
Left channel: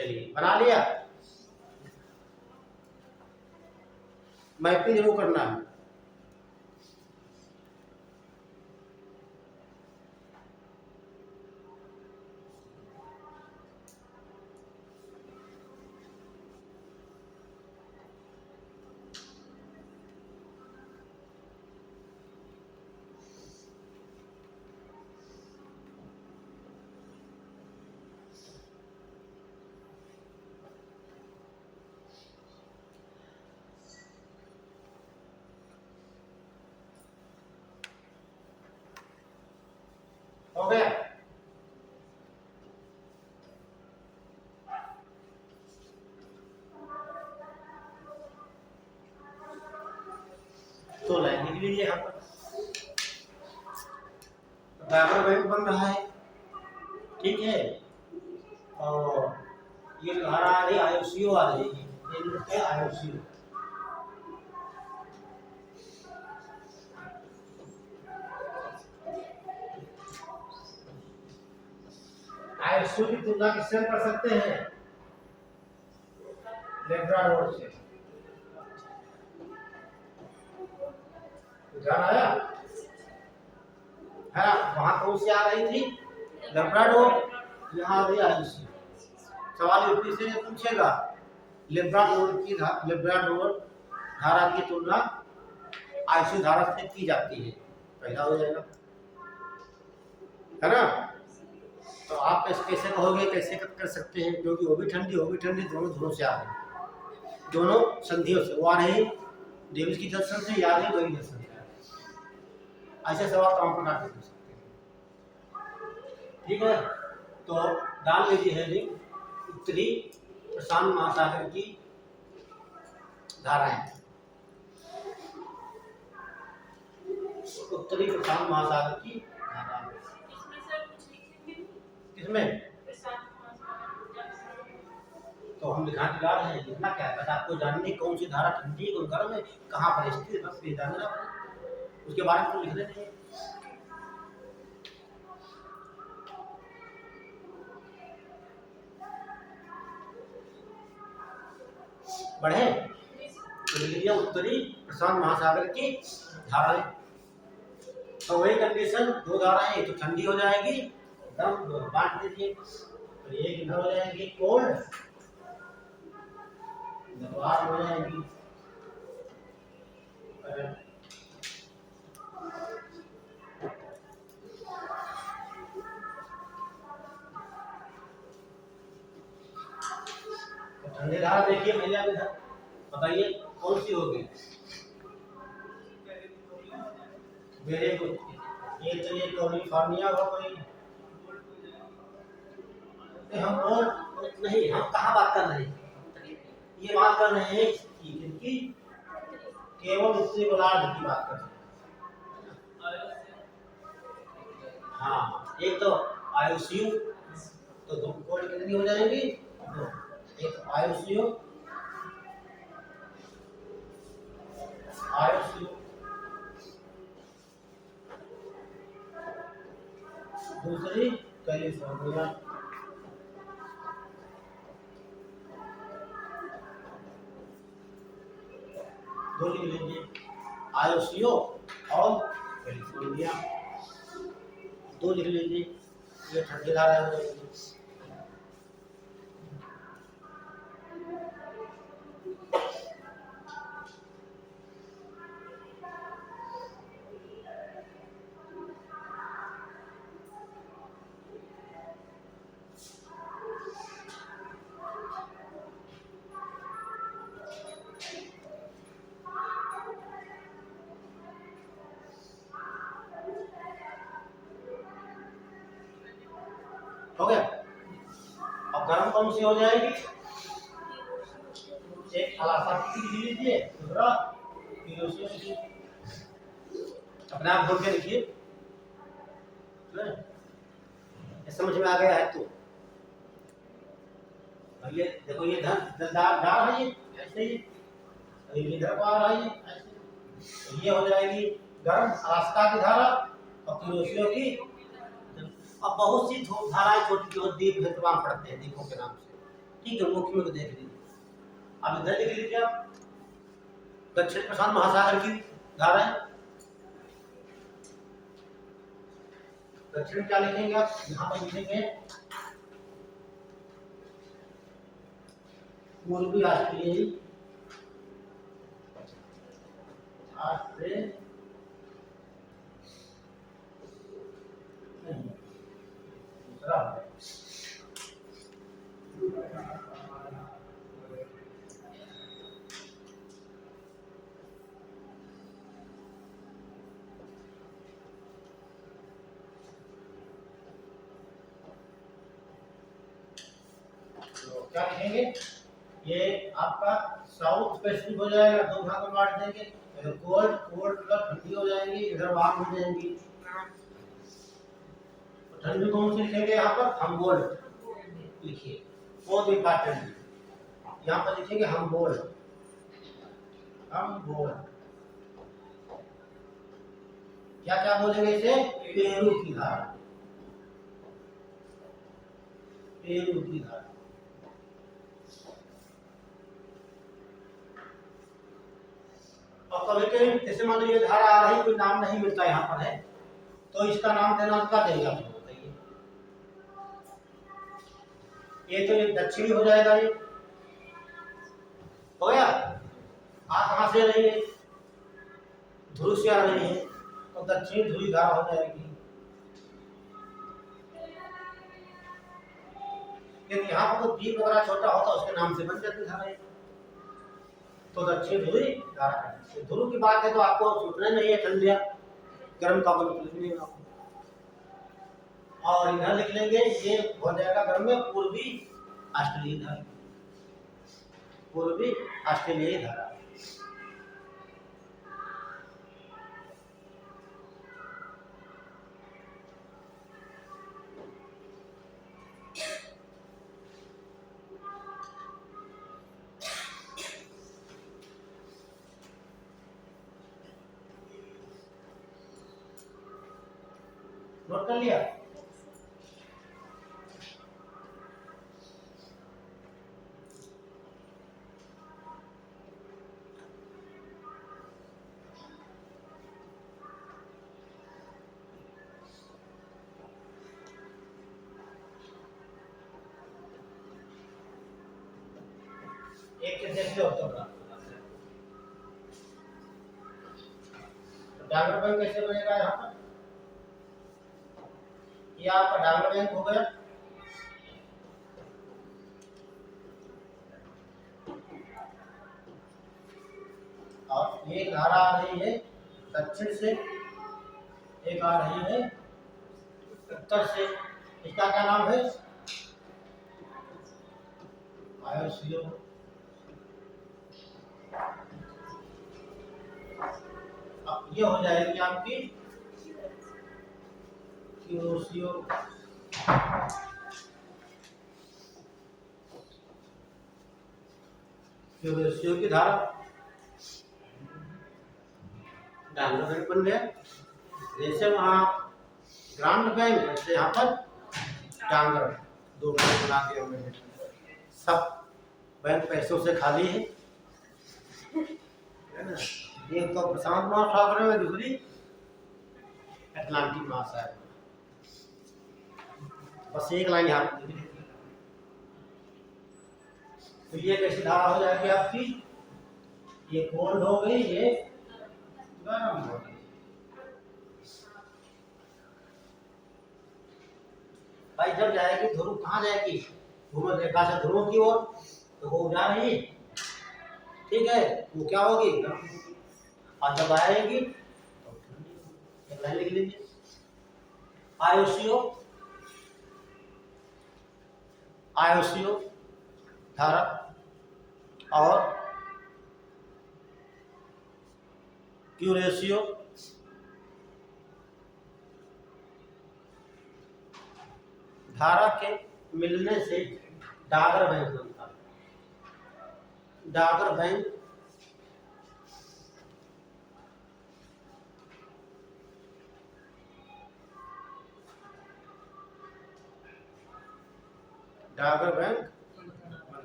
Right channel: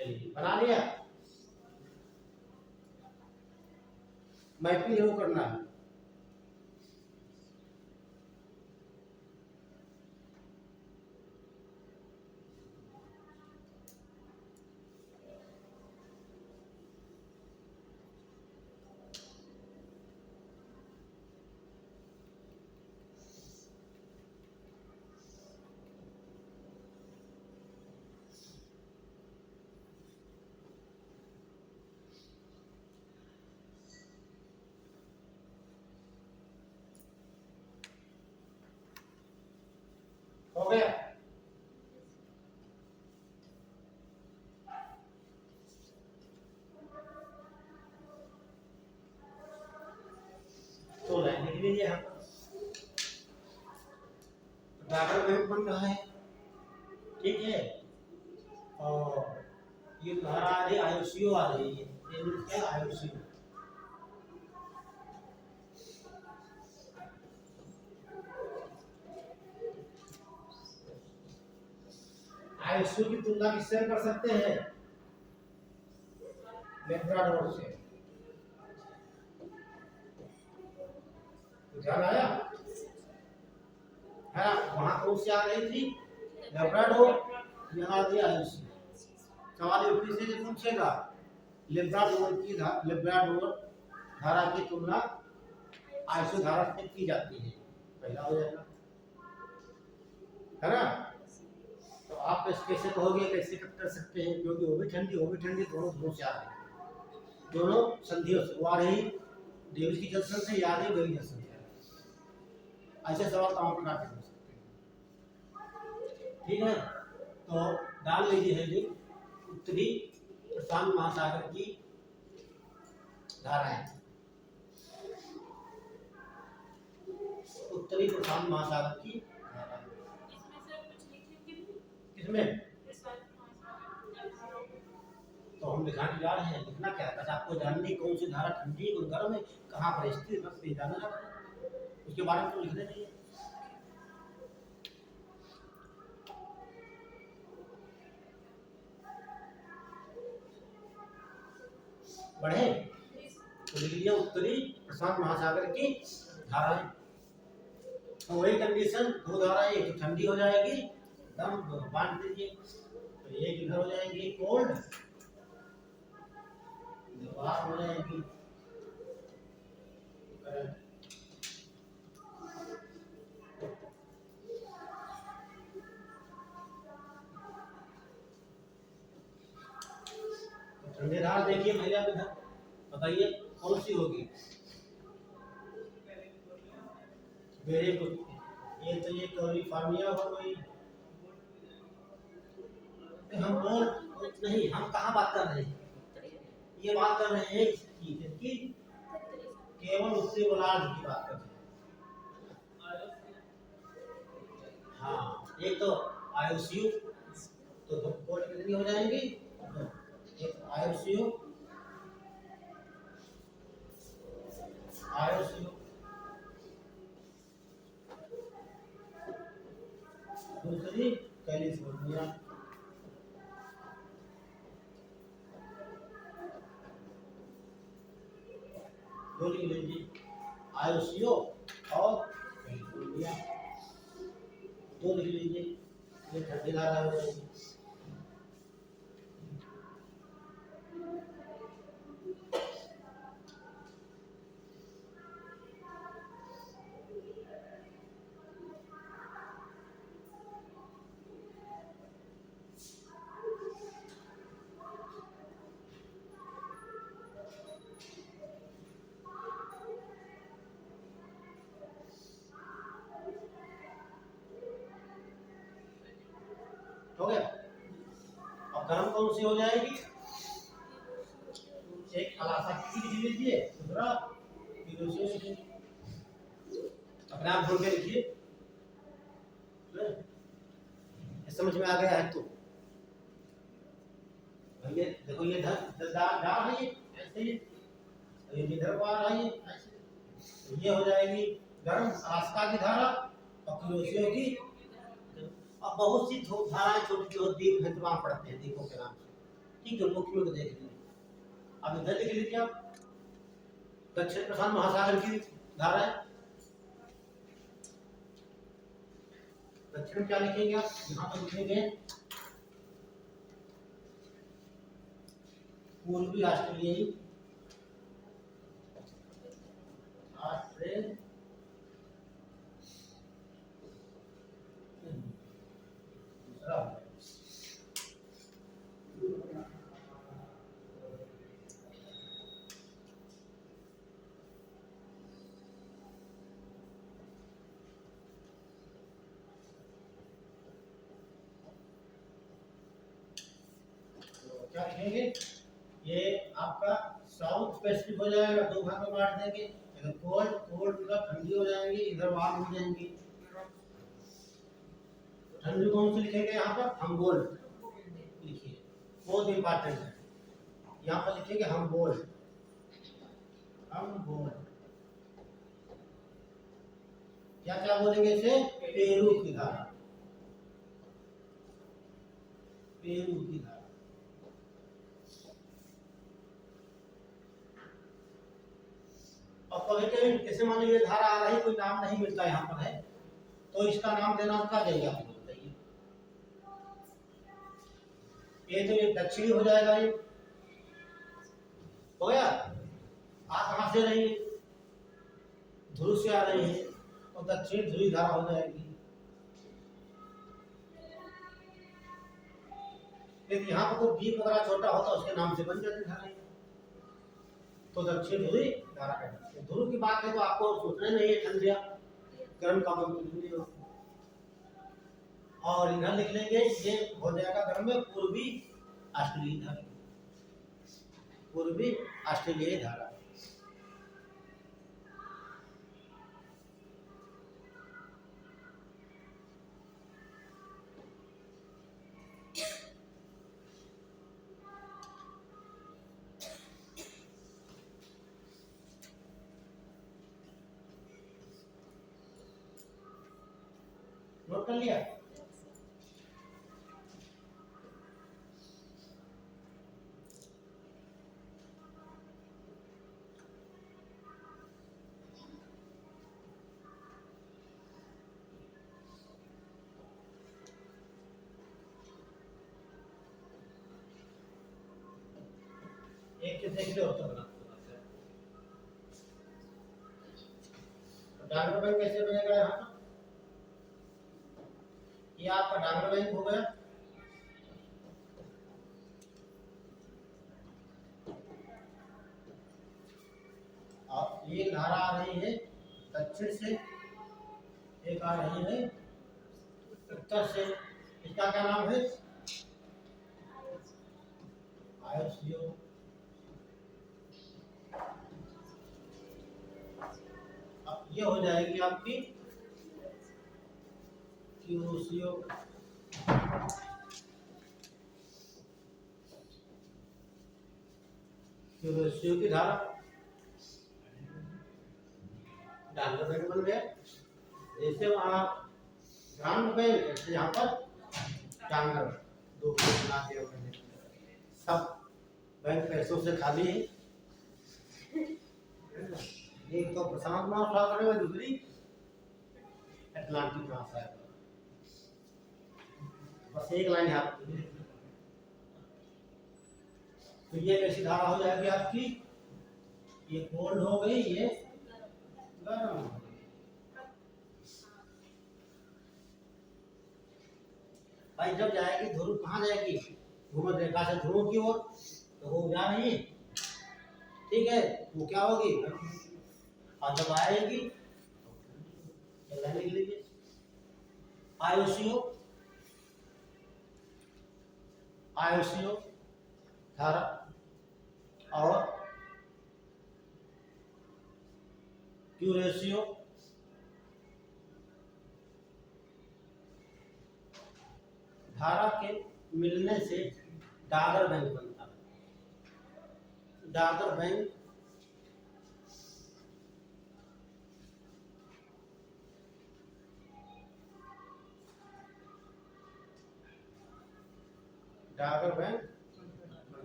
चलिए बना लिया। मैपिंग जरूर करना है। हो गया। तो लाइन लिख लीजिए यहाँ पर। डायग्राम वही बन रहा है, ठीक है। और ये जो धारा आ रही है IOCO आ रही है, ये IOCO। IOCO की तुलना किससे कर सकते हैं? लेब्राडोर से। ध्यान आया है? वहां कौन सी आ रही थी? लेब्राडोर। यहाँ आ गई IOCO। सवाल यूपी से पूछेगा लेब्राडोर धारा की तुलना IOCO धारा से की जाती है, पहला हो जाएगा, है ना। तो आप कैसे कहोगे, कैसे कर सकते हैं? क्योंकि वो भी ठंडी दोनों धुरों से आ रही, दोनों संधियों से। वो आ रही डेविस की जंक्शन से, या आ रही वही जंक्शन से। ऐसे सवाल तमाम प्रकार के पूछ सकते हैं, ठीक है। तो डाल लीजिए हेडिंग, उत्तरी प्रशांत महासागर की धाराएं। उत्तरी प्रशांत महासागर की धाराएं इसमें सर कुछ लिखेंगे नहीं? किसमें? प्रशांत महासागर जल तो हम दिखा दिला रहे हैं, लिखना क्या है? बस आपको जाननी कौन सी धारा ठंडी है, कौन गर्म है, कहाँ पर स्थित है, बस ये जानना है। उसके बारे में तो लिख देते हैं। बढ़े तो लिख लिया उत्तरी प्रशांत महासागर की धाराएं। तो वही कंडीशन, दो धाराएं, एक तो ठंडी हो जाएगी एकदम, बांट दीजिए। तो एक इधर हो जाएगी कोल्ड, बाहर हो जाएगी ठंडी धारा। देखिए पहले आप इधर बताइए कौन सी होगी? Very good. ये चलिए कैलिफोर्निया हो गई। हम और नहीं, हम कहाँ बात कर रहे हैं? ये बात कर रहे हैं कि केवल उत्तरी गोलार्ध की बात कर रहे हैं। हाँ, एक तो IOCO, तो दो कोड कितनी हो जाएंगी? दो। एक IOCO, दूसरी कैलिफोर्निया। दो लिख लीजिए, IOCO और कैलिफोर्निया, दो लिख लीजिए। ये ठंडी धारा हो जाएगी। हो गया। अब गर्म कौन सी हो जाएगी? एक अलासा की लिख लीजिए, दूसरा किरोसिन लिखिए। अपने आप बोल के लिखिए, समझ में आ गया है? तो ये देखो, ये डाल है, ये ऐसे ही ये इधर को आ रहा है, ये ऐसे। तो ये हो जाएगी गर्म अलास्का की धारा और किरोसिन की। अब बहुत सी धाराएं छोटी छोटी द्वीप है, तमाम पढ़ते हैं द्वीपों के नाम से। ठीक है, मुख्य में देख लीजिए। अब इधर लिख लीजिए आप, दक्षिण प्रशांत महासागर की धारा है। दक्षिण क्या लिखेंगे आप, यहाँ पर लिखेंगे पूर्वी ऑस्ट्रेलिया, ऑस्ट्रेलिया नहीं, दूसरा है। तो क्या लिखेंगे, ये आपका साउथ पैसिफिक हो जाएगा, दो भाग में बांट देंगे, इधर कोल्ड, कोल्ड मतलब ठंडी हो जाएगी, इधर वार्म हो जाएंगी। तो ठंडी कौन सी लिखेंगे, यहाँ पर हमबोल्ट लिखिए, बहुत इंपॉर्टेंट है। यहाँ पर लिखेंगे हमबोल्ट, हमबोल्ट। क्या क्या बोलेंगे इसे, पेरू की धारा, पेरू की धारा। और कभी कभी जैसे मान लीजिए धारा आ रही, कोई नाम नहीं मिलता यहाँ पर है, तो इसका नाम देना क्या देंगे आप बताइए। ये तो ये दक्षिणी हो जाएगा, ये हो गया। आप कहाँ से रही है, ध्रुव से आ रही है, तो दक्षिणी ध्रुवी धारा हो जाएगी। यदि यहाँ पर कोई द्वीप वगैरह छोटा होता उसके नाम से बन जाती धारा, तो दक्षिण ध्रुवी धारा है। ध्रुव की बात है तो आपको सोचना नहीं है ठंड या गर्म का कोई मतलब नहीं होगा। और इधर लिख लेंगे, ये हो जाएगा गर्म में पूर्वी ऑस्ट्रेलियाई धारा, पूर्वी ऑस्ट्रेलियाई धारा। नोट कर लिया। एक के देख लो तो डायग्राम बैंक कैसे बनेगा, यहाँ पर ये आपका डायग्राम बैंक हो गया। और एक धारा आ रही है दक्षिण से, एक आ रही है उत्तर से, इसका क्या नाम है, आयुष्यो। अब ये हो जाएगी आपकी क्यूरोसियो, क्यूरोसियो की धारा, डायग्राम बैंक बन गया। जैसे वहाँ ग्रांड बैंक, जैसे यहाँ पर डांगर, दो बैंक बना दिया मैंने। सब बैंक पैसों से खाली है ना। एक तो प्रशांत महासागर में, दूसरी अटलांटिक महासागर में। बस एक लाइन यहाँ पे लिख ली। तो ये कैसी धारा हो जाएगी आपकी, ये कोल्ड हो गई, ये गर्म हो गई। भाई जब जाएगी ध्रुव, कहाँ जाएगी, भूमध्य रेखा से ध्रुव की ओर, तो वो जा रही है, ठीक है, वो क्या होगी, गर्म होगी। और जब आएगी तो ठंडी होगी। एक लाइन लिख लीजिए, आयुष्यो, आयुष्यो धारा और क्यूरेशियो धारा के मिलने से डागर बैंक बनता है। डागर बैंक डागर बैंक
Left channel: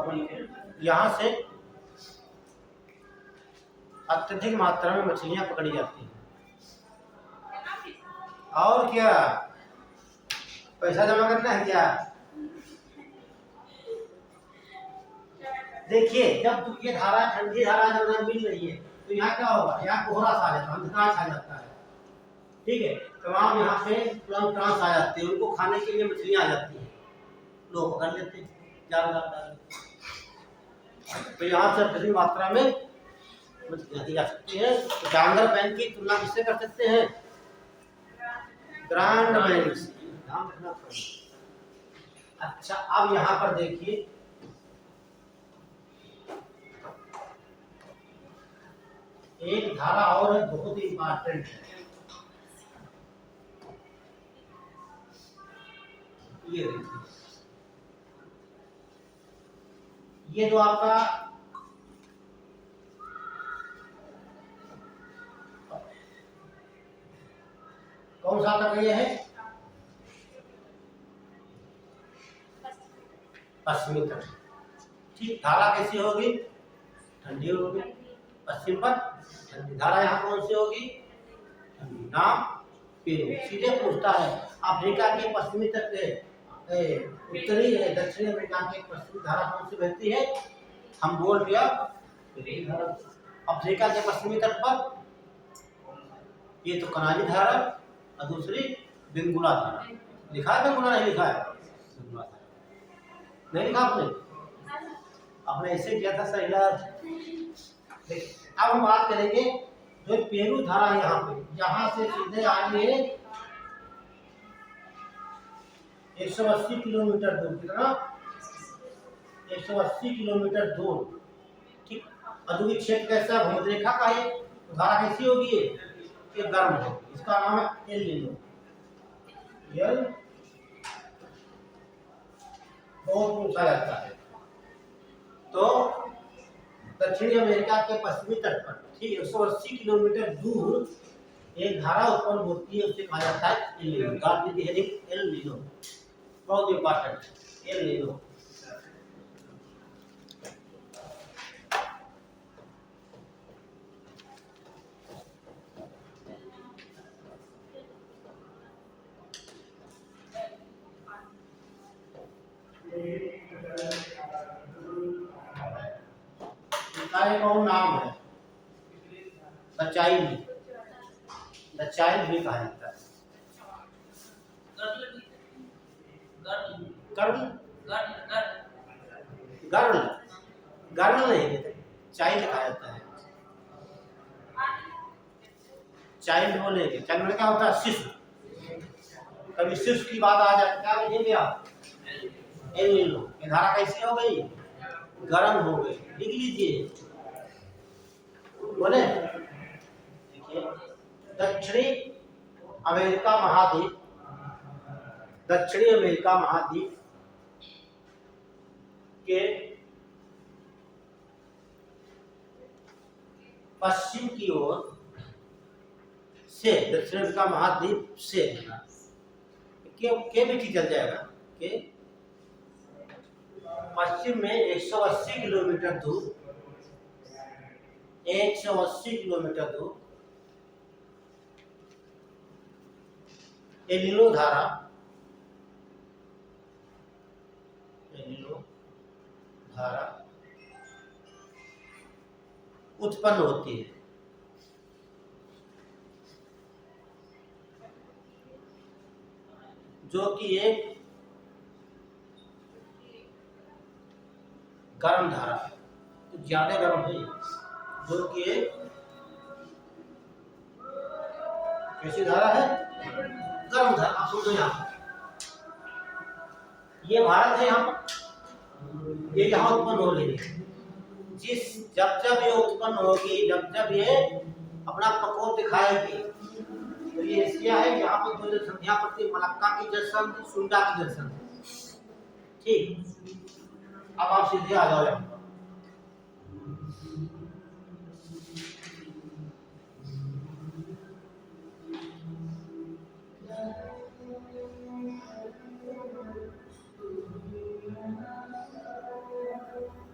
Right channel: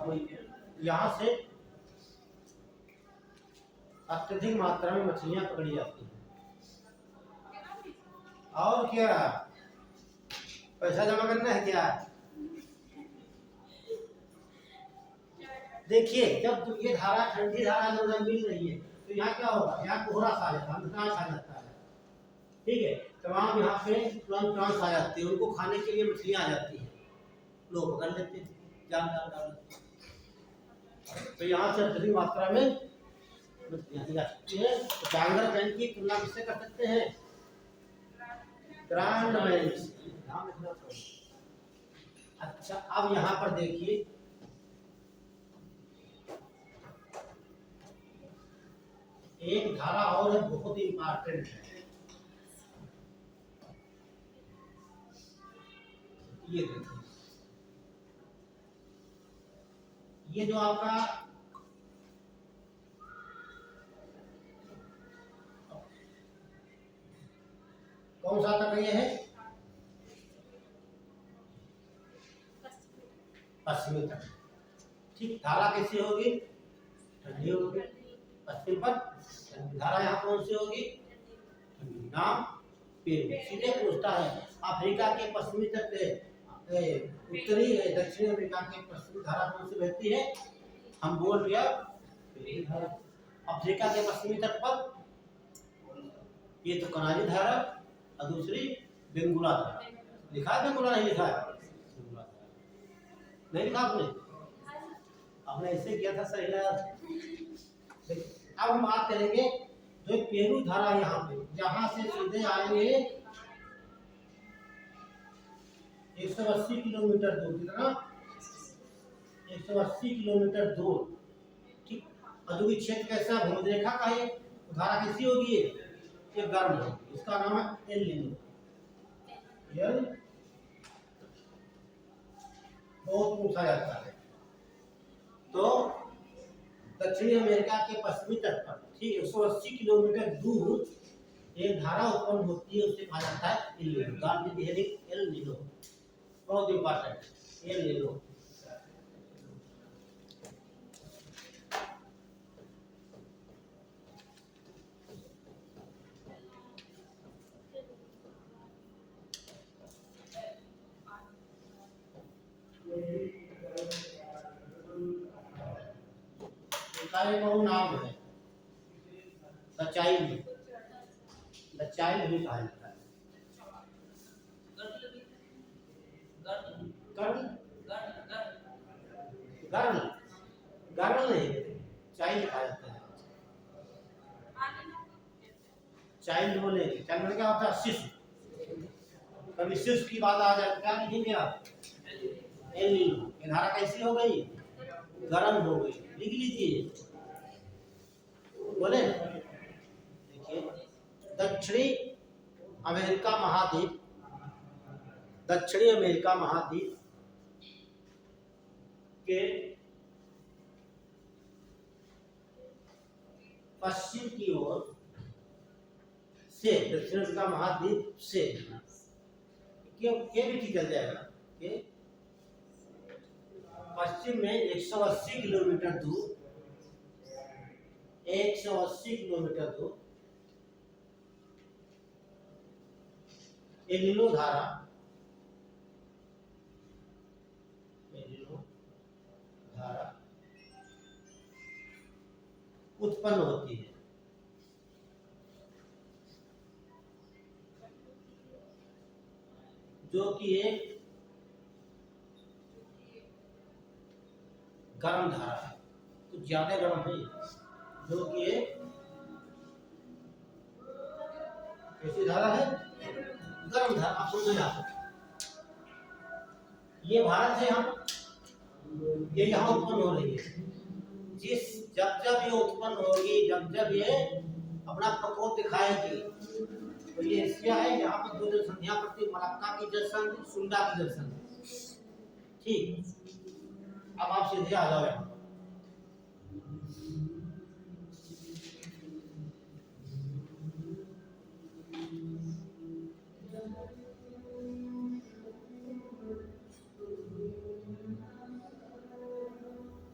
यहाँ से अत्यधिक मात्रा में मछलियां पकड़ी जाती हैं। और क्या, पैसा जमा करना है क्या? देखिए, जब ये धारा ठंडी धारा जब मिल रही है तो यहाँ क्या होगा, यहाँ कोहरा सा आ जाता है, अंधकार छा जाता है। ठीक है, तमाम यहाँ पे प्लांट्स आ जाते हैं, उनको खाने के लिए मछलियां आ जाती हैं, लोग पकड़ लेते हैं, जाल डाल लेते। तो यहाँ से अत्यधिक मात्रा में मछलियां दी जा सकती है। तो डांगर बैंक की तुलना किससे कर सकते हैं? ग्रांड बैंक से। ध्यान रखना पड़ेगा। अच्छा, अब यहाँ पर देखिए, एक धारा और है, बहुत ही इंपॉर्टेंट है। ये देखिए, ये जो आपका कौन सा तक ये है? पश्चिमी तट। ठीक, धारा कैसी होगी? ठंडी होगी। पश्चिम पर ठंडी धारा यहाँ कौन सी होगी? ठंडी। नाम पेरू। सीधे पूछता है अफ्रीका के पश्चिमी तट उत्तरी दक्षिणी अमेरिका के पश्चिमी धारा कौन सी बहती है? हम बोल दिया अफ्रीका के पश्चिमी तट पर ये तो कनारी धारा और दूसरी बेंगुला धारा। लिखा है बेंगुला? नहीं लिखा है, बेंगुला धारा नहीं लिखा आपने? आपने ऐसे किया था सही यार। अब हम बात करेंगे जो पेरू धारा है, यहाँ पे यहाँ से सीधे आएंगे 180 किलोमीटर दूर। कितना? 180 किलोमीटर दूर। ठीक, अधुवी क्षेत्र कैसा? भूमध्य रेखा का है। तो धारा कैसी होगी? ये गर्म होगी। इसका नाम है एल नीनो। एल बहुत पूछा जाता है। तो दक्षिणी अमेरिका के पश्चिमी तट पर ठीक 180 किलोमीटर दूर एक धारा उत्पन्न होती है, उसे कहा जाता है एल नीनो। गार्ड दी हेडिंग एल नीनो, बहुत इंपॉर्टेंट। एल नीनो कौन नाम है? The child. द चाइल्ड भी कहा जाता है। गर्ल गर्ल गर्ल नहीं कहते, चाइल्ड कहा जाता है। चाइल्ड बोलेंगे, चाइल्ड में क्या होता है? शिशु। कभी शिशु की बात आ जाए क्या लिखेंगे आप? El Nino. ये धारा कैसी हो गई? गर्म हो गई। लिख लीजिए, बोले। देखिए, दक्षिणी अमेरिका महाद्वीप, दक्षिणी अमेरिका महाद्वीप के पश्चिम की ओर से, दक्षिण अमेरिका महाद्वीप से के भी ठीक चल जाएगा, के पश्चिम में 180 किलोमीटर दूर, 180 किलोमीटर दूर एल नीनो धारा, एल नीनो धारा उत्पन्न होती है। जो कि एक गर्म धारा है, कुछ ज्यादा गर्म है। जो कि एक कैसी धारा है? गर्म धारा। आप समझो, यहाँ ये भारत है, ये यहाँ उत्पन्न हो रही है। जब जब ये उत्पन्न होगी, जब जब ये अपना प्रकोप दिखाएगी, तो ये एशिया है। यहाँ पर दो जल संधियां पड़ती है, मलक्का की जल संधि, सुंडा की जल संधि। ठीक, अब आप सीधे आ जाओ यहाँ।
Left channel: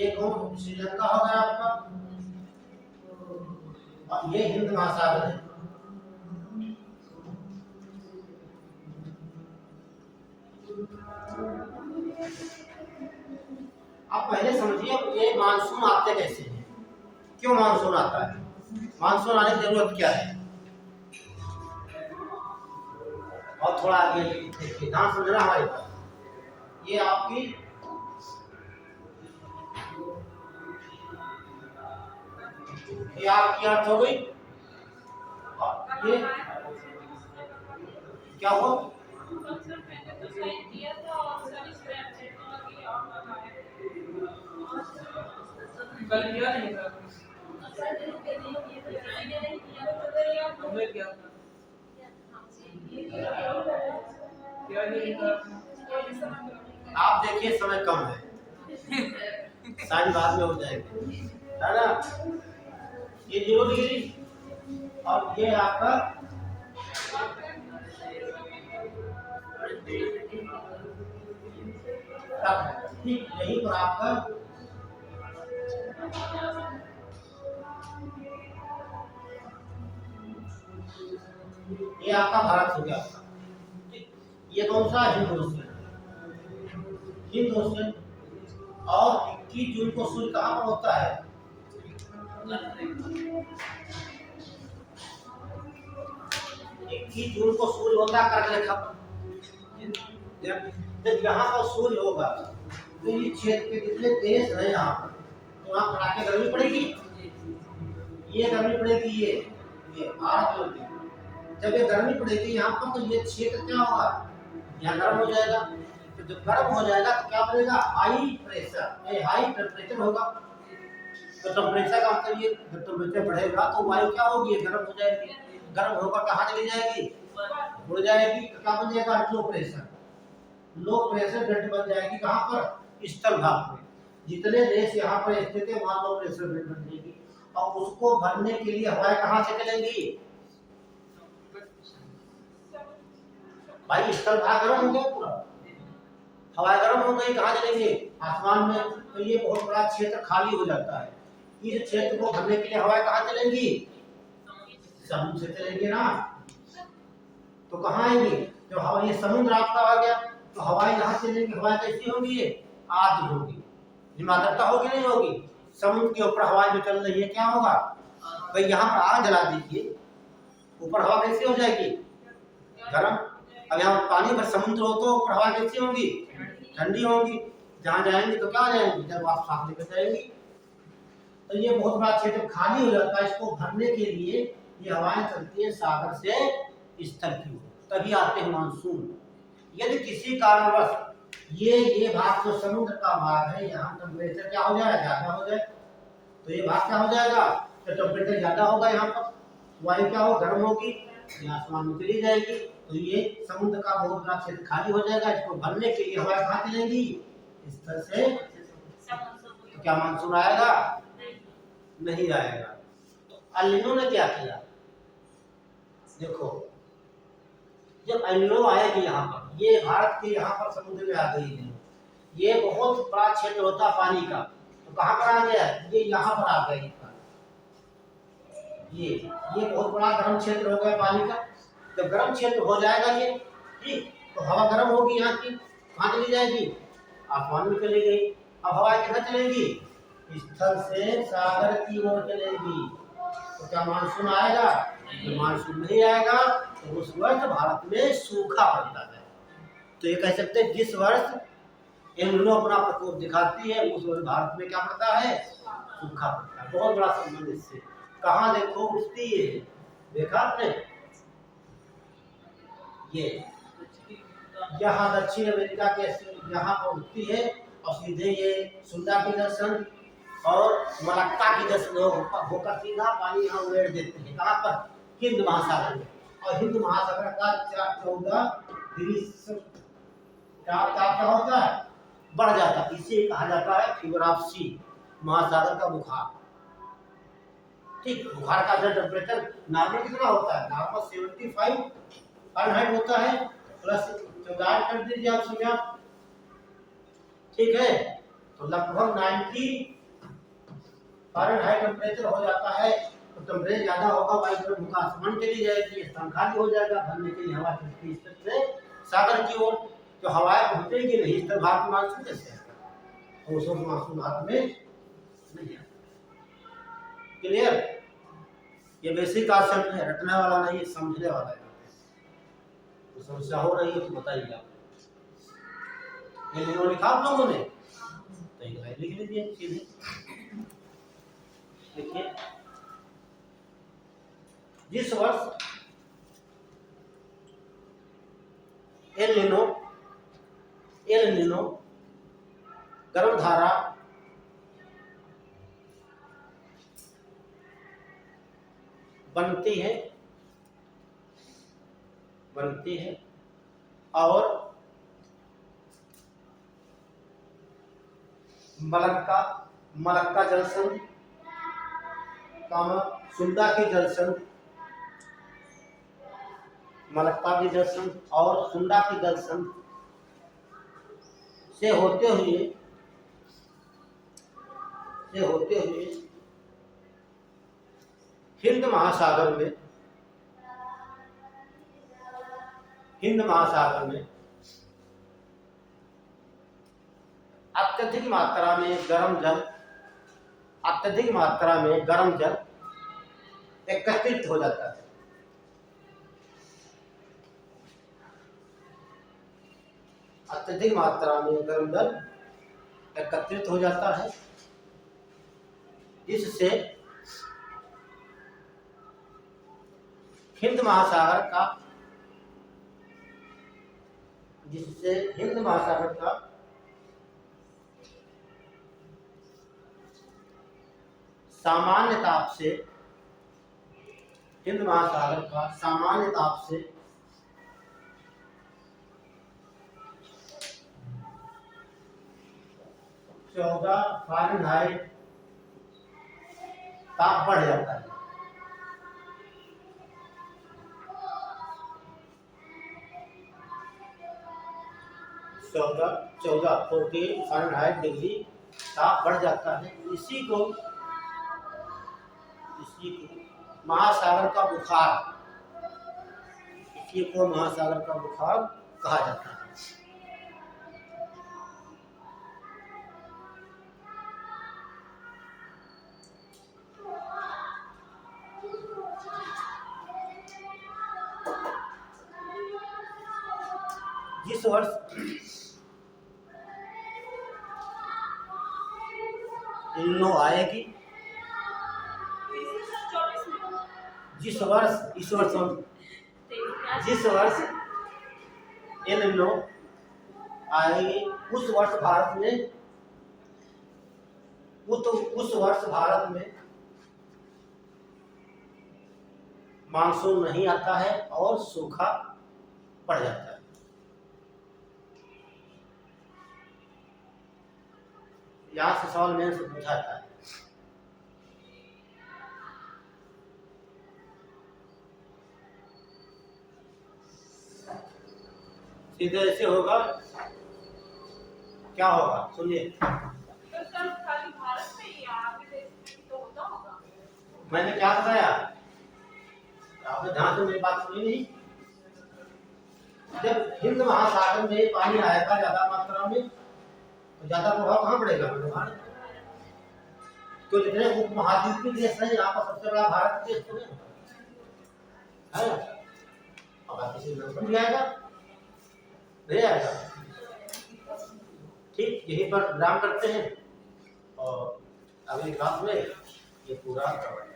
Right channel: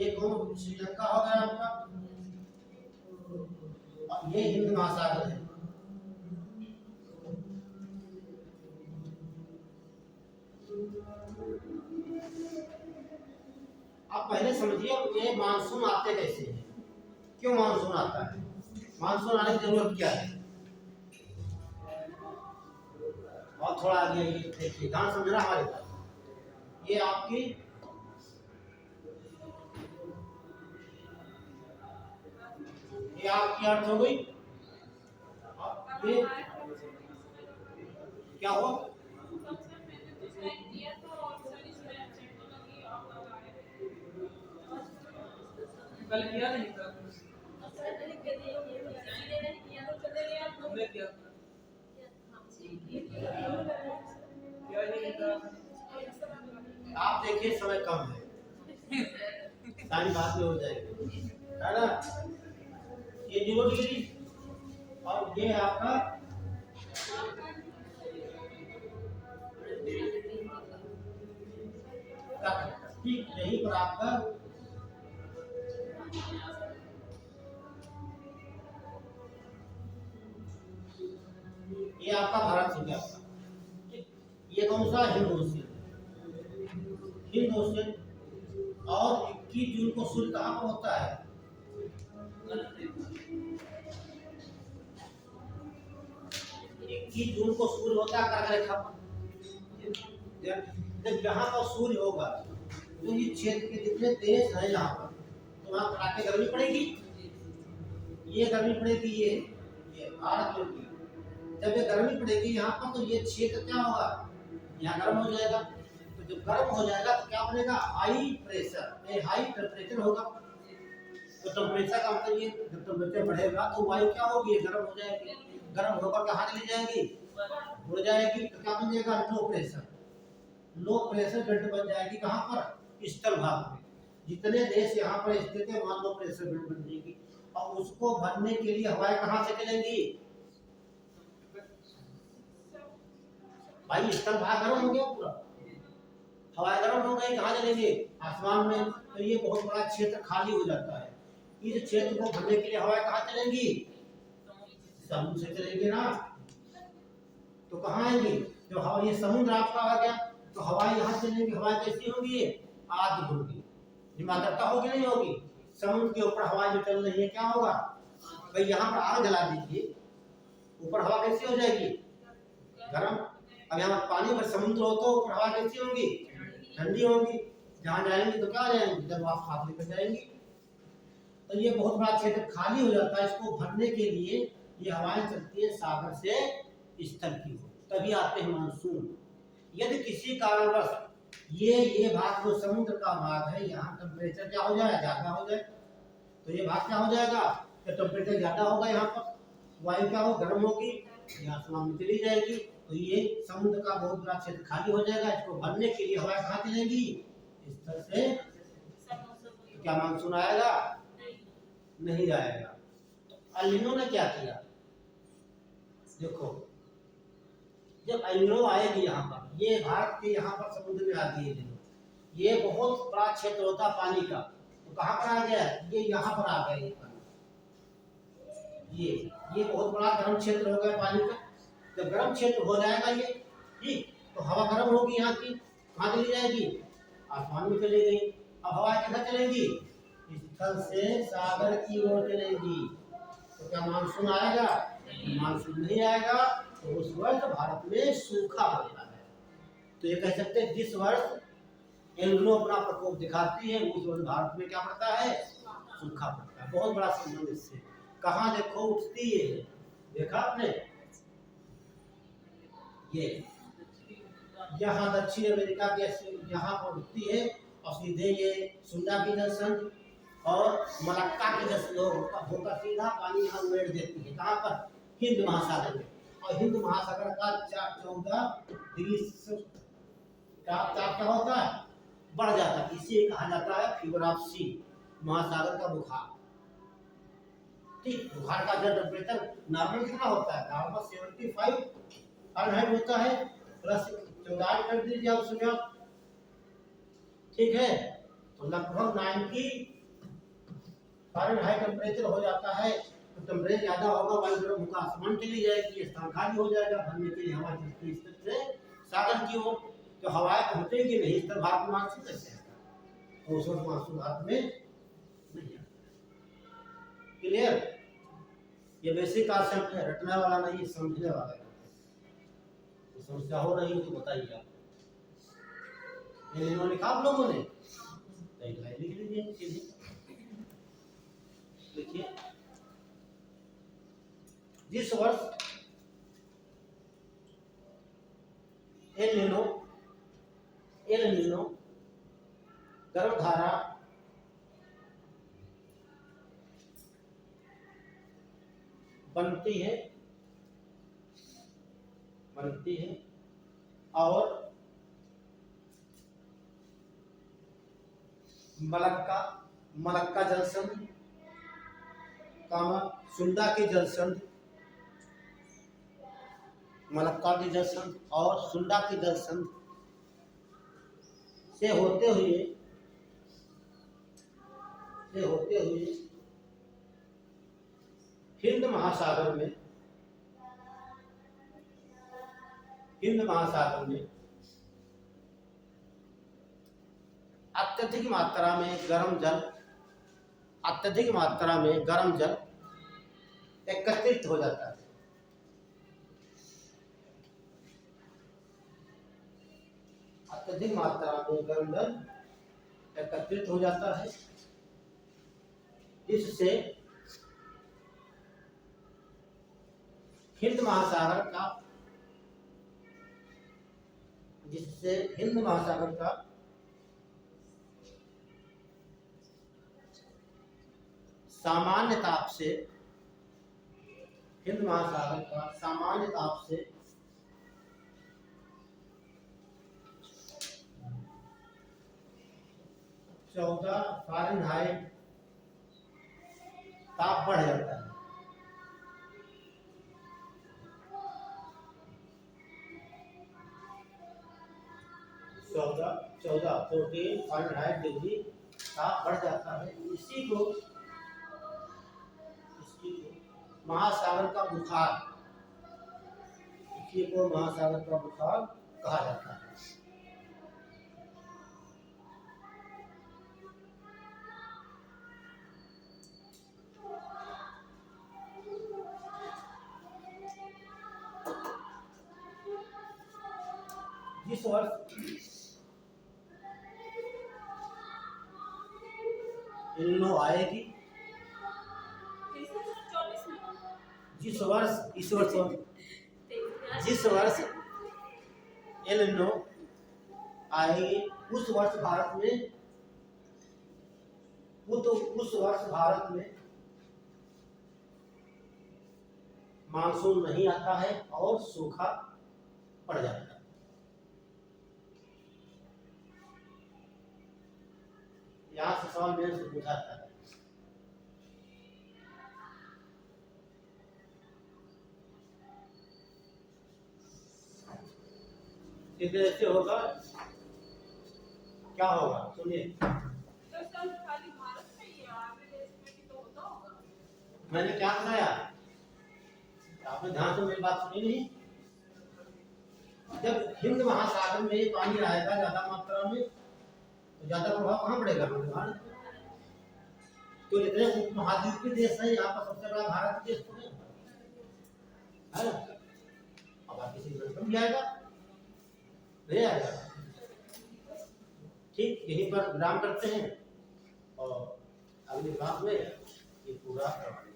ये कौन श्रीलंका हो गया आपका, और ये हिंद महासागर है। आप पहले समझिए ये मानसून आते कैसे हैं, क्यों मानसून आता है, मानसून आने की जरूरत क्या है। और थोड़ा आगे देखिए, ध्यान समझना हमारे पास, ये आपकी अर्थ हो गई। और ये क्या हो, कल किया नहीं था हमने किया था क्या नहीं था आप देखिए समय कम है, सारी बाद में हो जाएगी, है ना। ये 0 डिग्री और ये आपका तक, ठीक यहीं पर आपका ये आपका भारत हो गया। ये कौन सा, हिंद ओशियन, हिंद ओशियन। और 21 जून को सूर्य कहाँ पर होता है, 21 जून को सूर्य होता है कर्क रेखा पर। जब यहाँ पर सूर्य होगा तो ये क्षेत्र के जितने देश हैं यहाँ पर, तो वहाँ कड़ाके गर्मी पड़ेगी, ये गर्मी पड़ेगी, ये भारत होगी। जब ये गर्मी पड़ेगी यहाँ पर तो ये क्षेत्र क्या होगा, यहाँ गर्म हो जाएगा। तो जब गर्म हो जाएगा तो क्या बनेगा, हाई प्रेशर, ये हाई टेम्परेचर होगा। तो टेम्परेचर का मतलब ये जब टेम्परेचर बढ़ेगा तो वायु क्या होगी, गर्म हो जाएगी। गर्म होकर कहाँ चली जाएगी, उड़ जाएगी। तो क्या बन जाएगा, low pressure, low pressure belt बन जाएगी। कहाँ पर, स्थल भाग में। जितने देश यहाँ पर स्थित है वहाँ लो प्रेशर बेल्ट बन जाएगी। और उसको भरने के लिए हवाएं कहाँ से चलेंगी, भाई स्थल भाग गर्म हो गया पूरा, हवाएं गर्म हो गई, कहाँ चलेंगे, आसमान में। तो ये बहुत बड़ा क्षेत्र खाली हो जाता है। इस क्षेत्र को भरने के लिए हवाएं कहाँ चलेंगी, समुद्र से चलेंगे ना। तो कहाँ आएंगी, जो हवा, ये समुद्र आपका आ गया तो हवाएं यहाँ चलेंगी। हवाएं कैसी होंगी, ये आर्द्र होगी, हिमाद्रता होगी नहीं होगी। समुद्र के ऊपर हवाएं जो चल रही है क्या होगा, भाई यहाँ पर आग जला दीजिए, ऊपर हवा कैसी हो जाएगी, गर्म। अब यहाँ पानी पर समुद्र हो तो ऊपर हवा कैसी होंगी, ठंडी होंगी। जहाँ जाएंगे तो क्या जाएंगे, जब आप साथ लेकर जाएंगे। तो ये बहुत बड़ा क्षेत्र खाली हो जाता है। इसको भरने के लिए ये हवाएं चलती है सागर से स्थल की ओर, तभी आते हैं मानसून। यदि किसी कारणवश ये भाग जो समुद्र का भाग है, यहाँ टेम्परेचर क्या हो जाए, ज्यादा हो जाए, तो ये भाग क्या हो जाएगा, तो टेम्परेचर ज्यादा होगा, यहाँ पर वायु क्या हो, गर्म होगी, ये आसमान में चली जाएगी। तो ये समुद्र का बहुत बड़ा क्षेत्र खाली हो जाएगा। इसको भरने के लिए हवाएं कहाँ चलेंगी, स्थल से। तो क्या मानसून आएगा, नहीं आएगा। तो एल नीनो ने क्या किया, देखो जब एल नीनो आएगी यहाँ पर, ये भारत के यहाँ पर समुद्र में आ गई है, ये बहुत बड़ा क्षेत्र होता है पानी का। तो कहाँ पर आ गया, ये यहाँ पर आ गया, ये बहुत बड़ा गर्म क्षेत्र हो गया पानी का। जब गर्म क्षेत्र हो जाएगा ये, ठीक, तो हवा गर्म होगी यहाँ की, कहाँ चली जाएगी, आसमान में चली गई। अब हवा किधर चलेगी, स्थल से सागर की ओर चलेगी। तो क्या मानसून आएगा, तो मानसून नहीं आएगा। तो उस वर्ष भारत में सूखा पड़ता है। तो ये कह सकते हैं जिस वर्ष एल नीनो अपना प्रकोप दिखाती है उस वर्ष भारत में क्या पड़ता है, सूखा पड़ता है। बहुत बड़ा संबंध इससे। कहाँ देखो उठती है, देखा आपने, ये यहाँ दक्षिण अमेरिका के यहाँ पर उठती है और सीधे ये सुंदा की दर्शन और मलक्का की दर्शन होकर सीधा पानी यहाँ उड़ेड़ देती है। कहाँ पर, हिंद महासागर में। और हिंद महासागर का 14 डिग्री क्या होता है, बढ़ जाता है। इसे कहा जाता है फीवर ऑफ सी, महासागर का बुखार। ठीक, बुखार का जो टेम्परेचर नॉर्मल कितना होता है, नॉर्मल 75 फ़ारेनहाइट होता है, प्लस 14 कर दीजिए आप समय, ठीक है। तो लगभग 90 फ़ारेनहाइट टेम्परेचर हो जाता है। तो टेम्परेचर ज़्यादा होगा, वायुगर्भ का आसमान चली जाएगी, स्थान खाली हो जाएगा, भरने के लिए हवा चलती है से सागर की ओर। तो हवाएं पहुंचेगी नहीं, इस तरह भारत में मानसून कैसे आएगा? तो उस वक्त मानसून भारत में नहीं आता। क्लियर? ये बेसिक कॉन्सेप्ट है, रटने वाला नहीं, समझने वाला है। तो समस्या हो रही है तो बताइए आप। ये लिखा आप लोगों ने? तो लिख लीजिए सीधे। देखिए, जिस वर्ष एल नीनो गर्म धारा बनती है और मलक्का जलसंधि, सुंडा की जलसंधि, मलक्का की जलसंधि और सुंडा की जलसंधि से होते हुए हिंद महासागर में अत्यधिक मात्रा में गर्म जल एकत्रित हो जाता है। अत्यधिक मात्रा में गर्म जल एकत्रित हो जाता है, जिससे हिंद महासागर का सामान्य ताप से 14 फ़ारेनहाइट ताप बढ़ जाता है। 14 फ़ारेनहाइट डिग्री ताप बढ़ जाता है। इसी को महासागर का बुखार कहा जाता है। जिस वर्ष इल्नो आएगी, जिस वर्ष एल नीनो आएगी, उस वर्ष भारत में मानसून नहीं आता है और सूखा पड़ जाता है। यहाँ से सवाल मेरे से पूछा जाता है। सीधे ऐसे होगा, क्या होगा सुनिए। तो सब खाली भारत में ही, आगे देश में भी तो होता होगा। मैंने क्या बताया, आपने ध्यान से मेरी बात सुनी नहीं? जब हिंद महासागर में पानी आएगा ज्यादा मात्रा में, तो ज्यादा प्रभाव कहाँ पड़ेगा? भारत। तो जितने उपमहाद्वीपीय देश हैं, यहाँ पर सबसे बड़ा भारत देश तो है। अब आप किसी देश में आएगा नहीं आएगा। ठीक, यहीं पर विराम करते हैं और अगली क्लास में ये पूरा कवर